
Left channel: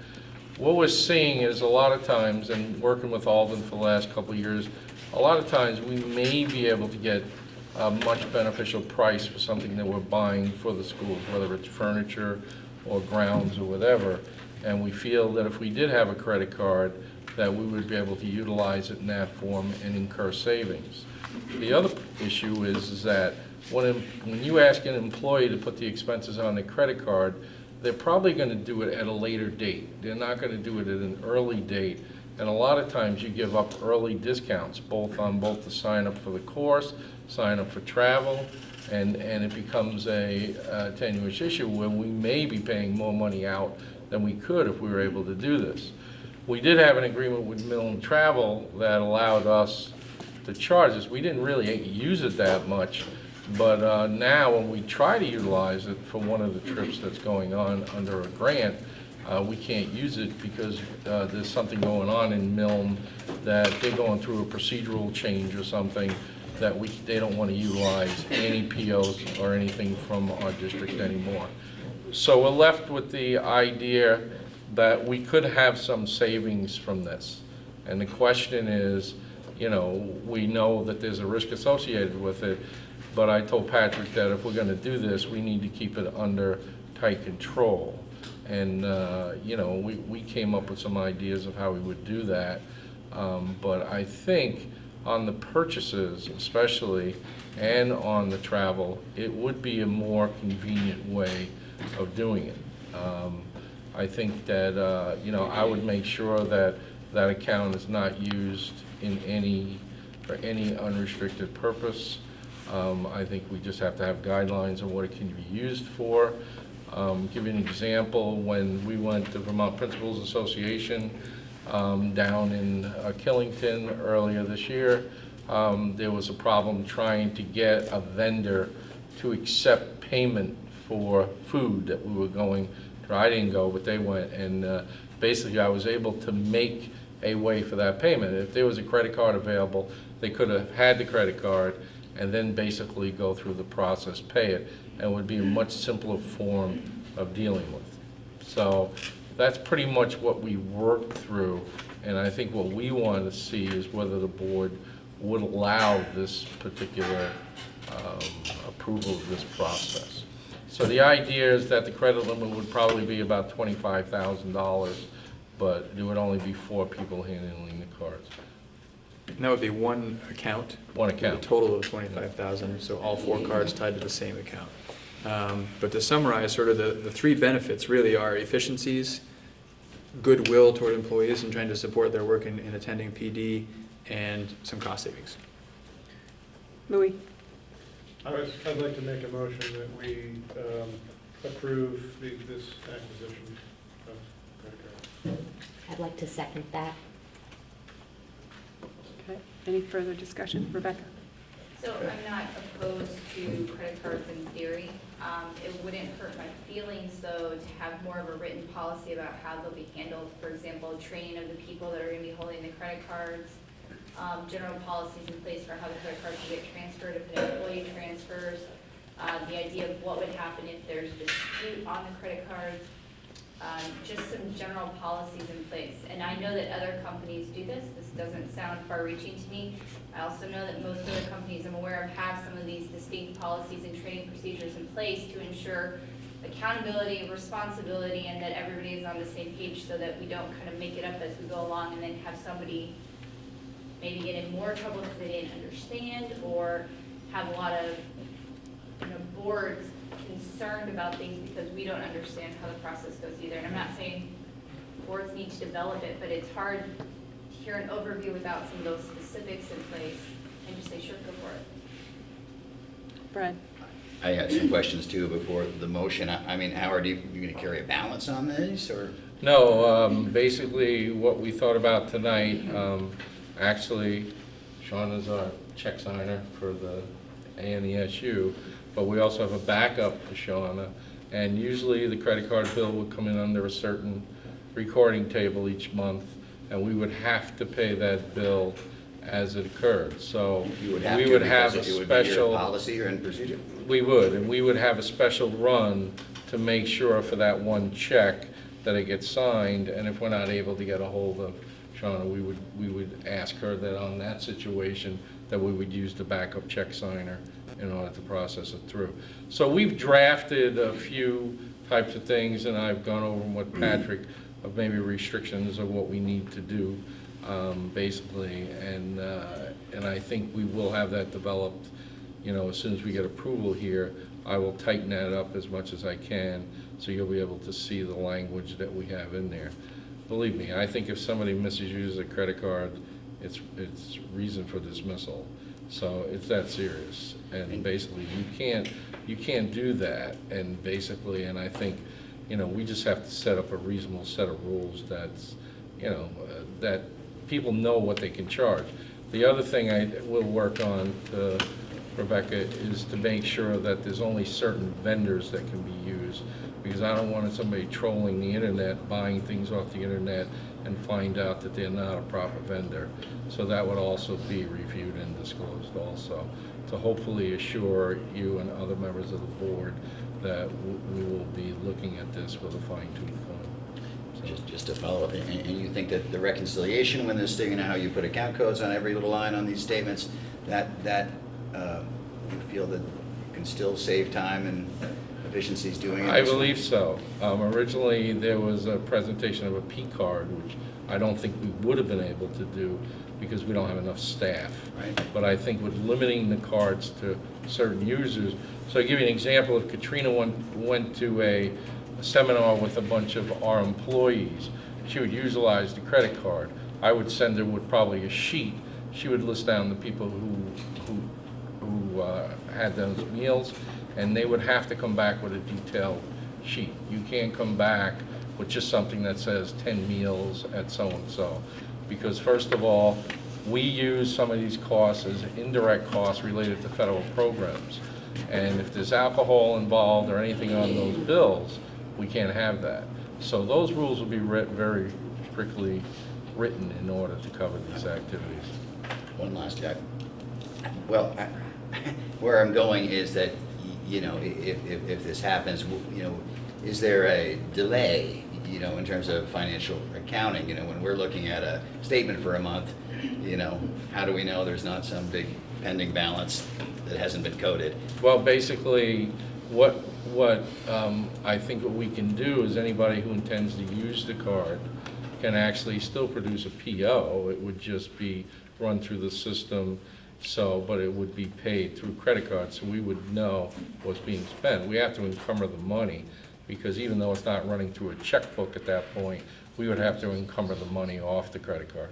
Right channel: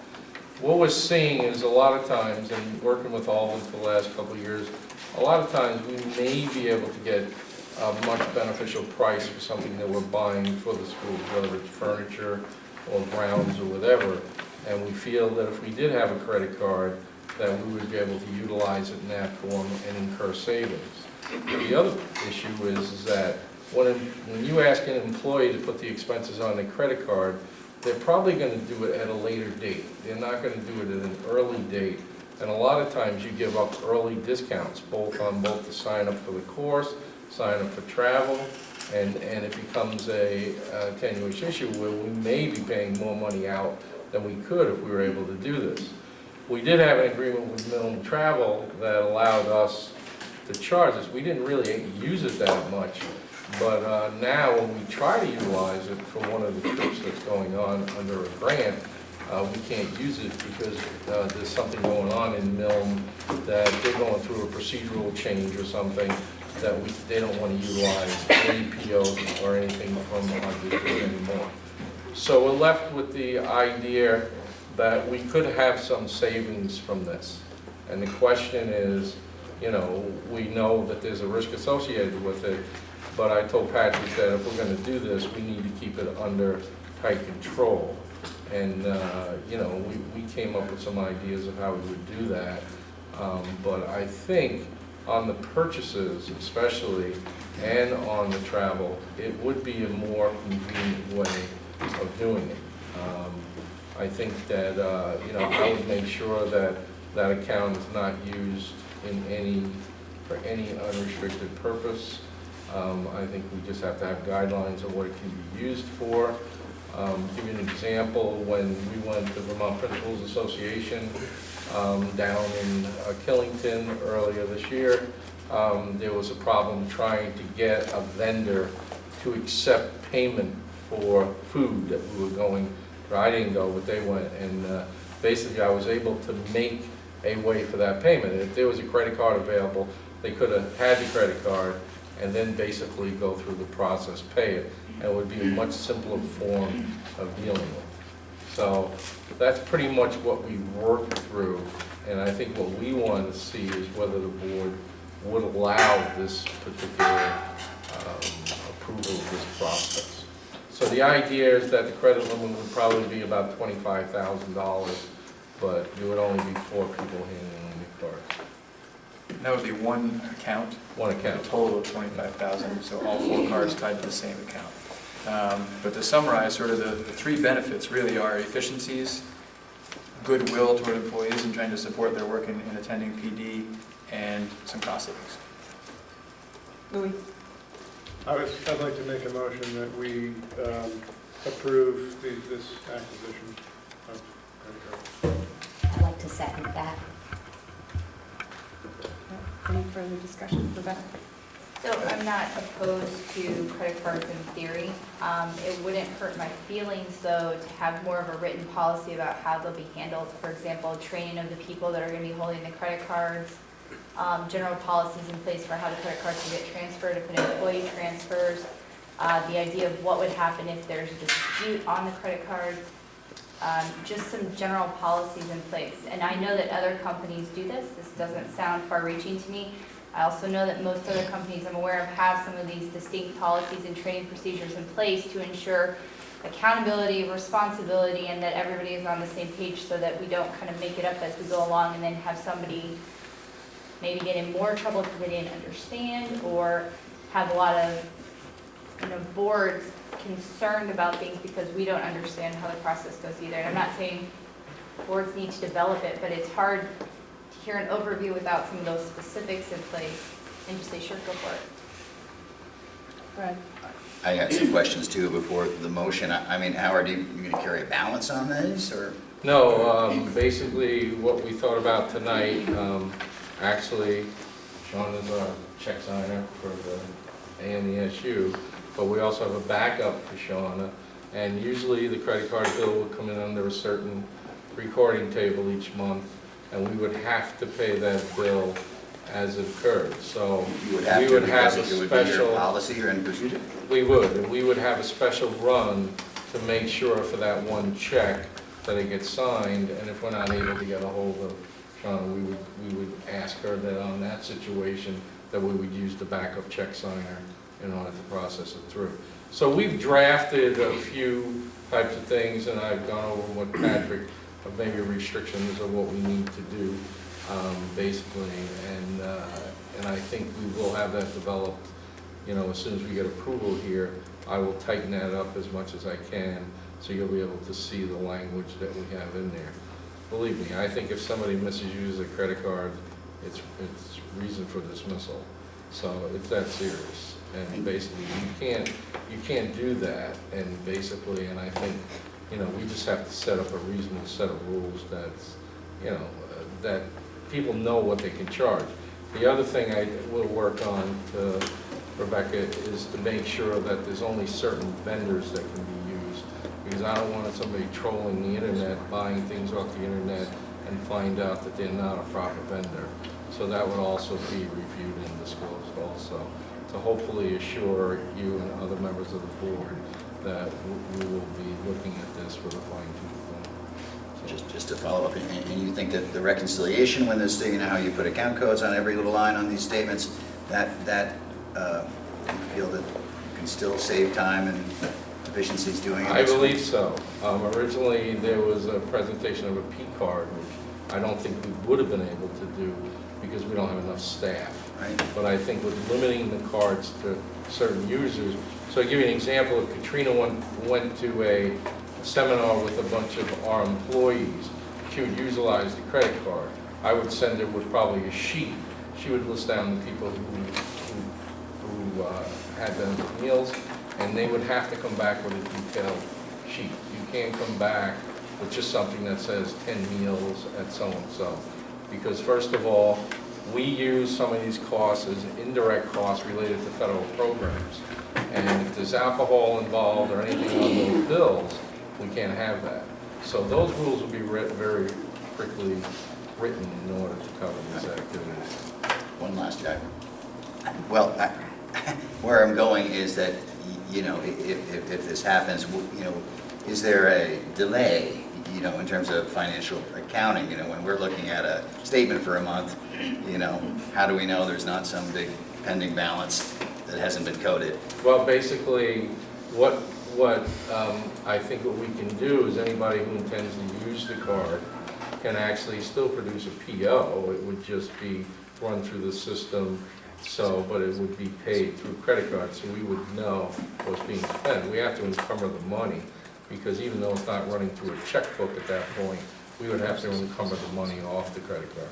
What we're seeing is a lot of times, and working with Alden for the last couple of years, a lot of times we may be able to get a much beneficial price for something that we're buying for the schools, whether it's furniture or grounds or whatever. And we feel that if we did have a credit card, that we would be able to utilize it in that form and incur savings. The other issue is that when you ask an employee to put the expenses on their credit card, they're probably going to do it at a later date. They're not going to do it at an early date. And a lot of times you give up early discounts, both the sign up for the course, sign up for travel, and it becomes a tenuous issue where we may be paying more money out than we could if we were able to do this. We did have an agreement with Millen Travel that allowed us to charge this. We didn't really use it that much, but now when we try to utilize it for one of the trips that's going on under a grant, we can't use it because there's something going on in Milne that they're going through a procedural change or something that they don't want to utilize any POs or anything from our district anymore. So we're left with the idea that we could have some savings from this. And the question is, you know, we know that there's a risk associated with it, but I told Patrick that if we're going to do this, we need to keep it under tight control. And, you know, we came up with some ideas of how we would do that. But I think on the purchases especially, and on the travel, it would be a more convenient way of doing it. I think that, you know, I would make sure that that account is not used for any unrestricted purpose. I think we just have to have guidelines on what it can be used for. Give you an example, when we went to Vermont Principals Association down in Killington earlier this year, there was a problem trying to get a vendor to accept payment for food that we were going. I didn't go, but they went, and basically I was able to make a way for that payment. If there was a credit card available, they could have had the credit card and then basically go through the process, pay it, and it would be a much simpler form of dealing with. So that's pretty much what we worked through, and I think what we want to see is whether the board would allow this particular approval of this process. So the idea is that the credit limit would probably be about $25,000, but there would only be 4 people handling the cards. And that would be one account? One account. A total of 25,000, so all 4 cards tied to the same account. But to summarize, sort of the 3 benefits really are efficiencies, goodwill toward employees in trying to support their work in attending PD, and some cost savings. Louis? I'd like to make a motion that we approve this acquisition of credit cards. I'd like to second that. Any further discussion? Rebecca? So I'm not opposed to credit cards in theory. It wouldn't hurt my feelings, though, to have more of a written policy about how they'll be handled. For example, training of the people that are going to be holding the credit cards, general policies in place for how the credit cards will get transferred if an employee transfers, the idea of what would happen if there's a dispute on the credit card, just some general policies in place. And I know that other companies do this. This doesn't sound far-reaching to me. I also know that most other companies I'm aware of have some of these distinct policies and training procedures in place to ensure accountability, responsibility, and that everybody is on the same page so that we don't kind of make it up as we go along and then have somebody maybe get in more trouble because they didn't understand, or have a lot of boards concerned about things because we don't understand how the process goes either. And I'm not saying boards need to develop it, but it's hard to hear an overview without some of those specifics in place and just say, sure, go for it. Fred? I got some questions too before the motion. I mean, Howard, you going to carry a balance on this, or? No, basically what we thought about tonight, actually, Sean is our check signer for the ANESU, but we also have a backup for Sean. And usually the credit card bill will come in under a certain recording table each month, and we would have to pay that bill as it occurred. So we would have a special policy or in procedure. We would, and we would have a special run to make sure for that one check that it gets signed. And if we're not able to get a hold of Shauna, we would ask her that on that situation that we would use the backup check signer in order to process it through. So we've drafted a few types of things, and I've gone over with Patrick of maybe restrictions of what we need to do, basically, and I think we will have that developed. As soon as we get approval here, I will tighten that up as much as I can, so you'll be able to see the language that we have in there. Believe me, I think if somebody misuses a credit card, it's reason for dismissal. So it's that serious, and basically you can't do that. And basically, and I think we just have to set up a reasonable set of rules that's that people know what they can charge. The other thing I will work on, Rebecca, is to make sure that there's only certain vendors that can be used, because I don't want somebody trolling the internet, buying things off the internet, and find out that they're not a proper vendor. So that would also be reviewed and disclosed also, to hopefully assure you and other members of the board that we will be looking at this with a fine-tooth comb. Just to follow up, and you think that the reconciliation, when there's, how you put account codes on every little line on these statements, that you feel that you can still save time and efficiencies doing it? I believe so. Originally, there was a presentation of a P card, which I don't think we would have been able to do because we don't have enough staff. Right. But I think with limiting the cards to certain users, so I'll give you an example. If Katrina went to a seminar with a bunch of our employees, she would utilize the credit card. I would send her with probably a sheet. She would list down the people who had those meals, and they would have to come back with a detailed sheet. You can't come back with just something that says 10 meals at so-and-so. Because first of all, we use some of these costs as indirect costs related to federal programs. And if there's alcohol involved or anything on those bills, we can't have that. So those rules will be very quickly written in order to cover these activities. One last, Jack. Well, where I'm going is that, if this happens, is there a delay, in terms of financial accounting? When we're looking at a statement for a month, how do we know there's not some big pending balance that hasn't been coded? Well, basically, what I think what we can do is anybody who intends to use the card can actually still produce a PO. It would just be run through the system, but it would be paid through credit card, so we would know what's being spent. We have to encumber the money, because even though it's not running through a checkbook at that point, we would have to encumber the money off the credit card.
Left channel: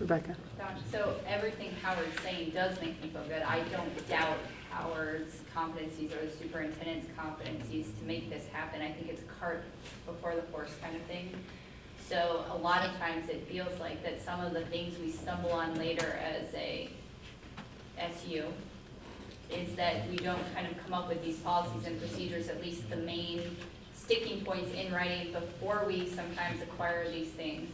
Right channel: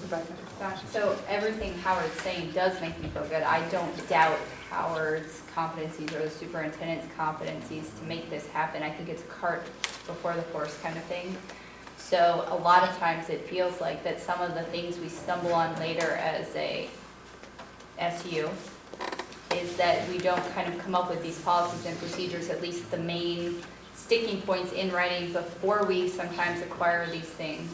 Rebecca? Gosh, so everything Howard's saying does make me feel good. I don't doubt Howard's competencies or the superintendent's competencies to make this happen. I think it's cart before the horse kind of thing. So a lot of times it feels like that some of the things we stumble on later as a SU is that we don't kind of come up with these policies and procedures, at least the main sticking points in writing before we sometimes acquire these things.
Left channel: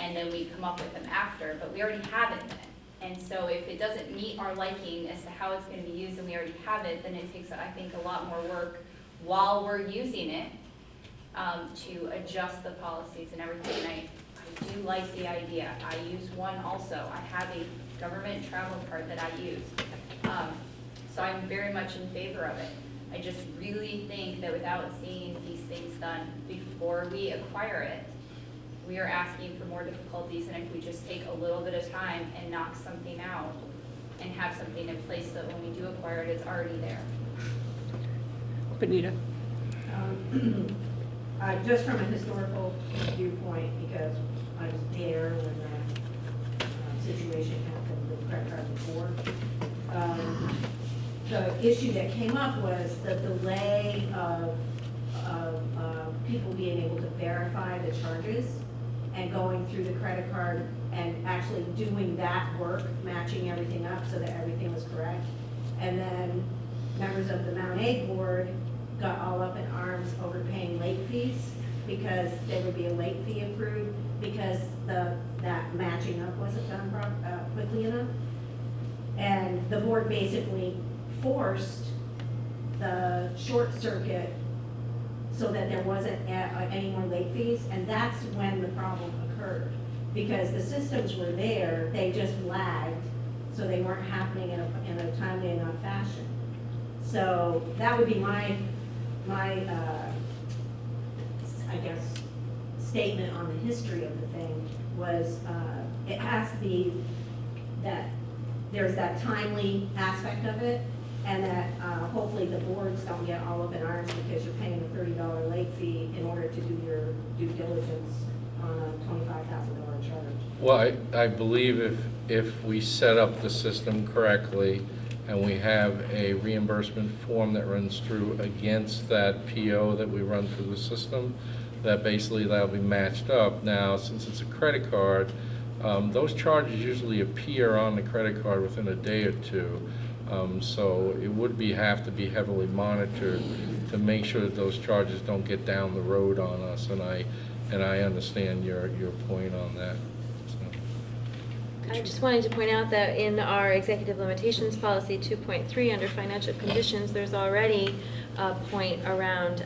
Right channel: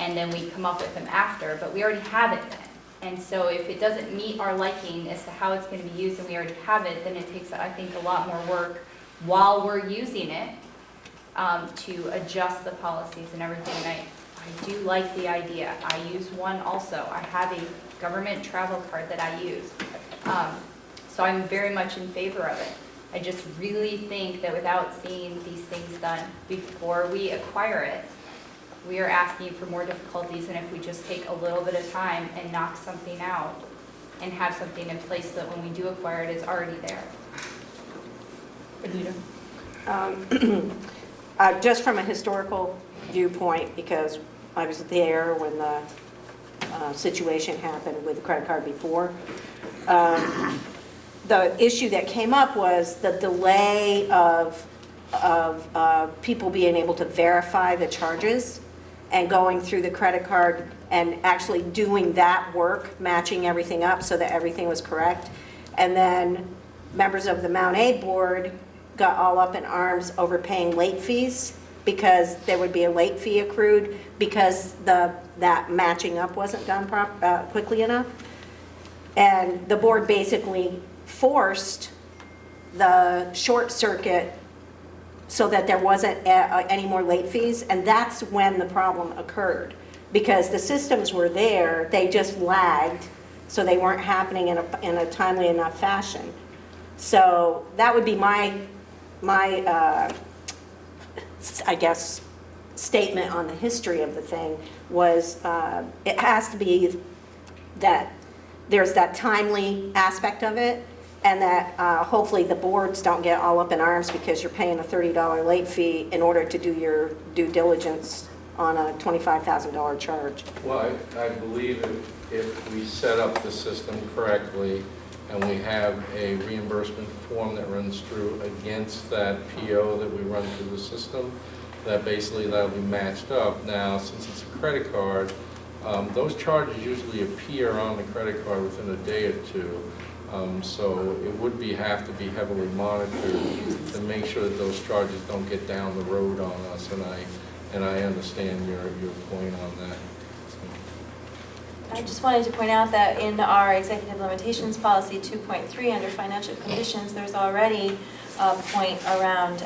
And then we come up with them after, but we already have it then. And so if it doesn't meet our liking as to how it's going to be used and we already have it, then it takes, I think, a lot more work while we're using it to adjust the policies and everything. And I do like the idea. I use one also. I have a government travel card that I use. So I'm very much in favor of it. I just really think that without seeing these things done before we acquire it, we are asking for more difficulties, and if we just take a little bit of time and knock something out and have something in place so that when we do acquire it, it's already there. Benita? Just from a historical viewpoint, because I was there when the situation happened with the credit card before, the issue that came up was the delay of people being able to verify the charges and going through the credit card and actually doing that work, matching everything up so that everything was correct. And then members of the Mount A board got all up in arms over paying late fees because there would be a late fee accrued because that matching up wasn't done quickly enough. And the board basically forced the short circuit so that there wasn't any more late fees, and that's when the problem occurred. Because the systems were there, they just lagged, so they weren't happening in a timely enough fashion. So that would be my I guess, statement on the history of the thing was it has to be that there's that timely aspect of it, and that hopefully the boards don't get all up in arms because you're paying a $30 late fee in order to do your due diligence on a $25,000 charge. Well, I believe if we set up the system correctly and we have a reimbursement form that runs through against that PO that we run through the system, that basically that'll be matched up. Now, since it's a credit card, those charges usually appear on the credit card within a day or two. So it would have to be heavily monitored to make sure that those charges don't get down the road on us, and I understand your point on that. I just wanted to point out that in our executive limitations policy 2.3 under financial conditions, there's already a point around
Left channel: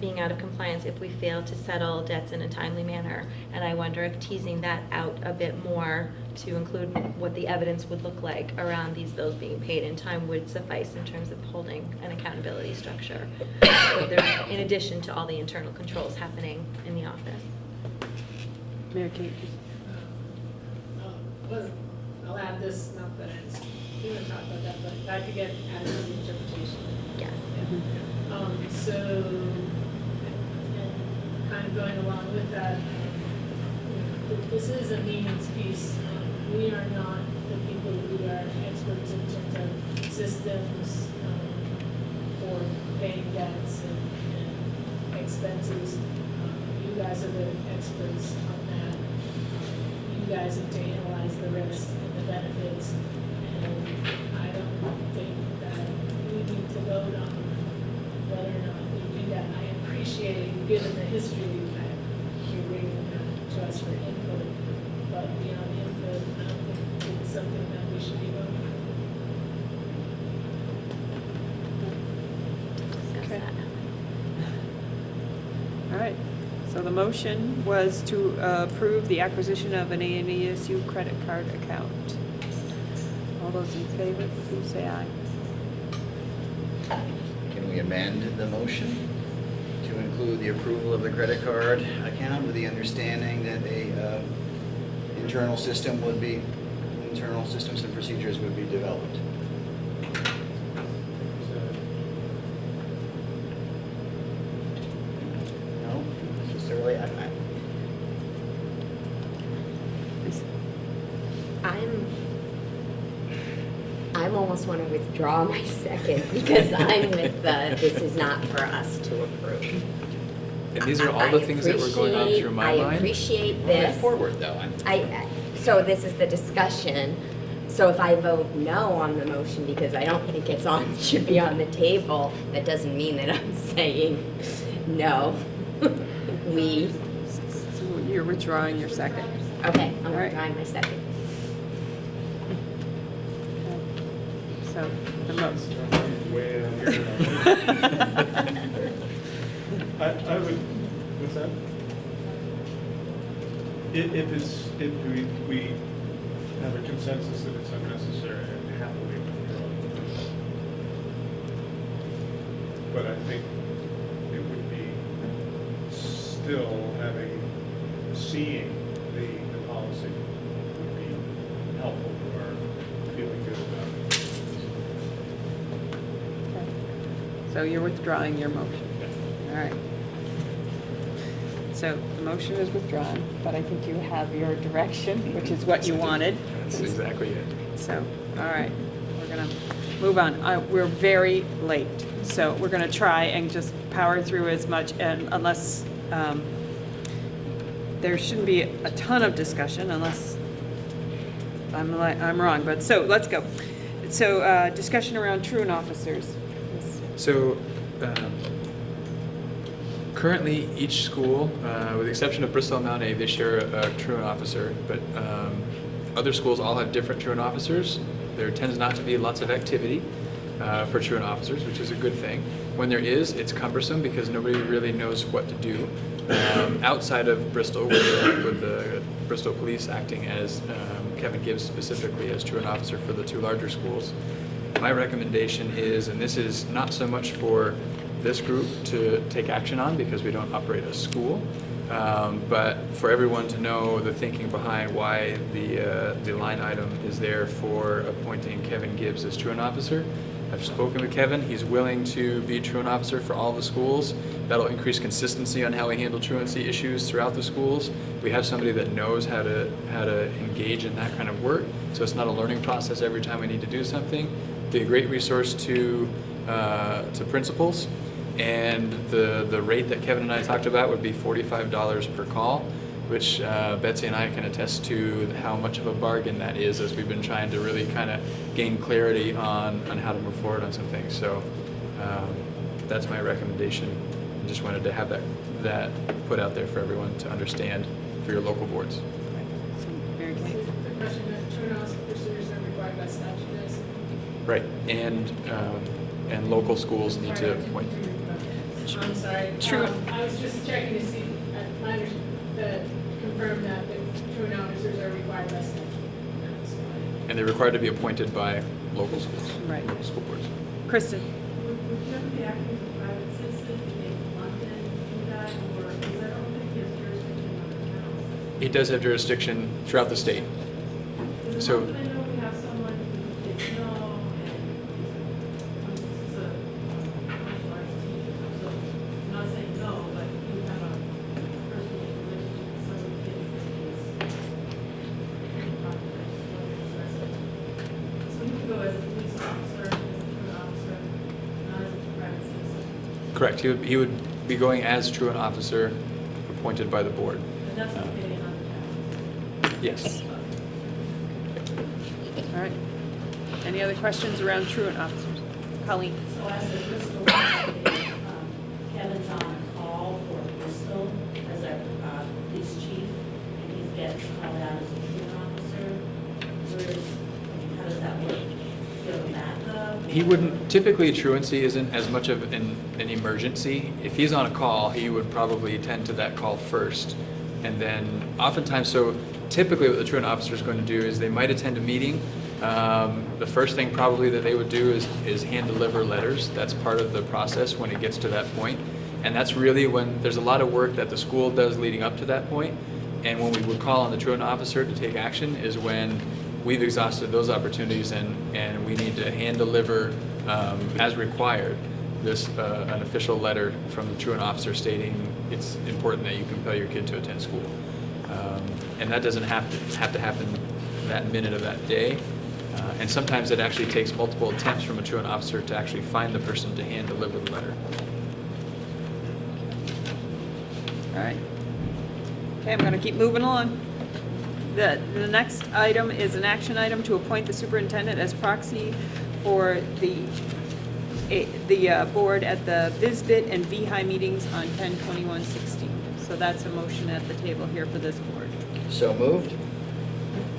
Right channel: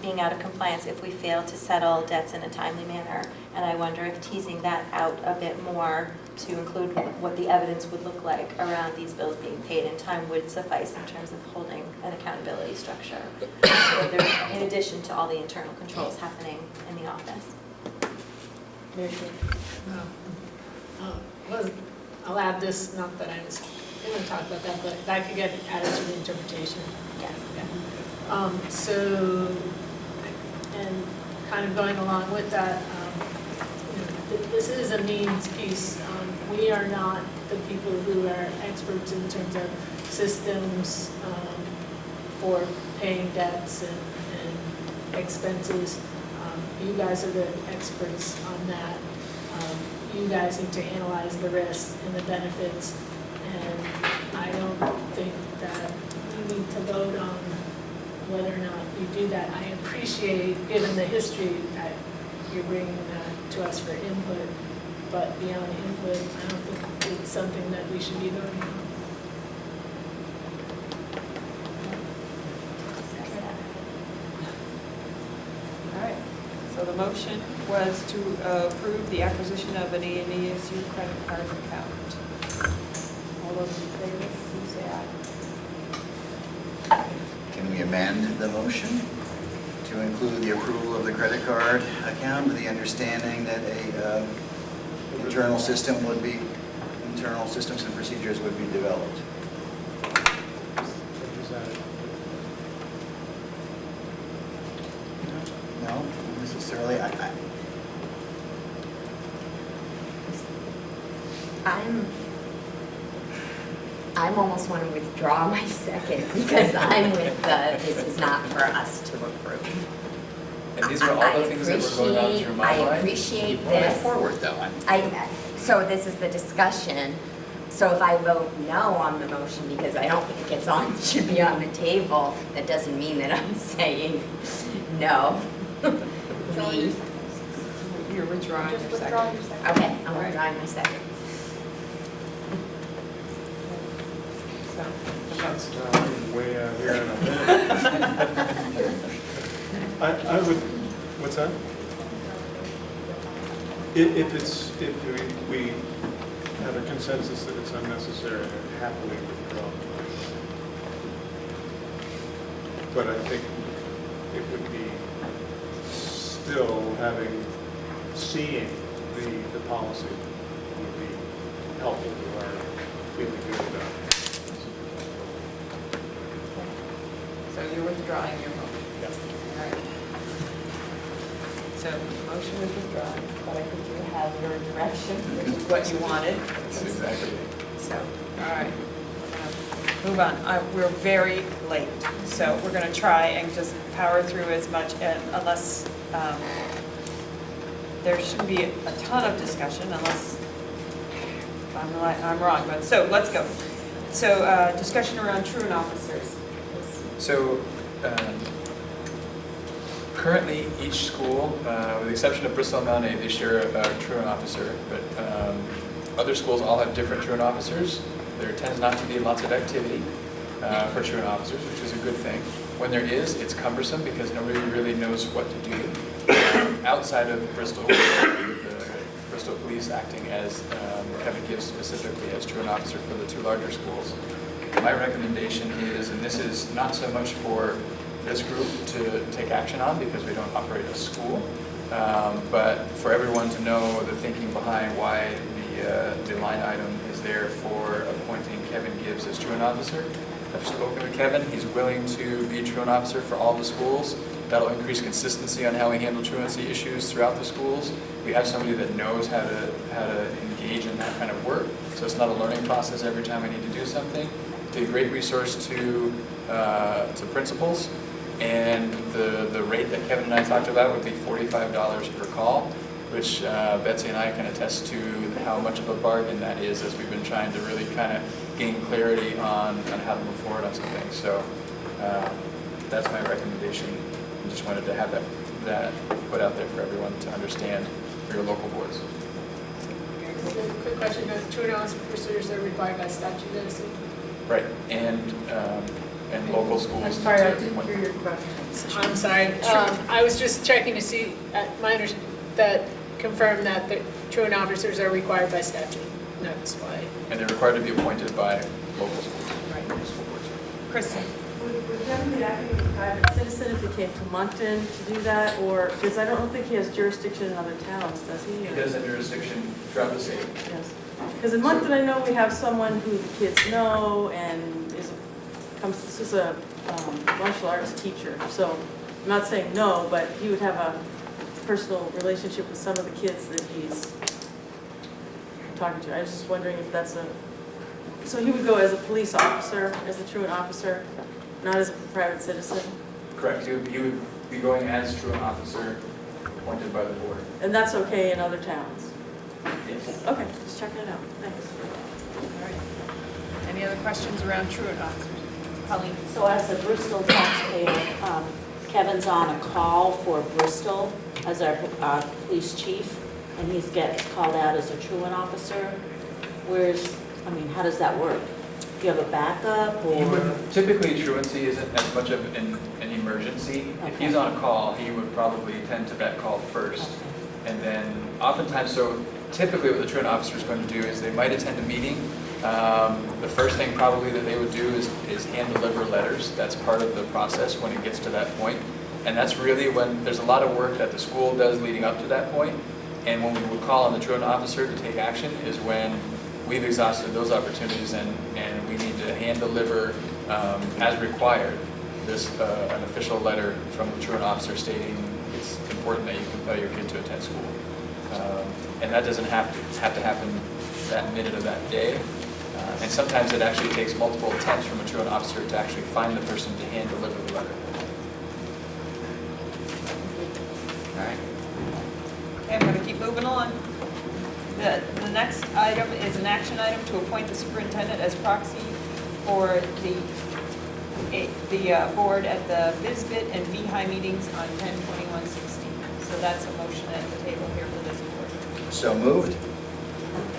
being out of compliance if we fail to settle debts in a timely manner. And I wonder if teasing that out a bit more to include what the evidence would look like around these bills being paid in time would suffice in terms of holding an accountability structure, in addition to all the internal controls happening in the office. I'll add this, not that I was going to talk about that, but that could get added to the interpretation. Yes. Yeah. So, and kind of going along with that, this is a means piece. We are not the people who are experts in terms of systems for paying debts and expenses. You guys are the experts on that. You guys need to analyze the risks and the benefits, and I don't think that we need to vote on whether or not we do that. I appreciate, given the history, that you're bringing that to us for input, but beyond input, I don't think it's something that we should be voting on. All right, so the motion was to approve the acquisition of an AMASU credit card account. All those in favor, please say aye. Can we amend the motion to include the approval of the credit card account with the understanding that internal systems and procedures would be developed? No, not necessarily. I'm almost want to withdraw my second because I'm with the, this is not for us to approve. And these are all the things that were going on through my mind. I appreciate Going this. forward though. So this is the discussion. So if I vote no on the motion because I don't think it's on, should be on the table, that doesn't mean that I'm saying no. You're withdrawing your second. Okay, I'm withdrawing my second. So, Way out here. I would, what's that? If we have a consensus that it's unnecessary, I'd happily withdraw. But I think it would be still seeing the policy would be helpful to our feeling good about it. So you're withdrawing your motion? Yes. All right. So the motion is withdrawn, but I think you have your direction, which is what you wanted. That's exactly it. So, all right, we're gonna move on. We're very late, so we're gonna try and just power through as much, and unless, there shouldn't be a ton of discussion unless I'm wrong, but, so, let's go. So, discussion around truant officers. So currently, each school, with the exception of Bristol and Mount A, they share a truant officer, but other schools all have different truant officers. There tends not to be lots of activity for truant officers, which is a good thing. When there is, it's cumbersome because nobody really knows what to do. Outside of Bristol, with the Bristol Police acting as Kevin Gibbs specifically as truant officer for the two larger schools. My recommendation is, and this is not so much for this group to take action on because we don't operate a school, but for everyone to know the thinking behind why the line item is there for appointing Kevin Gibbs as truant officer. I've spoken to Kevin. He's willing to be truant officer for all the schools. That'll increase consistency on how we handle truancy issues throughout the schools. We have somebody that knows how to engage in that kind of work, so it's not a learning process every time I need to do something. Be a great resource to principals, and the rate that Kevin and I talked about would be $45 per call, which Betsy and I can attest to how much of a bargain that is as we've been trying to really kind of gain clarity on how to move forward on some things. So that's my recommendation. I just wanted to have that put out there for everyone to understand for your local boards. Quick question, truant officers are required by statute, I assume? Right, and local schools. I'm sorry, I didn't hear your question. I'm sorry. I was just checking to see, confirm that the truant officers are required by statute. That's why. And they're required to be appointed by local schools, Right. local school boards. Kristen? Would Kevin be acting as a private citizen if he came to Moncton to do that, or, because I don't think he has jurisdiction in other towns, does he? He does have jurisdiction throughout the state. Because in Moncton, I know we have someone who the kids know and is a martial arts teacher, so I'm not saying no, but he would have a personal relationship with some of the kids that he's talking to. I was just wondering if that's so he would go as a police officer, as a truant officer, not as a private citizen? Correct. He would be going as truant officer appointed by the board. And that's okay in other towns? Yes. Okay, just checking it out. Thanks. All right. Any other questions around truant officers? Colleen? So as a Bristol taxpayer, Kevin's on a call for Bristol as our police chief, and he gets called out as a truant officer. How does that work? Do you have a backup? Or? He wouldn't, typically truancy isn't as much of an emergency. If he's on a call, he would probably attend to that call first. And then oftentimes, so typically what the truant officer is going to do is they might attend a meeting. The first thing probably that they would do is hand deliver letters. That's part of the process when it gets to that point. And that's really when there's a lot of work that the school does leading up to that point. And when we would call on the truant officer to take action is when we've exhausted those opportunities and we need to hand deliver, as required, an official letter from the truant officer stating it's important that you compel your kid to attend school. And that doesn't have to happen that minute of that day. And sometimes it actually takes multiple attempts from a truant officer to actually find the person to hand deliver the letter. All right. Okay, I'm gonna keep moving on. The next item is an action item to appoint the superintendent as proxy for the board at the BISBIT and VHI meetings on 10/21/16. So that's a motion at the table here for this board. So moved.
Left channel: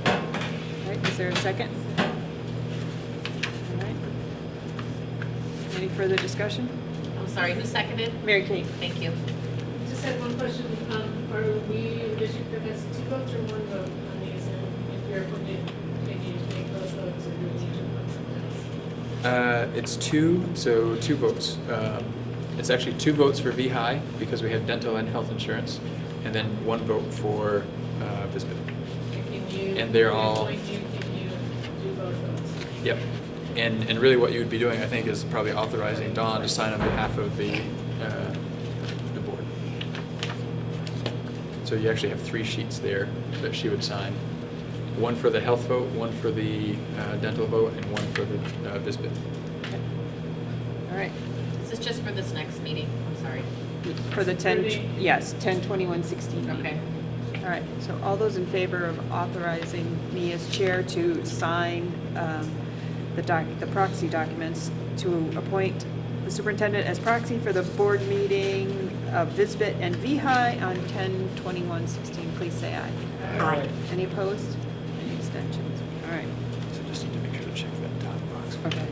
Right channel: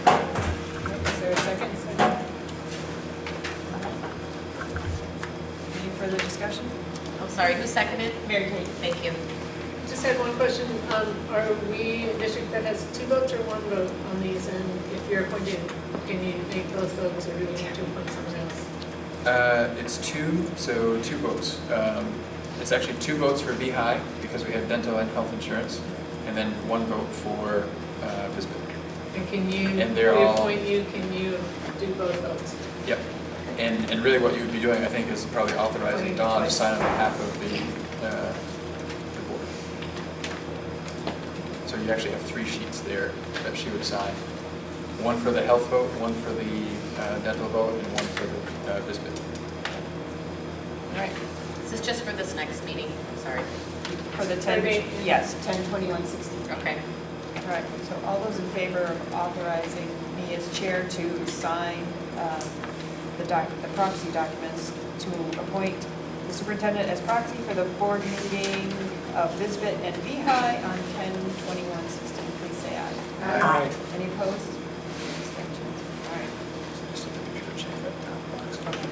Right, is there a second? All right. Any further discussion? I'm sorry, who seconded? Mary Kate. Thank you. Just had one question. Are we a district that has 2 votes or 1 vote on these? And if you're appointed, can you make both votes, or do we need to appoint someone else? It's 2 votes. It's actually 2 votes for VHI because we have dental and health insurance, and then 1 vote for VISBIT. And can you, And they're if we all- appoint you, can you do both votes? Yep. And really what you would be doing, I think, is probably authorizing Dawn to sign on behalf of the board. So you actually have 3 sheets there that she would sign. 1 for the health vote, 1 for the dental vote, and 1 for the VISBIT. All right. This is just for this next meeting, I'm sorry. For the 10, yes, 10/21/16. Okay. All right, so all those in favor of authorizing me as chair to sign the proxy documents to appoint the superintendent as proxy for the board meeting of VISBIT and VHI on 10/21/16, please say aye. Aye. Any opposed? Abstentions? All right. Just need to make sure to check that down box. Okay.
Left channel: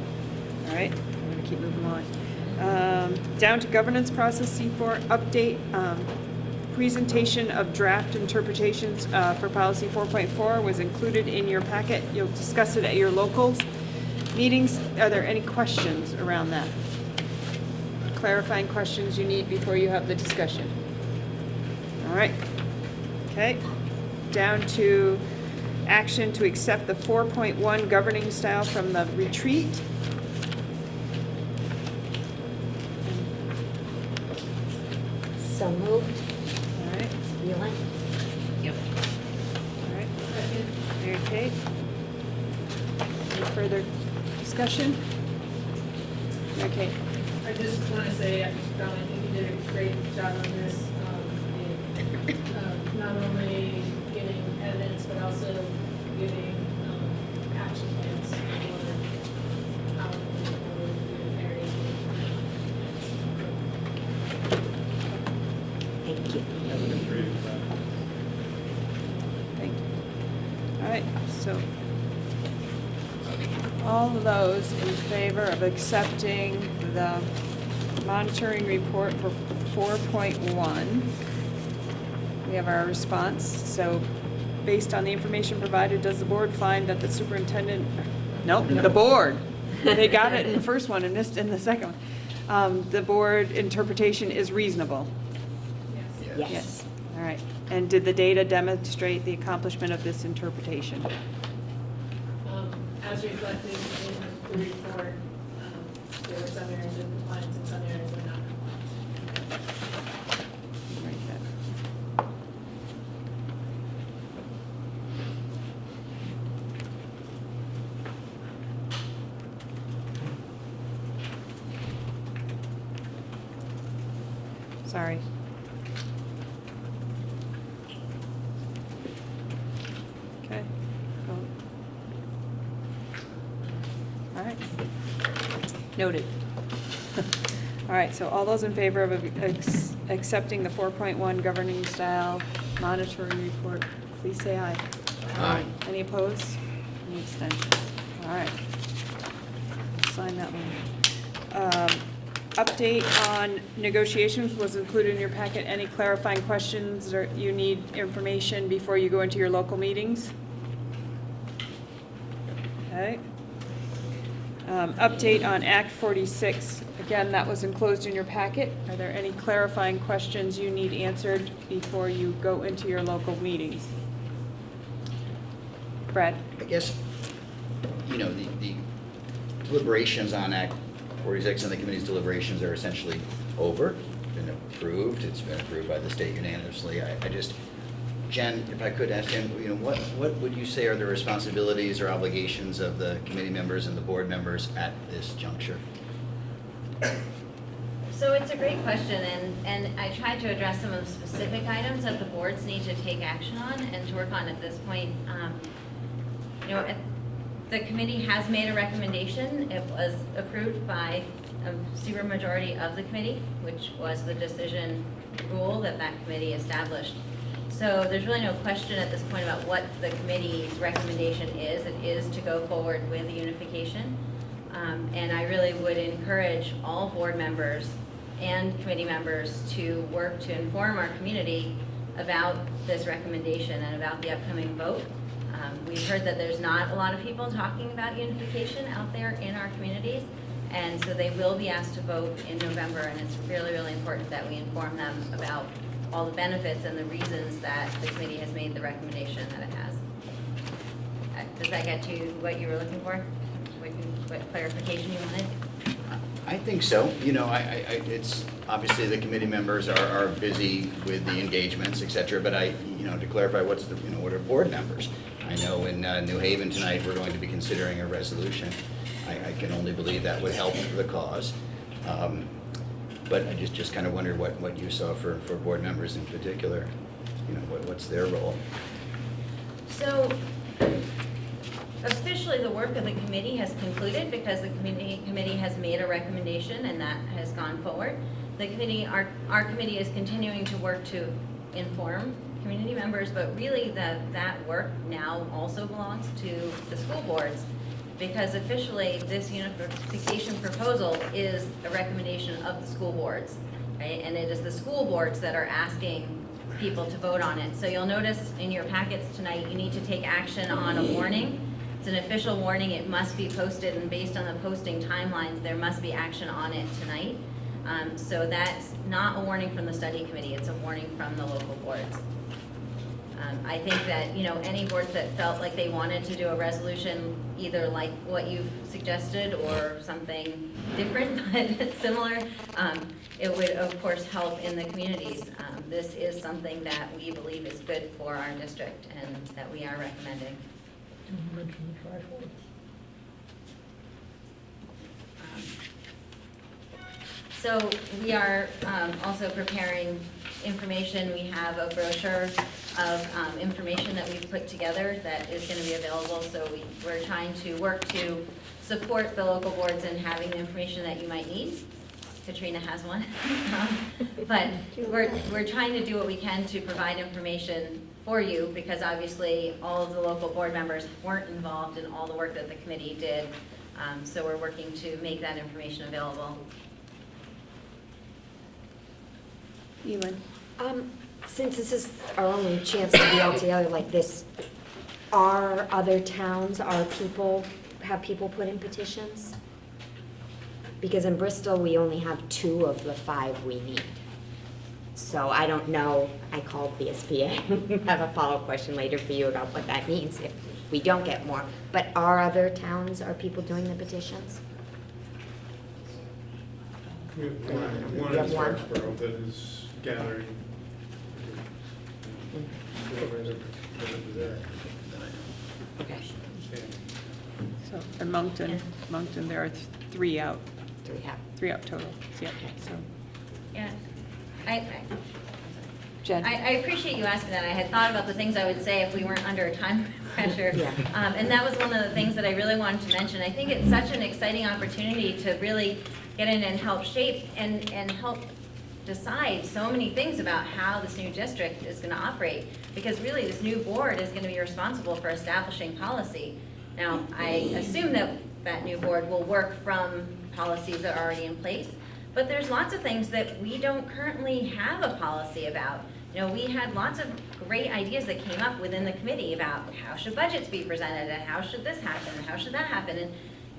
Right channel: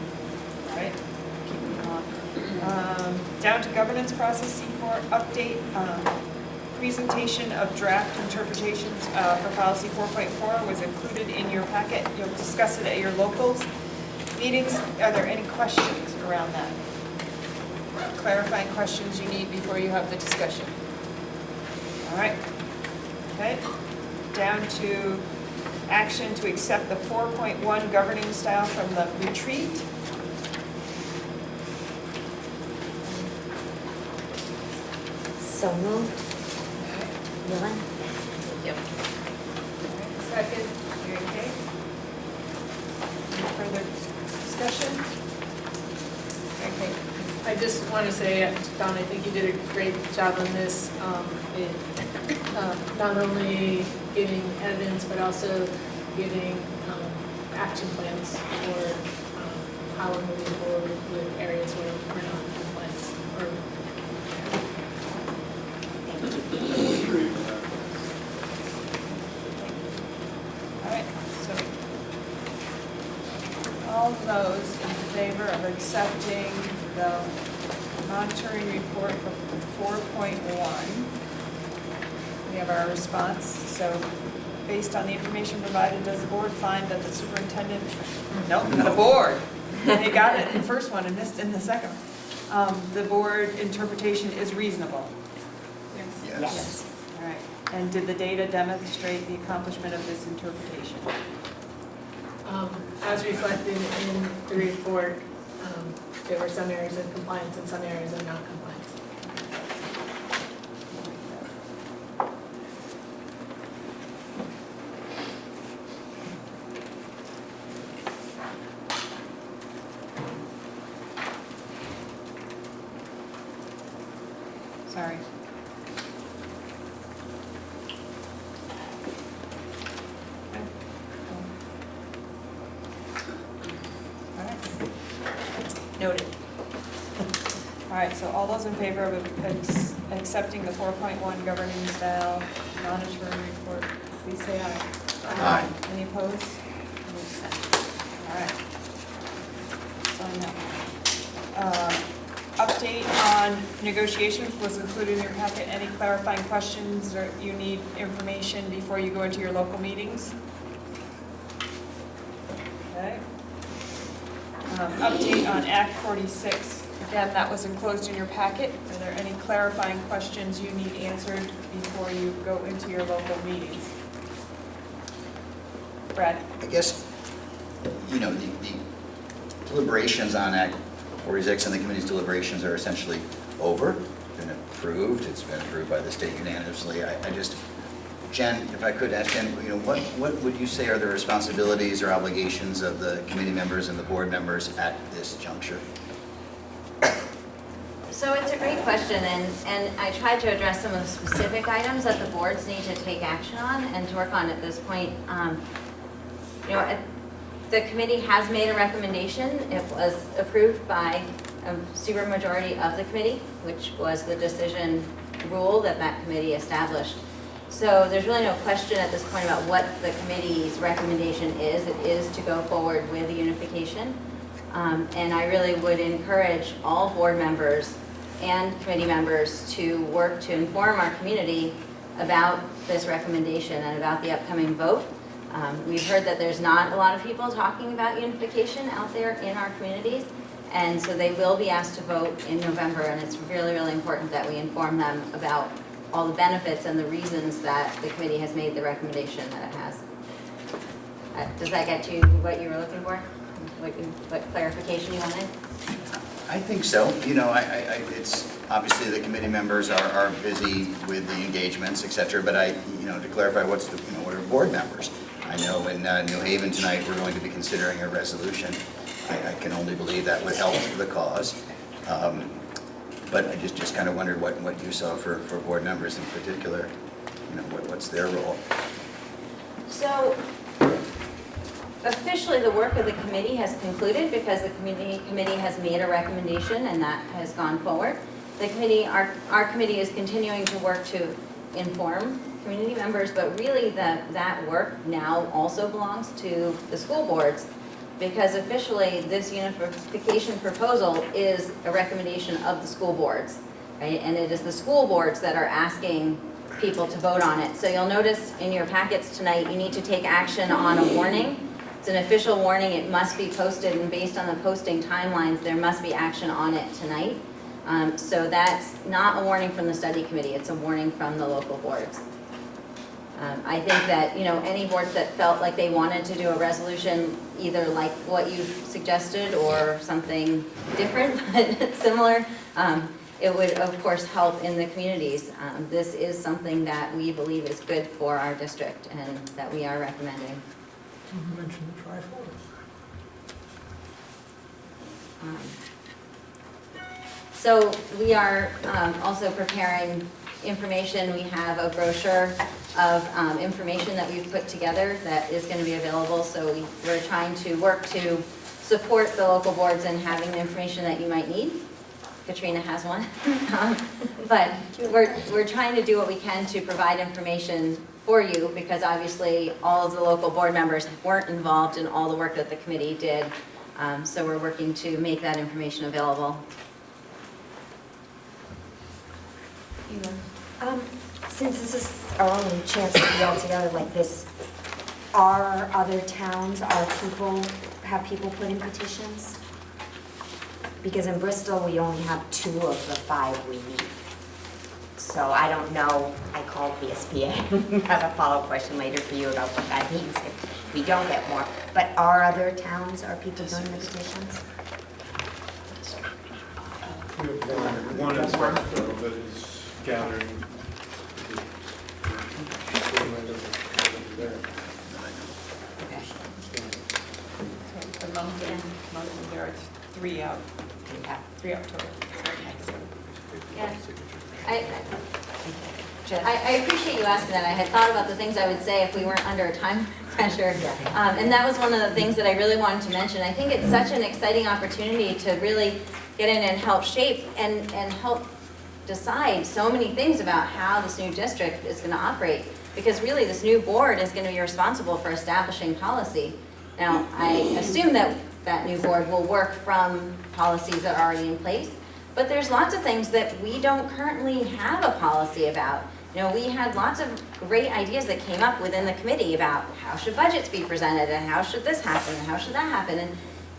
All right, keep moving on. Down to governance process, C4 update, presentation of draft interpretations for policy 4.4 was included in your packet. You'll discuss it at your locals meetings. Are there any questions around that? Clarifying questions you need before you have the discussion? All right. Okay. Down to action to accept the 4.1 governing style from the retreat. So moved. All right. Wheelan? Thank you. All right. Second. Mary Kate. Any further discussion? Okay. I just want to say, Don, I think you did a great job on this, in not only giving evidence, but also giving action plans for how we're moving forward with areas where we're not in compliance. All right, so all those in favor of accepting the monitoring report for 4.1, we have our response. So based on the information provided, does the board find that the superintendent, the board, they got it in the first one and missed in the second one. The board interpretation is reasonable? Yes. All right, and did the data demonstrate the accomplishment of this interpretation? As reflected in the report, there were some areas of compliance and some areas of non-compliance. Sorry. Okay. All right. Noted. All right, so all those in favor of accepting the 4.1 governing style monitoring report, please say aye. Aye. Any opposed? Any abstentions? All right. Sign that one. Update on negotiations was included in your packet. Any clarifying questions or you need information before you go into your local meetings? Okay. Update on Act 46. Again, that was enclosed in your packet. Are there any clarifying questions you need answered before you go into your local meetings? Brad? I guess, you know, the deliberations on Act 46 and the committee's deliberations are essentially over, been approved, it's been approved by the state unanimously. I just, Jen, if I could ask Jen, what would you say are the responsibilities or obligations of the committee members and the board members at this juncture? So it's a great question, and I tried to address some of the specific items that the boards need to take action on and to work on at this point. The committee has made a recommendation. It was approved by a supermajority of the committee, which was the decision rule that committee established. So there's really no question at this point about what the committee's recommendation is. It is to go forward with the unification. And I really would encourage all board members and committee members to work to inform our community about this recommendation and about the upcoming vote. We've heard that there's not a lot of people talking about unification out there in our communities, and so they will be asked to vote in November, and it's really, really important that we inform them about all the benefits and the reasons that the committee has made the recommendation that it has. Does that get to what you were looking for? What clarification you wanted? I think so. It's obviously the committee members are busy with the engagements, et cetera, but to clarify, what are board members? I know in New Haven tonight, we're going to be considering a resolution. I can only believe that would help the cause. But I just kind of wondered what you saw for board members in particular. What's their role? So officially, the work of the committee has concluded because the committee has made a recommendation and that has gone forward. The committee, our committee is continuing to work to inform community members, but really that work now also belongs to the school boards, because officially this unification proposal is a recommendation of the school boards, right? And it is the school boards that are asking people to vote on it. So you'll notice in your packets tonight, you need to take action on a warning. It's an official warning. It must be posted, and based on the posting timelines, there must be action on it tonight. So that's not a warning from the study committee. It's a warning from the local boards. I think that, any boards that felt like they wanted to do a resolution, either like what you suggested or something different but similar, it would of course help in the communities. This is something that we believe is good for our district and that we are recommending. You mentioned the trifold. So we are also preparing information. We have a brochure of information that we've put together that is going to be available. So we're trying to work to support the local boards in having the information that you might need. Katrina has one. But we're trying to do what we can to provide information for you, because obviously all of the local board members weren't involved in all the work that the committee did. So we're working to make that information available. Since this is our only chance to be all together like this, have people put in petitions? Because in Bristol, we only have 2 of the 5 we need. So I don't know, I called the SBA, have a follow-up question later for you about what that means if we don't get more. But are people doing the petitions? We have one in Sparksboro that is gathering. So in Moncton, there are 3 out. 3 out total. Yeah. I appreciate you asking that. I had thought about the things I would say if we weren't under time pressure. And that was one of the things that I really wanted to mention. I think it's such an exciting opportunity to really get in and help shape and help decide so many things about how this new district is going to operate. Because really this new board is going to be responsible for establishing policy. Now, I assume that that new board will work from policies that are already in place. But there's lots of things that we don't currently have a policy about. We had lots of great ideas that came up within the committee about how should budgets be presented and how should this happen and how should that happen.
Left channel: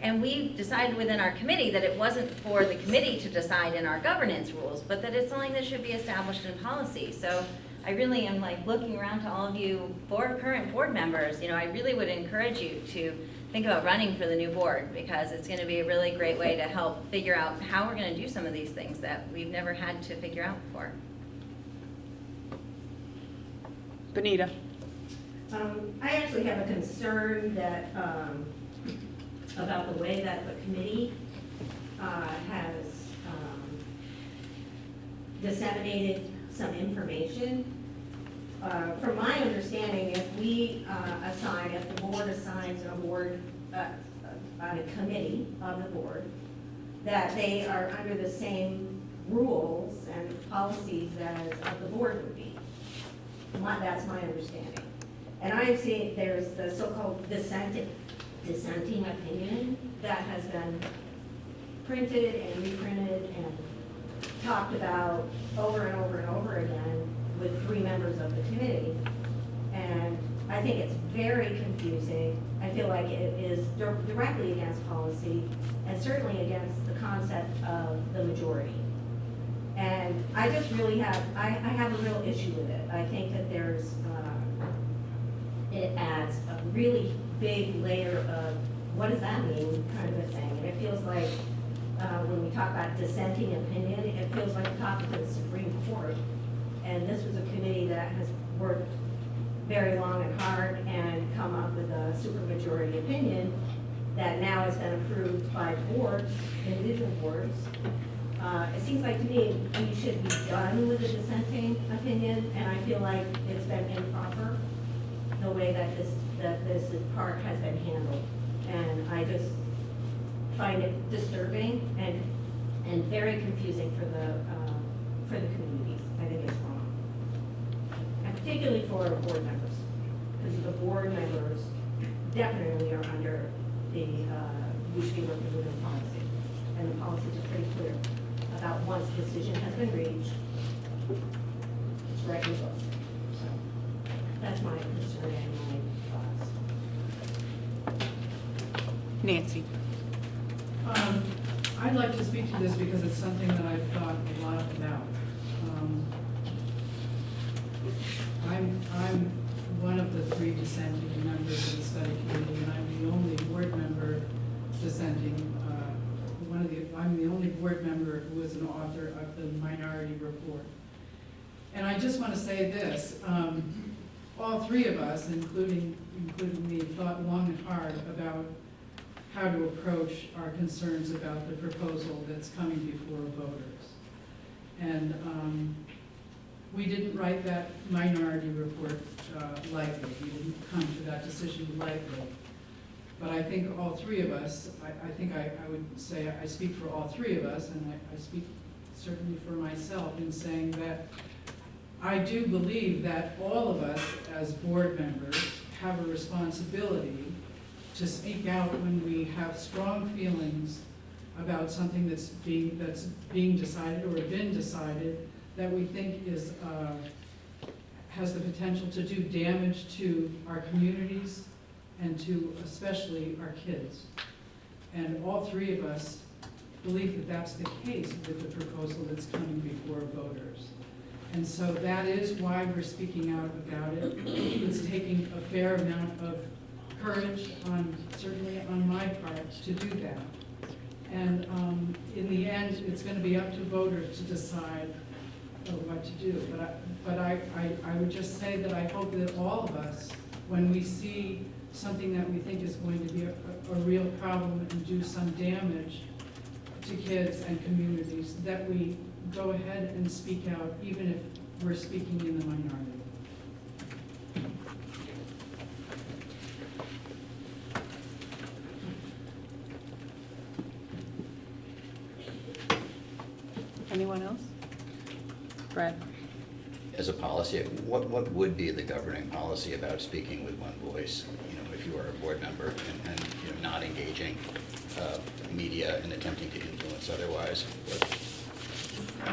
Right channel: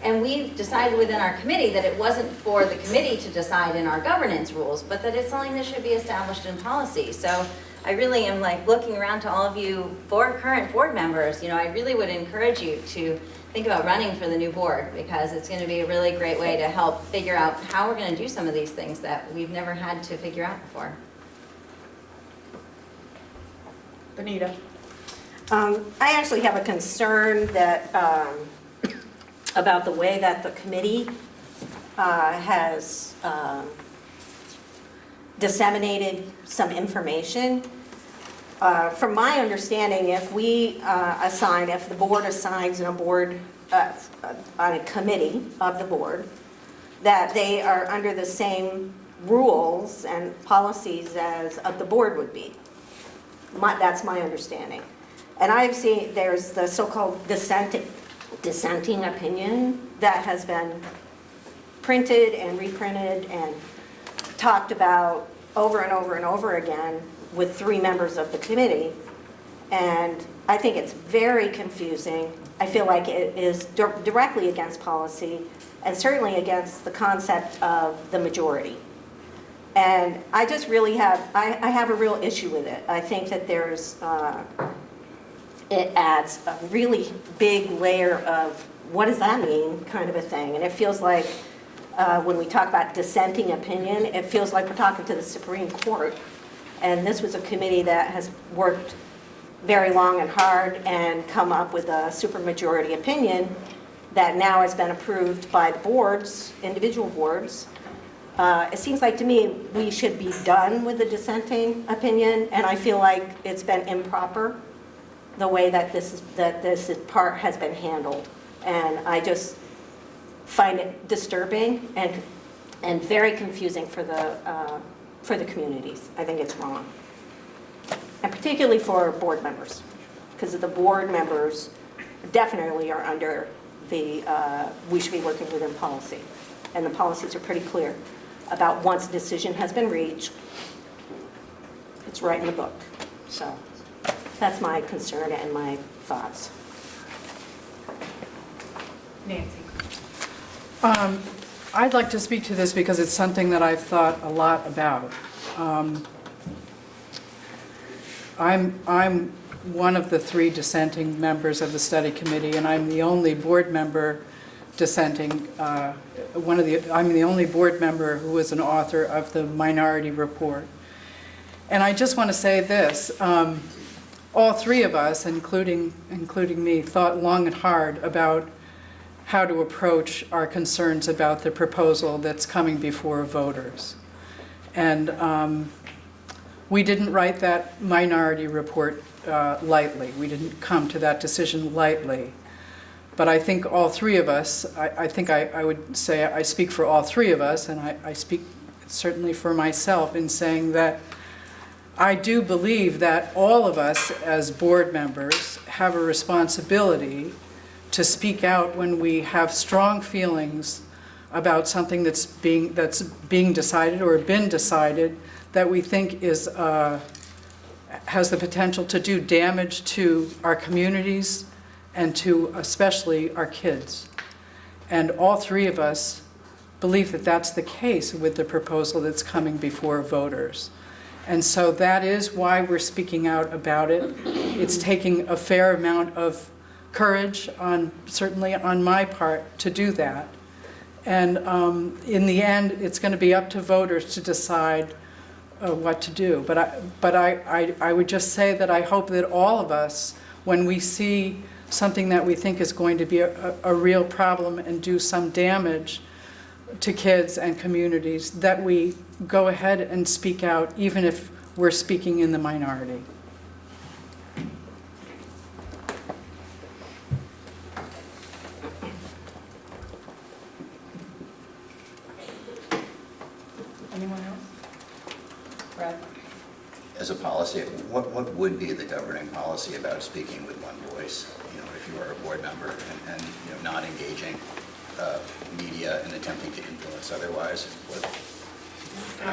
And we decided within our committee that it wasn't for the committee to decide in our governance rules, but that it's something that should be established in policy. So I really am looking around to all of you current board members. I really would encourage you to think about running for the new board, because it's going to be a really great way to help figure out how we're going to do some of these things that we've never had to figure out before. Benita? I actually have a concern that, about the way that the committee has disseminated some information. From my understanding, if the board assigns on a committee of the board, that they are under the same rules and policies as of the board would be. That's my understanding. And I've seen, there's the so-called dissenting opinion that has been printed and reprinted and talked about over and over and over again with 3 members of the committee. And I think it's very confusing. I feel like it is directly against policy and certainly against the concept of the majority. And I just really have, I have a real issue with it. I think that it adds a really big layer of what does that mean kind of a thing. And it feels like when we talk about dissenting opinion, it feels like we're talking to the Supreme Court. And this was a committee that has worked very long and hard and come up with a supermajority opinion that now has been approved by boards, individual boards. It seems like to me we should be done with the dissenting opinion, and I feel like it's been improper the way that this part has been handled. And I just find it disturbing and very confusing for the communities. I think it's wrong. And particularly for board members, because the board members definitely are under we should be working within policy. And the policies are pretty clear about once a decision has been reached, it's right in the book. So that's my concern and my thoughts. Nancy? I'd like to speak to this because it's something that I've thought a lot about. I'm one of the 3 dissenting members of the study committee, and I'm the only board member dissenting. I'm the only board member who was an author of the minority report. And I just want to say this, all 3 of us, including me, thought long and hard about how to approach our concerns about the proposal that's coming before voters. And we didn't write that minority report lightly. We didn't come to that decision lightly. But I think all 3 of us, I think I would say I speak for all 3 of us, and I speak certainly for myself in saying that I do believe that all of us as board members have a responsibility to speak out when we have strong feelings about something that's being decided or been decided that we think has the potential to do damage to our communities and to especially our kids. And all 3 of us believe that that's the case with the proposal that's coming before voters. And so that is why we're speaking out about it. It's taking a fair amount of courage, certainly on my part, to do that. And in the end, it's going to be up to voters to decide what to do. But I would just say that I hope that all of us, when we see something that we think is going to be a real problem and do some damage to kids and communities, that we go ahead and speak out, even if we're speaking in the minority. Anyone else? Brad? As a policy, what would be the governing policy about speaking with one voice? You know, if you are a board member and you know, not engaging media and attempting to influence otherwise. I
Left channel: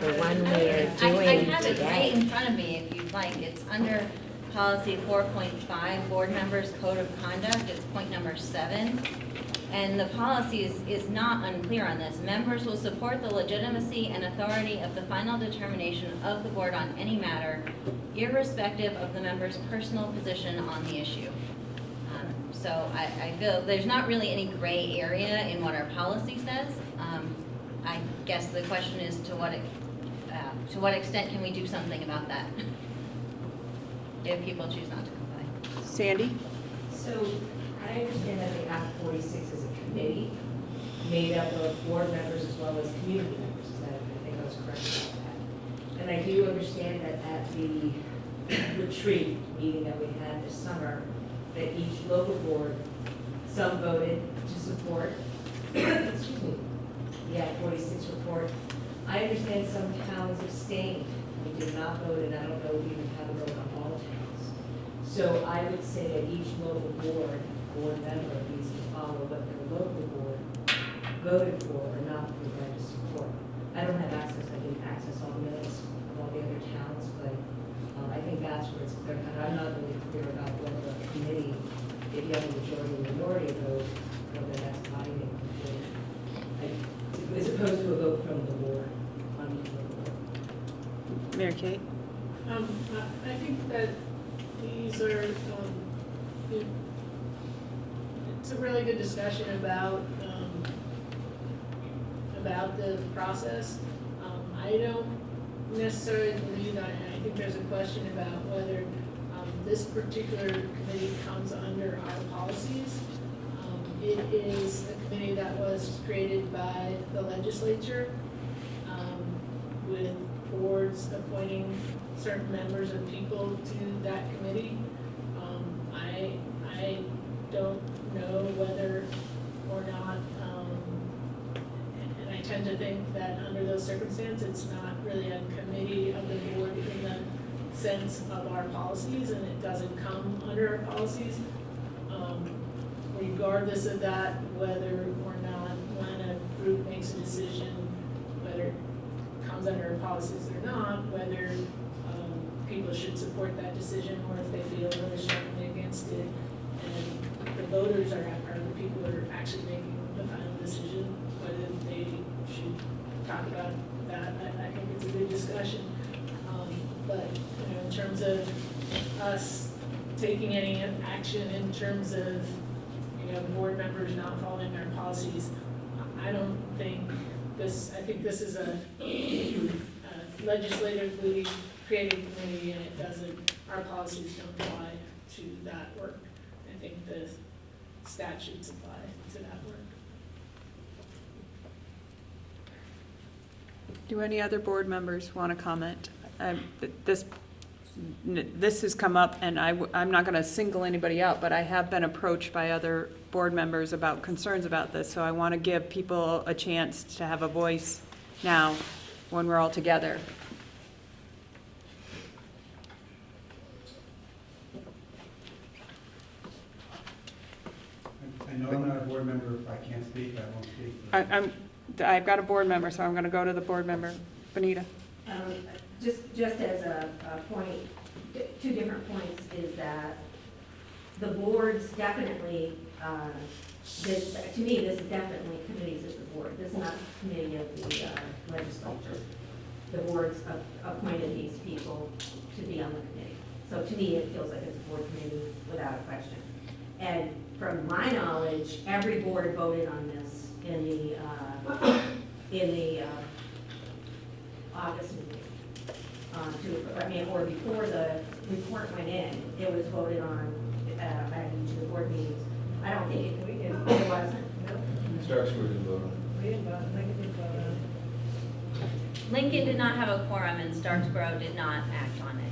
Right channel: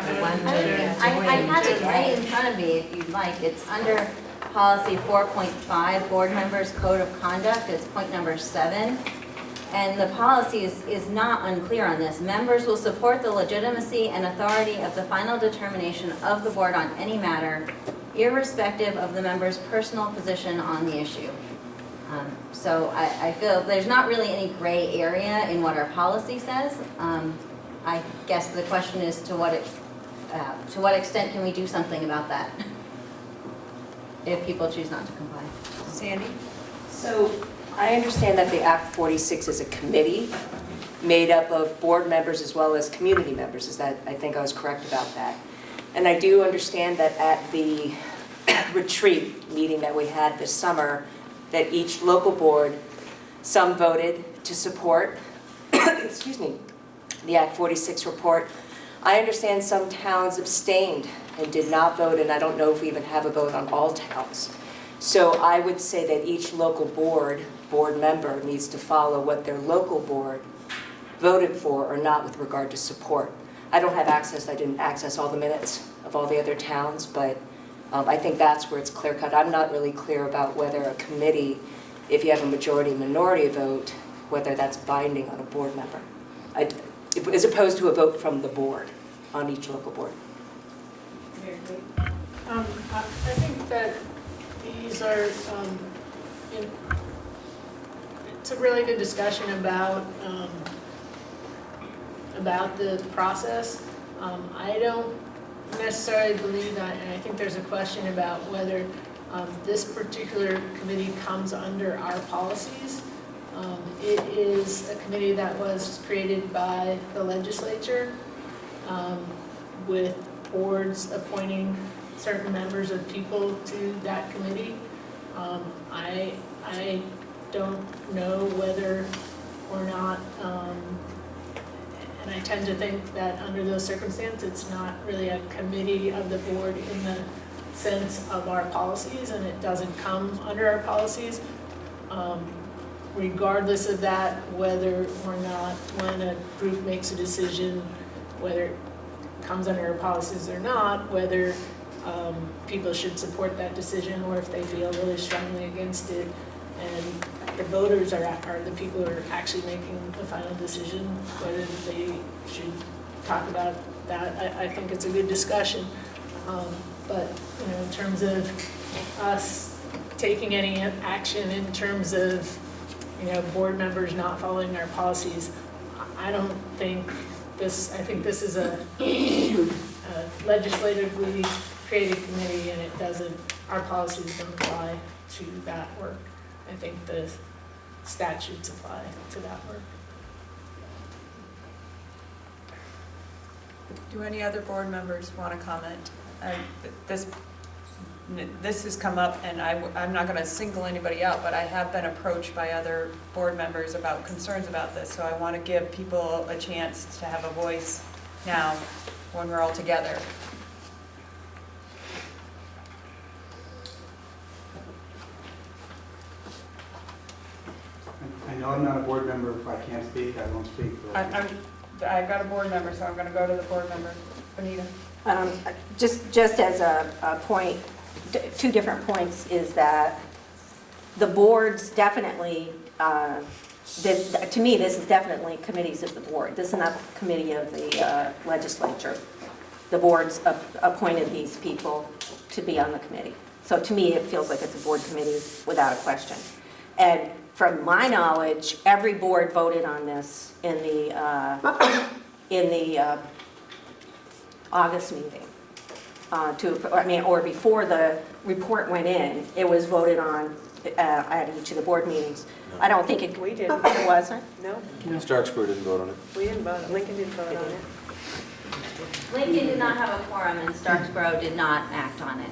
have it right in front of me if you'd like. It's under policy 4.5, board members code of conduct. It's point number 7. And the policy is not unclear on this. Members will support the legitimacy and authority of the final determination of the board on any matter, irrespective of the member's personal position on the issue. So I feel there's not really any gray area in what our policy says. I guess the question is to what extent can we do something about that? if people choose not to comply. Sandy? So I understand that the Act 46 is a committee made up of board members as well as community members. Is that, I think I was correct about that. And I do understand that at the retreat meeting that we had this summer, that each local board, some voted to support, excuse me, the Act 46 report. I understand some towns abstained and did not vote, and I don't know if we even have a vote on all towns. So I would say that each local board member needs to follow what their local board voted for or not with regard to support. I don't have access, I didn't access all the minutes of all the other towns, but I think that's where it's clear cut. I'm not really clear about whether a committee, if you have a majority-minority vote, whether that's binding on a board member, as opposed to a vote from the board on each local board. Mary Kate? I think that these are, it's a really good discussion about the process. I don't necessarily believe that, and I think there's a question about whether this particular committee comes under our policies. It is a committee that was created by the legislature with boards appointing certain members of people to that committee. I don't know whether or not, and I tend to think that under those circumstances, it's not really a committee of the board in the sense of our policies, and it doesn't come under our policies. Regardless of that, whether or not when a group makes a decision, whether it comes under our policies or not, whether people should support that decision or if they feel really strongly against it. And the voters are the people who are actually making the final decision, whether they should talk about that. I think it's a good discussion. But in terms of us taking any action in terms of board members not following our policies, I don't think this, I think this is a legislatively created committee, and it doesn't, our policies don't apply to that work. I think the statutes apply to that work. Do any other board members want to comment? This has come up, and I'm not going to single anybody out, but I have been approached by other board members about concerns about this, so I want to give people a chance to have a voice now when we're all together. I know I'm not a board member. If I can't speak, I won't speak. I've got a board member, so I'm going to go to the board member. Benita? Just as a point, two different points is that the boards definitely, to me, this is definitely committees of the board. This is not the committee of the legislature. The boards appointed these people to be on the committee. So to me, it feels like it's a board committee without a question. And from my knowledge, every board voted on this in the August meeting, or before the report went in, it was voted on at each of the board meetings. I don't think it. We did. It wasn't. No. Starksburg didn't vote on it. We didn't vote. Lincoln didn't vote on it. Lincoln did not have a quorum, and Starksboro did not act on it.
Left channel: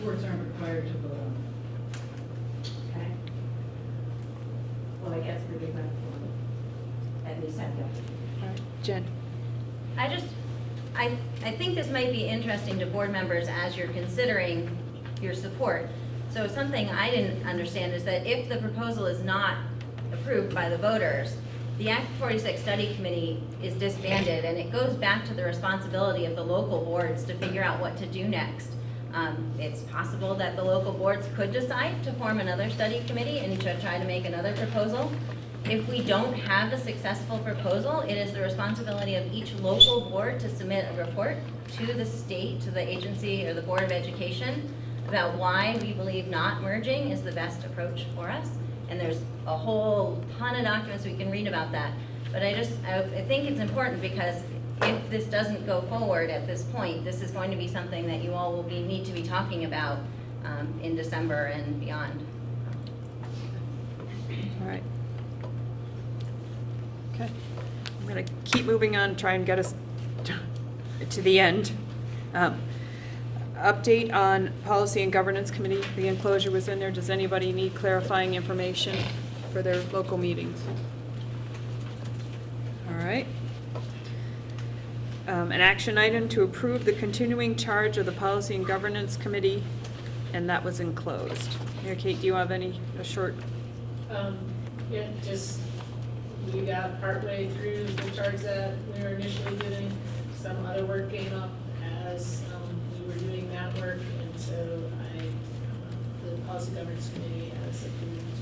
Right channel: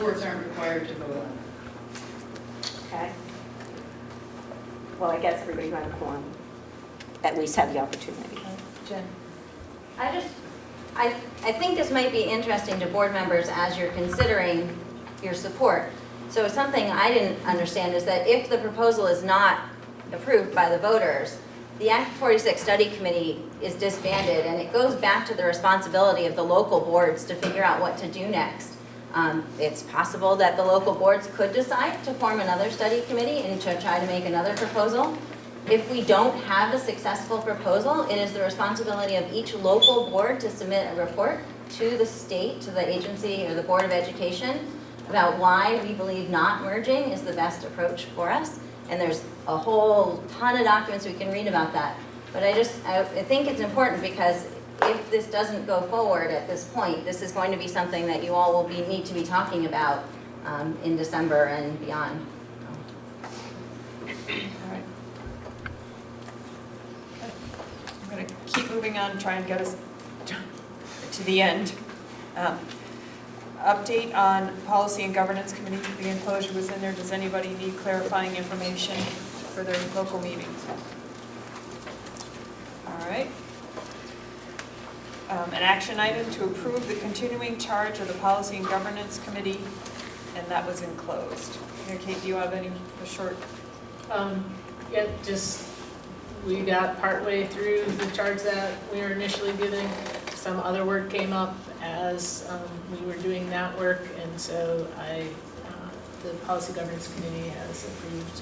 Boards aren't required to vote on it. Okay. Well, I guess everybody who had a quorum at least had the opportunity. Jen? I think this might be interesting to board members as you're considering your support. So something I didn't understand is that if the proposal is not approved by the voters, the Act 46 Study Committee is disbanded, and it goes back to the responsibility of the local boards to figure out what to do next. It's possible that the local boards could decide to form another study committee and to try to make another proposal. If we don't have a successful proposal, it is the responsibility of each local board to submit a report to the state, to the agency or the Board of Education about why we believe not merging is the best approach for us. And there's a whole ton of documents we can read about that. But I think it's important because if this doesn't go forward at this point, this is going to be something that you all will need to be talking about in December and beyond. All right. Okay. I'm going to keep moving on, try and get us to the end. Update on Policy and Governance Committee. The enclosure was in there. Does anybody need clarifying information for their local meetings? All right. An action item to approve the continuing charge of the Policy and Governance Committee, and that was enclosed. Yeah, Kate, do you have a short? Yeah, just, we got partway through the charge that we were initially giving. Some other work came up as we were doing that work, and so the Policy Governance Committee has approved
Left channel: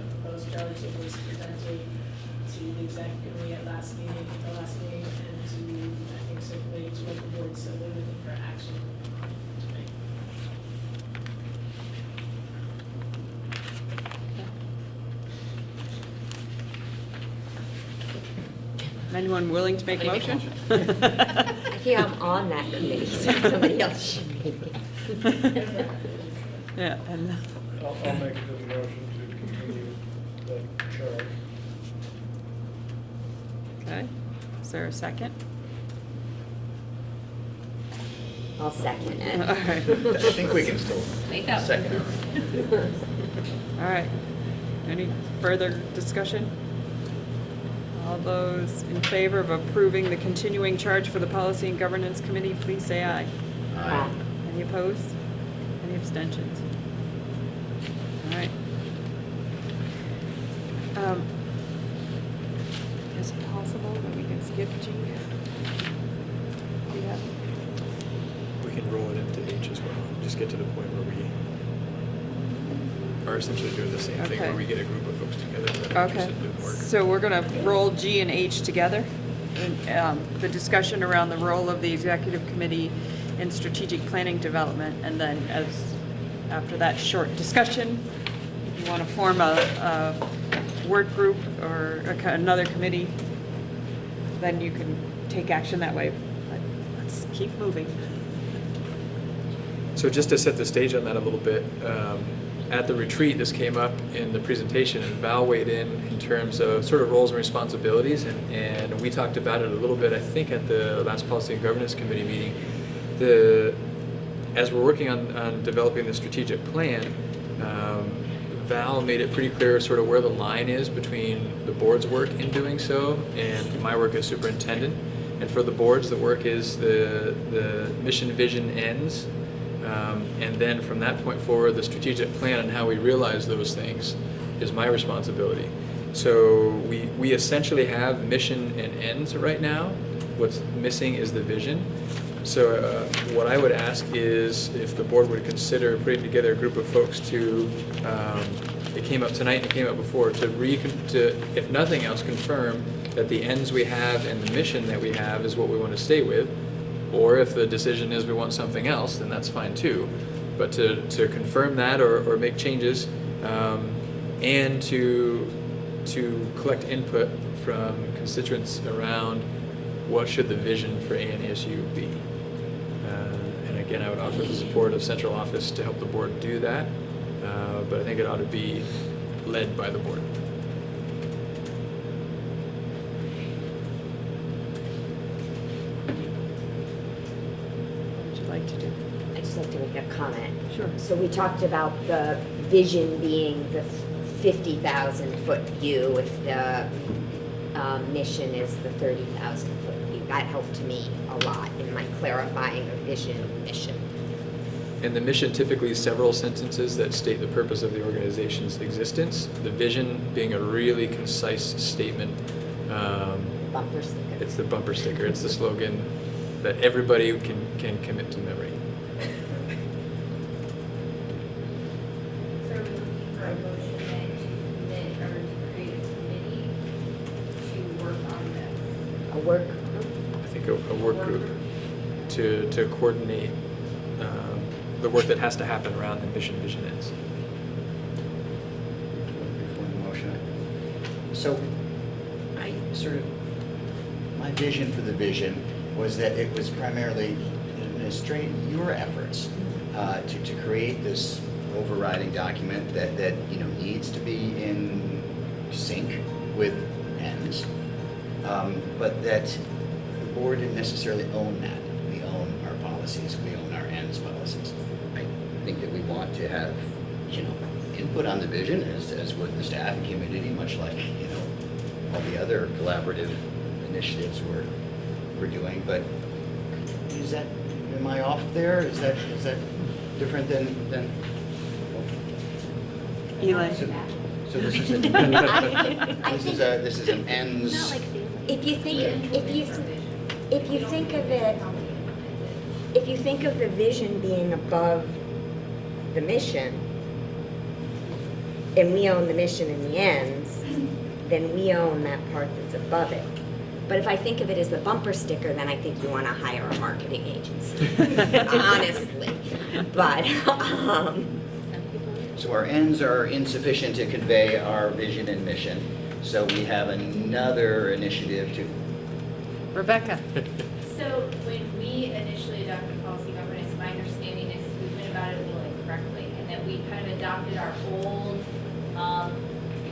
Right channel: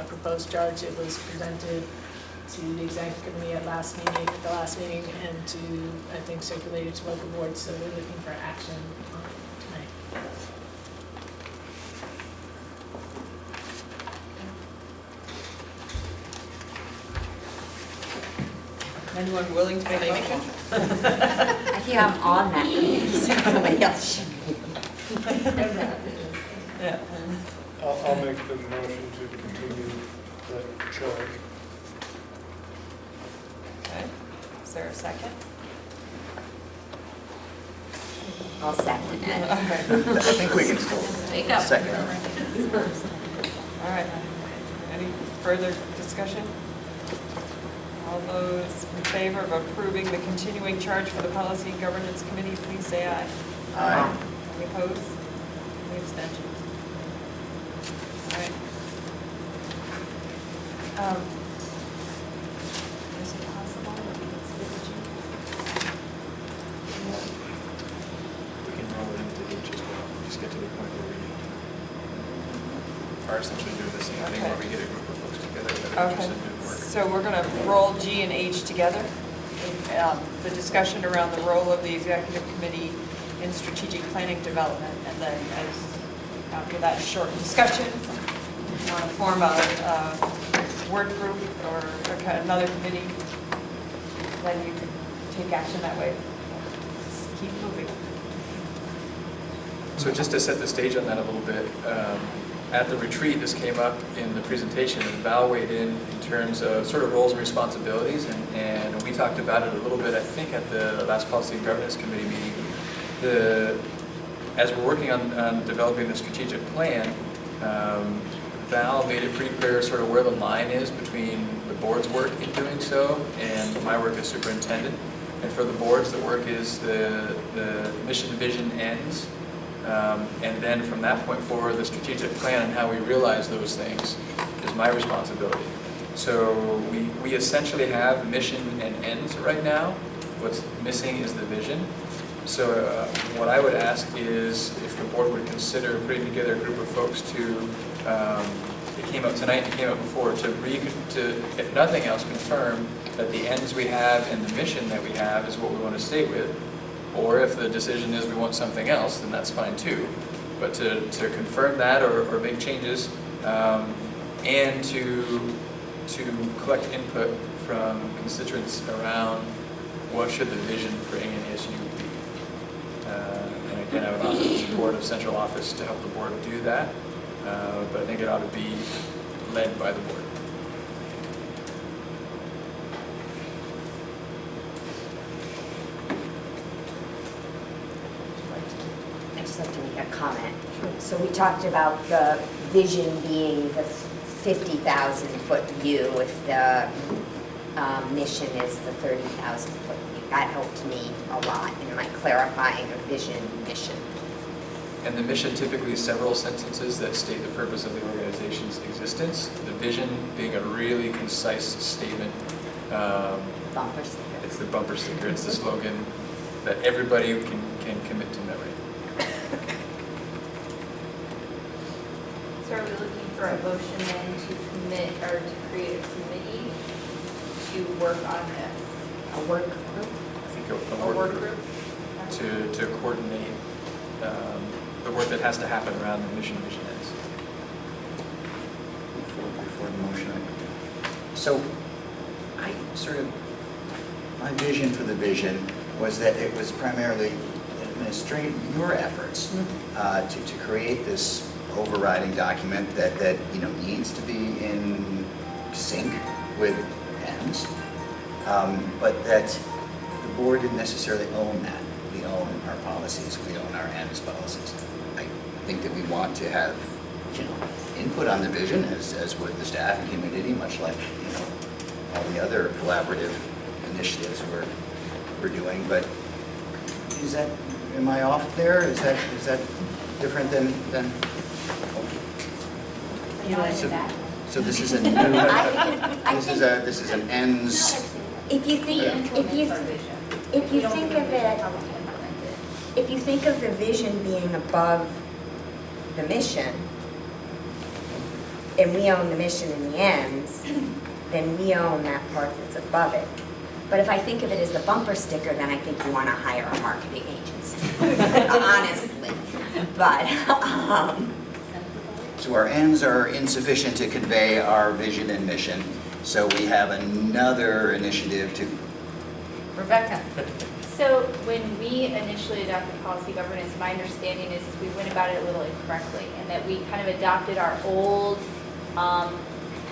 a proposed charge. It was presented to the executive committee at the last meeting, and to, I think, circulated to local boards, so we're looking for action on it tonight. Anyone willing to make a motion? I think I'm on that committee, so somebody else should be. Yeah. I'll make the motion to continue that charge. Okay. Is there a second? I'll second it. All right. I think we can still Wake up. second. All right. Any further discussion? All those in favor of approving the continuing charge for the Policy and Governance Committee, please say aye. Aye. Any opposed? Any abstentions? All right. Is it possible that we can skip G? We can roll it into H as well, just get to the point where we are essentially doing the same thing, Okay. where we get a group of folks together that are Okay, interested in doing work. so we're going to roll G and H together. The discussion around the role of the executive committee in strategic planning development, and then after that short discussion, if you want to form a work group or another committee, then you can take action that way. Let's keep moving. So just to set the stage on that a little bit, at the retreat, this came up in the presentation, and Val weighed in terms of sort of roles and responsibilities, and we talked about it a little bit, I think, at the last Policy and Governance Committee meeting. As we're working on developing the strategic plan, Val made it pretty clear sort of where the line is between the board's work in doing so and my work as superintendent. And for the boards, the work is the mission, vision, ends. And then from that point forward, the strategic plan and how we realize those things is my responsibility. So we essentially have mission and ends right now. What's missing is the vision. So what I would ask is if the board would consider putting together a group of folks to, it came up tonight, it came up before, to, if nothing else, confirm that the ends we have and the mission that we have is what we want to stay with. Or if the decision is we want something else, then that's fine too. But to confirm that or make changes, and to collect input from constituents around what should the vision for ANSU be. And again, I would offer the support of central office to help the board do that, but I think it ought to be led by the board. I just like to make a comment. Sure. So we talked about the vision being the 50,000 foot view if the mission is the 30,000 foot view. That helped me a lot in my clarifying a vision mission. And the mission typically is several sentences that state the purpose of the organization's existence. The vision being a really concise statement. Bumper sticker. It's the bumper sticker. It's the slogan that everybody can commit to memory. So are we looking for a motion then to commit or to create a committee to work on this? A work group? I think a work group to coordinate the work that has to happen around the mission, vision ends. So, my vision for the vision was that it was primarily administrate your efforts to create this overriding document that needs to be in sync with ends, but that the board didn't necessarily own that. We own our policies, we own our ends policies. I think that we want to have input on the vision as with the staff and community, much like all the other collaborative initiatives we're doing. But am I off there? Is that different than? So this is an this is an ends. If you think of the vision being above the mission, and we own the mission and the ends, then we own that part that's above it. But if I think of it as the bumper sticker, then I think you want to hire a marketing agency, honestly. But, So our ends are insufficient to convey our vision and mission. So we have another initiative to. Rebecca. So when we initially adopted policy governance, my understanding is we went about it a little incorrectly, and that we kind of adopted our old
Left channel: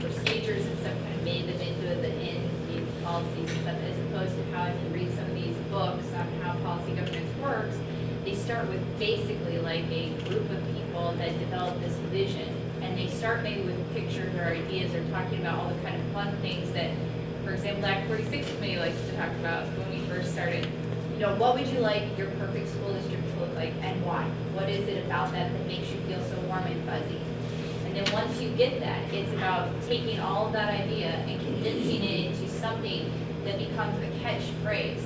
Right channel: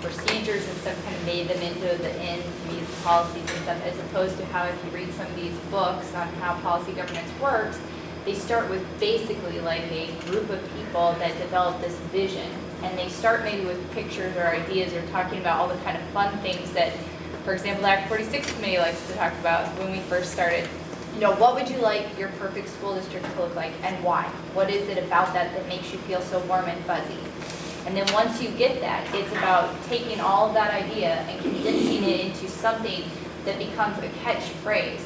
procedures and stuff, kind of made them into the ends, these policies and stuff, as opposed to how if you read some of these books on how policy governance works, they start with basically like a group of people that develop this vision, and they start maybe with pictures or ideas or talking about all the kind of fun things that, for example, the Act 46 Committee likes to talk about when we first started. What would you like your perfect school district to look like, and why? What is it about that that makes you feel so warm and fuzzy? And then once you get that, it's about taking all of that idea and condensing it into something that becomes a catchphrase,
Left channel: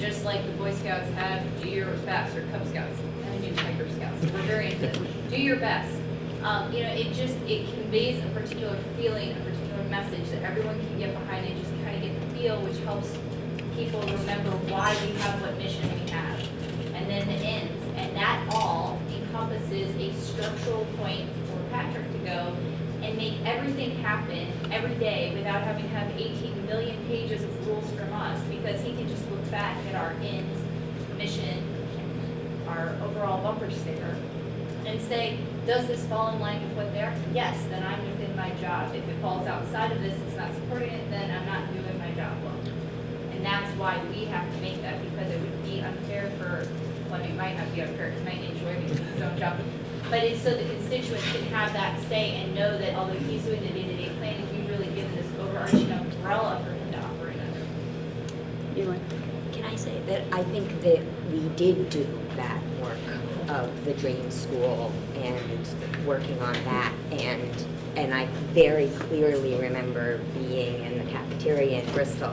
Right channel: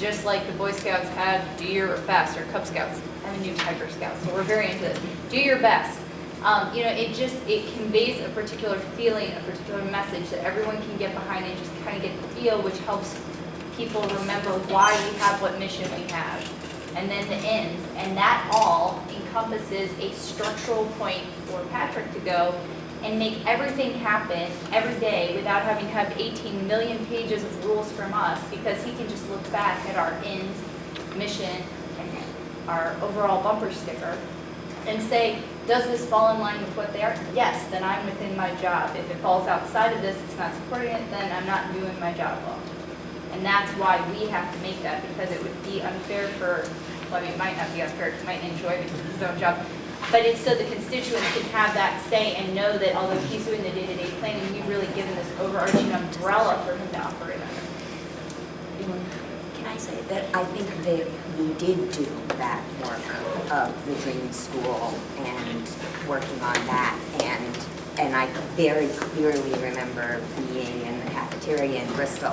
just like the Boy Scouts have do your best, or Cub Scouts. I mean, do Tiger Scouts, so we're very into do your best. It conveys a particular feeling, a particular message that everyone can get behind and just kind of get the feel, which helps people remember why we have what mission we have. And then the ends, and that all encompasses a structural point for Patrick to go and make everything happen every day without having to have 18 million pages of rules from us, because he can just look back at our ends, mission, and our overall bumper sticker and say, does this fall in line with what they are? Yes, then I'm within my job. If it falls outside of this, it's not supporting it, then I'm not doing my job well. And that's why we have to make that, because it would be unfair for, well, it might not be unfair, he might enjoy because it's his own job, but it's so the constituents can have that say and know that although he's doing the day-to-day planning, we've really given this overarching umbrella for him to operate under. can I say that I think that we did do that work of the Dream School and working on that, and I very clearly remember being in the cafeteria in Bristol.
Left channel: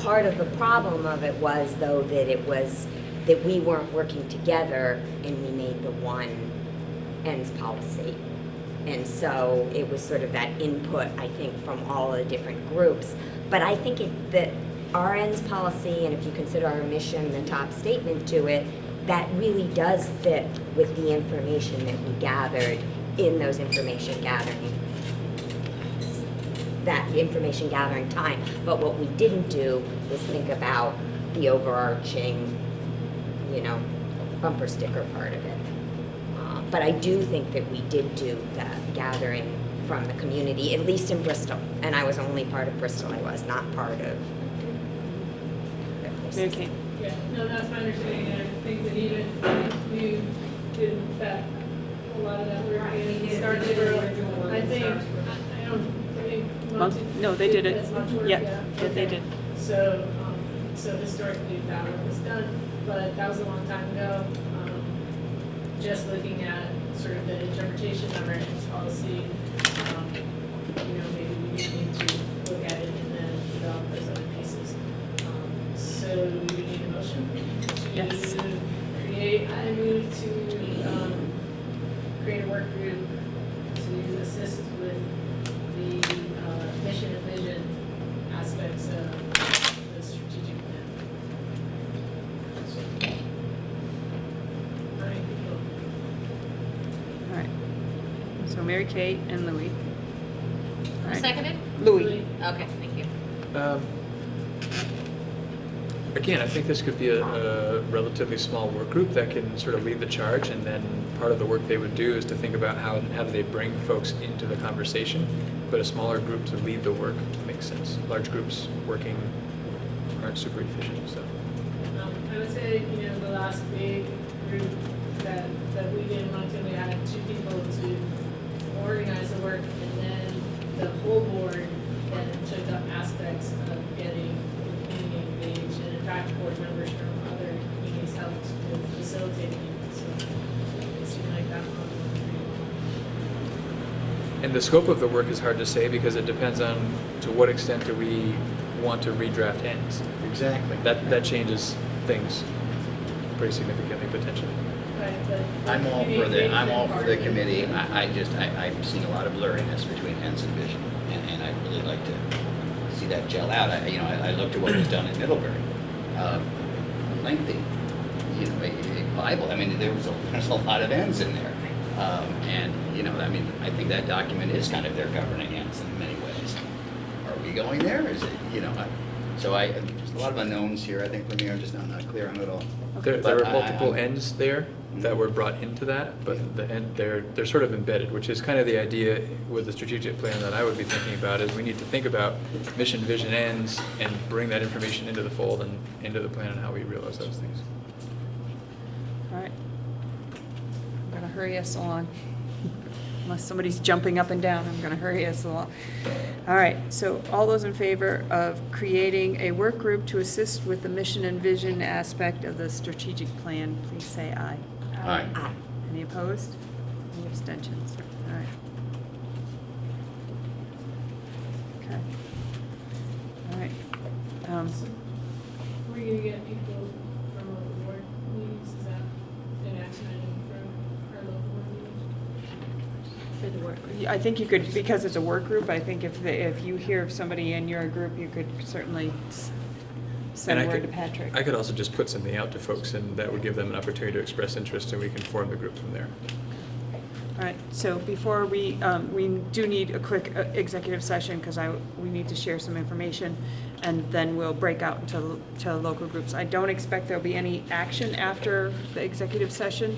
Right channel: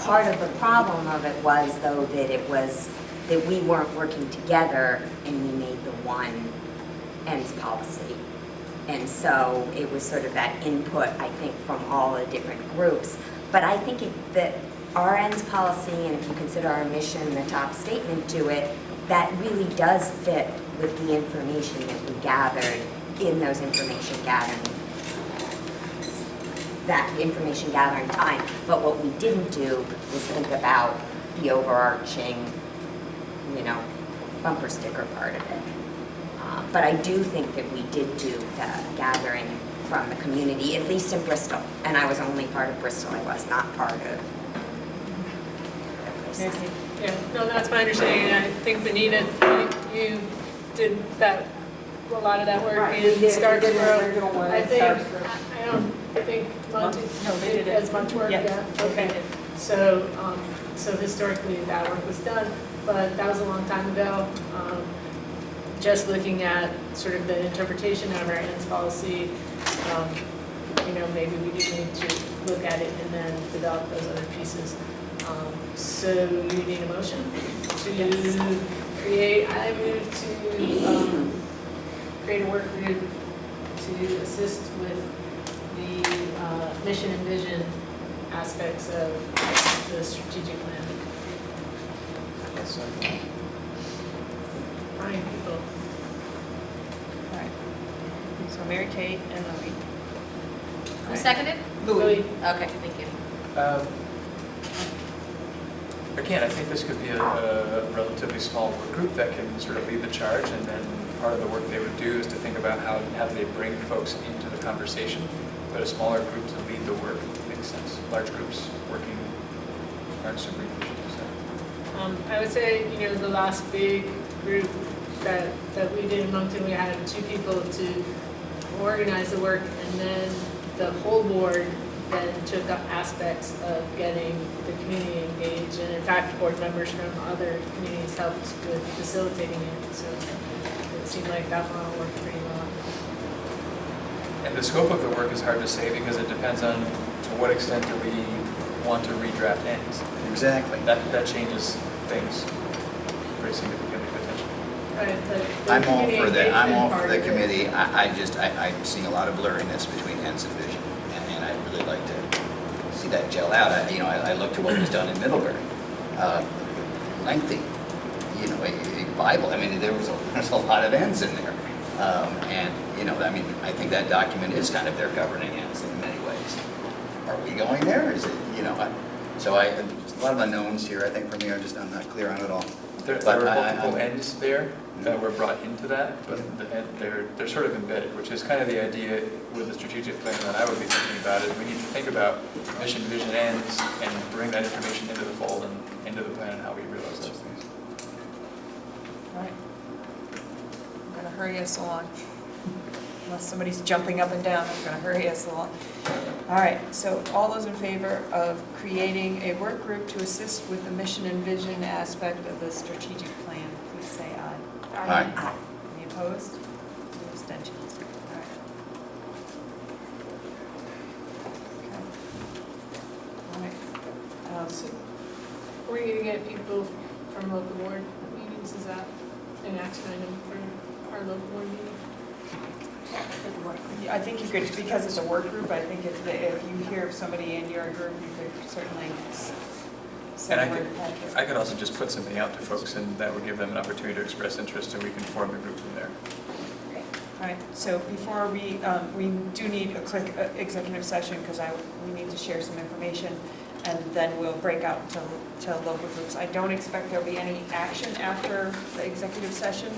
Part of the problem of it was, though, that we weren't working together and we made the one ends policy. And so it was sort of that input, I think, from all the different groups. But I think that our ends policy, and if you consider our mission the top statement to it, that really does fit with the information that we gathered in those information gathering time. But what we didn't do was think about the overarching, bumper sticker part of it. But I do think that we did do the gathering from the community, at least in Bristol. And I was only part of Bristol, I was not part of. Okay. Yeah, no, that's my understanding. I think Benita, you did that, a lot of that work. Right, You they did started the original one, I think, Starks Grove. I don't think Monty No, they did it. as much work, Yeah, yeah. they Okay. did. So historically, that work was done, but that was a long time ago. Just looking at sort of the interpretation of our ends policy, maybe we do need to look at it and then develop those other pieces. So you need a motion to create, I move to create a work group to assist with the mission and vision aspects of the strategic plan. How many people? All right. So Mary Kate and Louie. Who seconded? Louie. Okay, thank you. Again, I think this could be a relatively small work group that can sort of lead the charge, and then part of the work they would do is to think about how do they bring folks into the conversation, but a smaller group to lead the work makes sense. Large groups working aren't super efficient, so. I would say, the last big group that we did in Moncton, we had 2 people to organize the work, and then the whole board then took up aspects of getting the community engaged, and in fact, board members from other communities helped with facilitating it, so it seemed like that model worked pretty well. And the scope of the work is hard to say because it depends on to what extent do we want to redraft ends. Exactly. That changes things pretty significantly potentially. Right, like I'm all for community I'm all engagement for part the of it. committee. I've seen a lot of blurriness between ends and vision, and I'd really like to see that gel out. I looked at what was done in Middlebury. Lengthy, a Bible. I mean, there's a lot of ends in there. And, I think that document is kind of their governing ends in many ways. Are we going there? Is it, so there's a lot of unknowns here, I think, for me. I'm not clear on it all. There are multiple ends there that were brought into that, but they're sort of embedded, which is kind of the idea with the strategic plan that I would be thinking about is we need to think about mission, vision, ends, and bring that information into the fold and into the plan and how we realize those things. All right. I'm gonna hurry us along. Unless somebody's jumping up and down, I'm gonna hurry us along. All right, so all those in favor of creating a work group to assist with the mission and vision aspect of the strategic plan, please say aye. Aye. Aye. Any opposed? Any abstentions? All right. Okay. All right. So, were you gonna get people from local board meetings? Is that an action item for our local board meeting? I think you could, because it's a work group, I think if you hear of somebody in your group, you could certainly send word to Patrick. I could also just put something out to folks, and that would give them an opportunity to express interest, and we can form the group from there. All right, so before we do need a quick executive session, because we need to share some information, and then we'll break out to local groups. I don't expect there'll be any action after the executive session.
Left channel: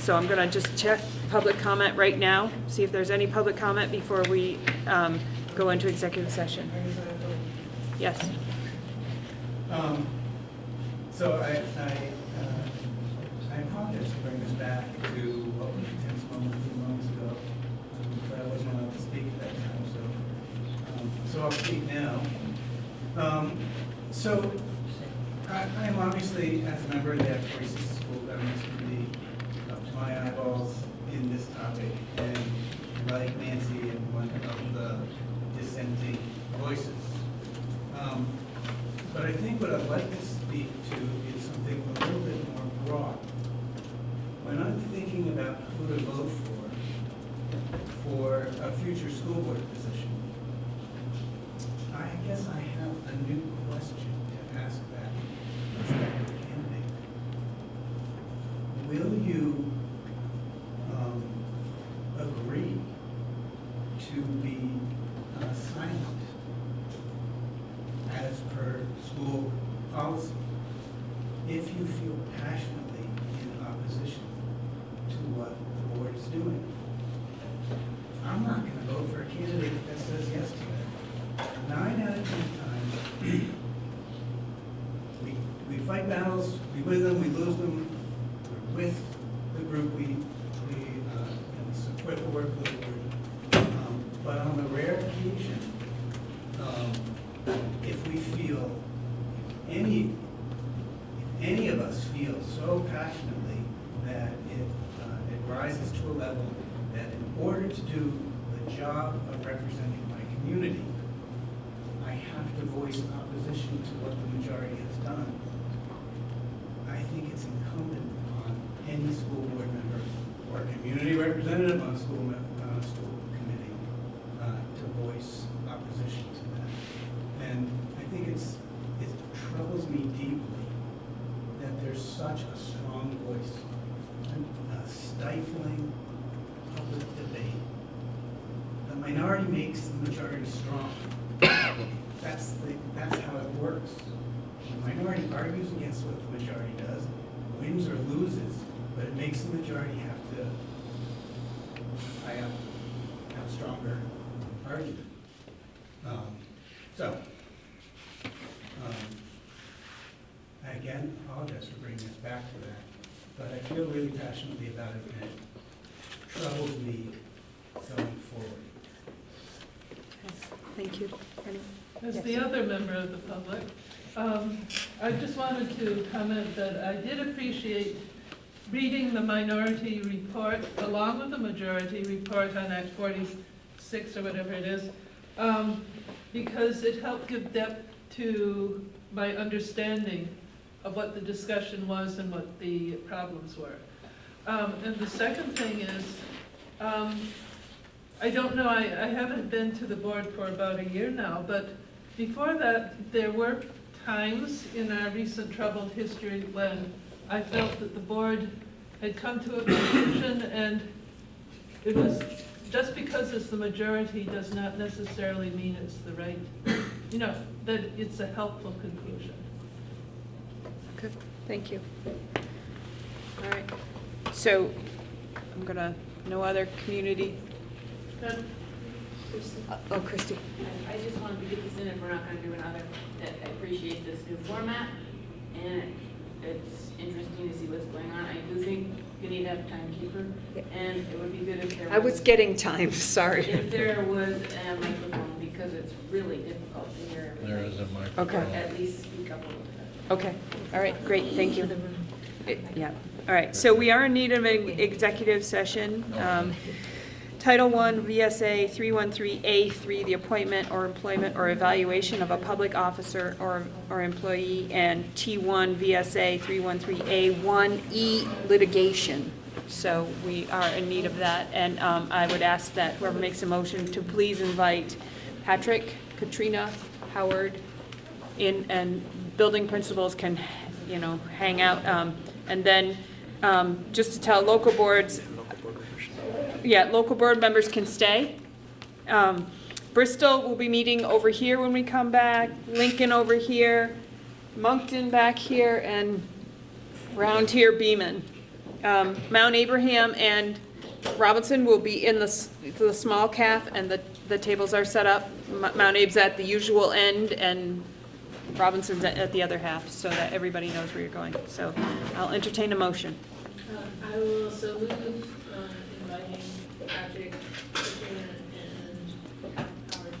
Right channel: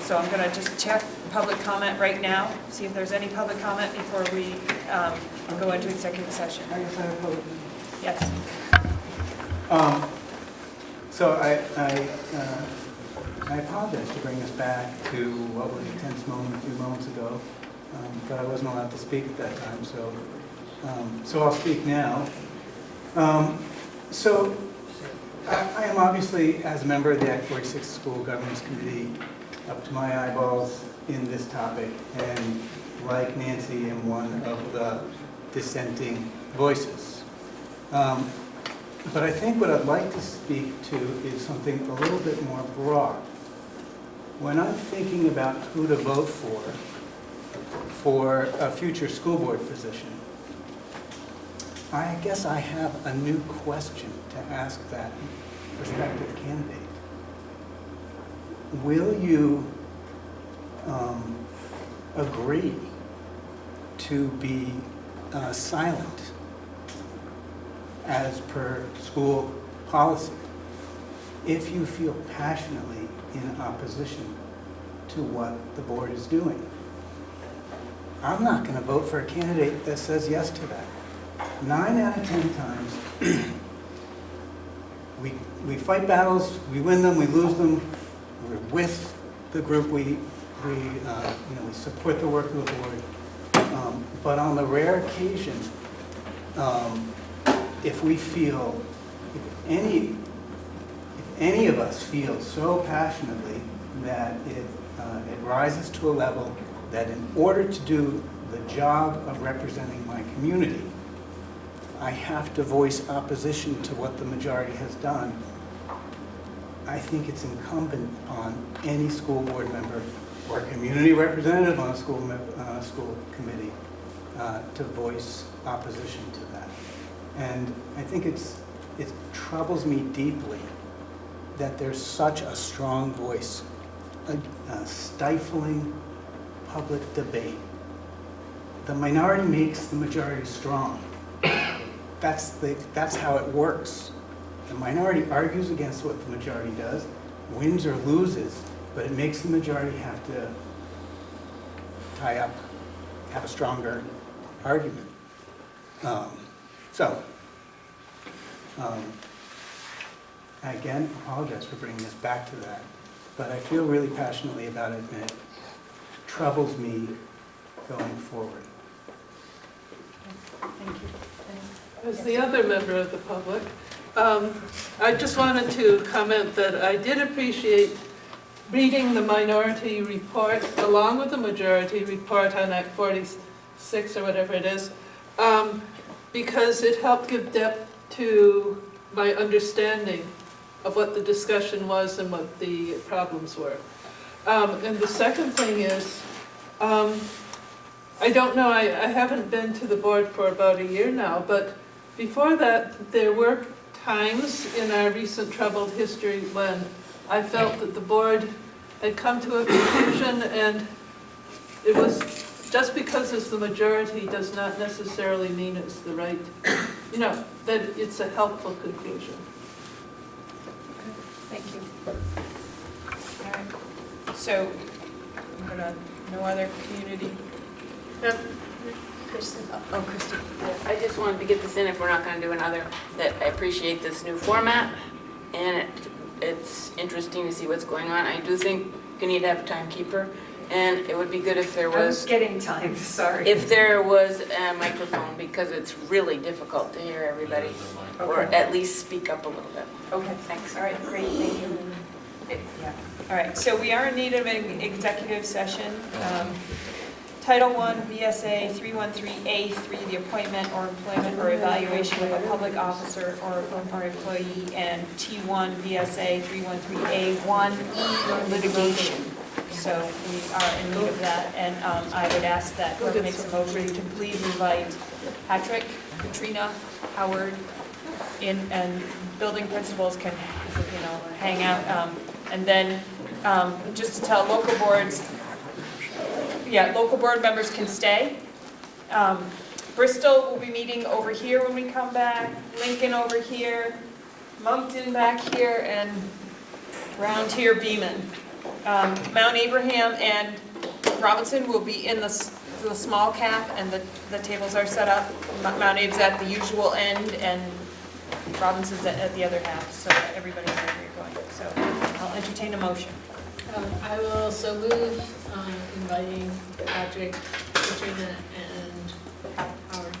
So I'm going to just check public comment right now, see if there's any public comment before we go into executive session. Yes. So I apologize to bring us back to what was a tense moment a few moments ago, but I wasn't allowed to speak at that time, so I'll speak now. So I am obviously, as a member of the Act 46 School Governance Committee, up to my eyeballs in this topic, and like Nancy, am one of the dissenting voices. But I think what I'd like to speak to is something a little bit more broad. When I'm thinking about who to vote for a future school board position, I guess I have a new question to ask that prospective candidate. Will you agree to be silent as per school policy if you feel passionately in opposition to what the board is doing? I'm not going to vote for a candidate that says yes to that. 9 out of 10 times, we fight battles, we win them, we lose them. We're with the group, we support the work of the board. But on the rare occasion, if we feel, if any of us feel so passionately that it rises to a level that in order to do the job of representing my community, I have to voice opposition to what the majority has done, I think it's incumbent upon any school board member or community representative on a school committee to voice opposition to that. And I think it troubles me deeply that there's such a strong voice, a stifling public debate. The minority makes the majority strong. That's how it works. The minority argues against what the majority does, wins or loses, but it makes the majority have to tie up, have a stronger argument. I again apologize for bringing us back to that, but I feel really passionately about it, and it troubles me going forward. Thank you. As the other member of the public, I just wanted to comment that I did appreciate reading the minority report along with the majority report on Act 46 or whatever it is, because it helped give depth to my understanding of what the discussion was and what the problems were. And the second thing is, I don't know, I haven't been to the board for about a year now, but before that, there were times in our recent troubled history when I felt that the board had come to a conclusion, and it was just because it's the majority does not necessarily mean it's the right, that it's a helpful conclusion. Thank you. All right. So, I'm gonna, no other community? Kristen. Oh, Kristen. I just wanted to get this in if we're not going to do another, that I appreciate this new format, and it's interesting to see what's going on. I do think you need to have a timekeeper, and it would be good if there was... I was getting time, sorry. If there was a microphone, because it's really difficult to hear everybody, or at least speak up a little bit. Okay. Thanks. All right, great, thank you. Yeah, all right, so we are in need of an executive session. Title I, VSA 313A3, the appointment or employment or evaluation of a public officer or employee, and T1, VSA 313A1E, litigation. So we are in need of that, and I would ask that whoever makes a motion to please invite Patrick, Katrina, Howard, and building principals can, hang out. And then just to tell local boards, local board members can stay. Bristol will be meeting over here when we come back, Lincoln over here, Moncton back here, and round here Beaman. Mount Abraham and Robinson will be in the small cap, and the tables are set up. Mount Abe's at the usual end, and Robinson's at the other half, so that everybody knows where you're going. So I'll entertain a motion. I will also move inviting Patrick, Katrina, and Howard.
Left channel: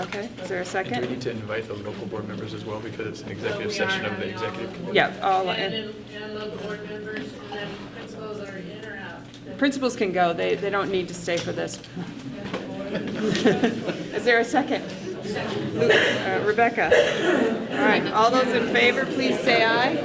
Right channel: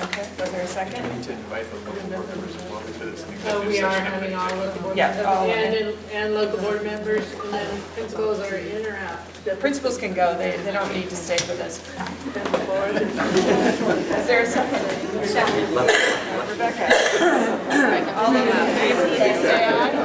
Okay, is there a second? We need to invite those local board members as well, because it's an So executive we are session of the having all executive local board. board all of members and local board members, and then principals are in or out. Principals can go, they don't need to stay for this. Is there a second? Second. Rebecca. All right, all those in favor, please say aye.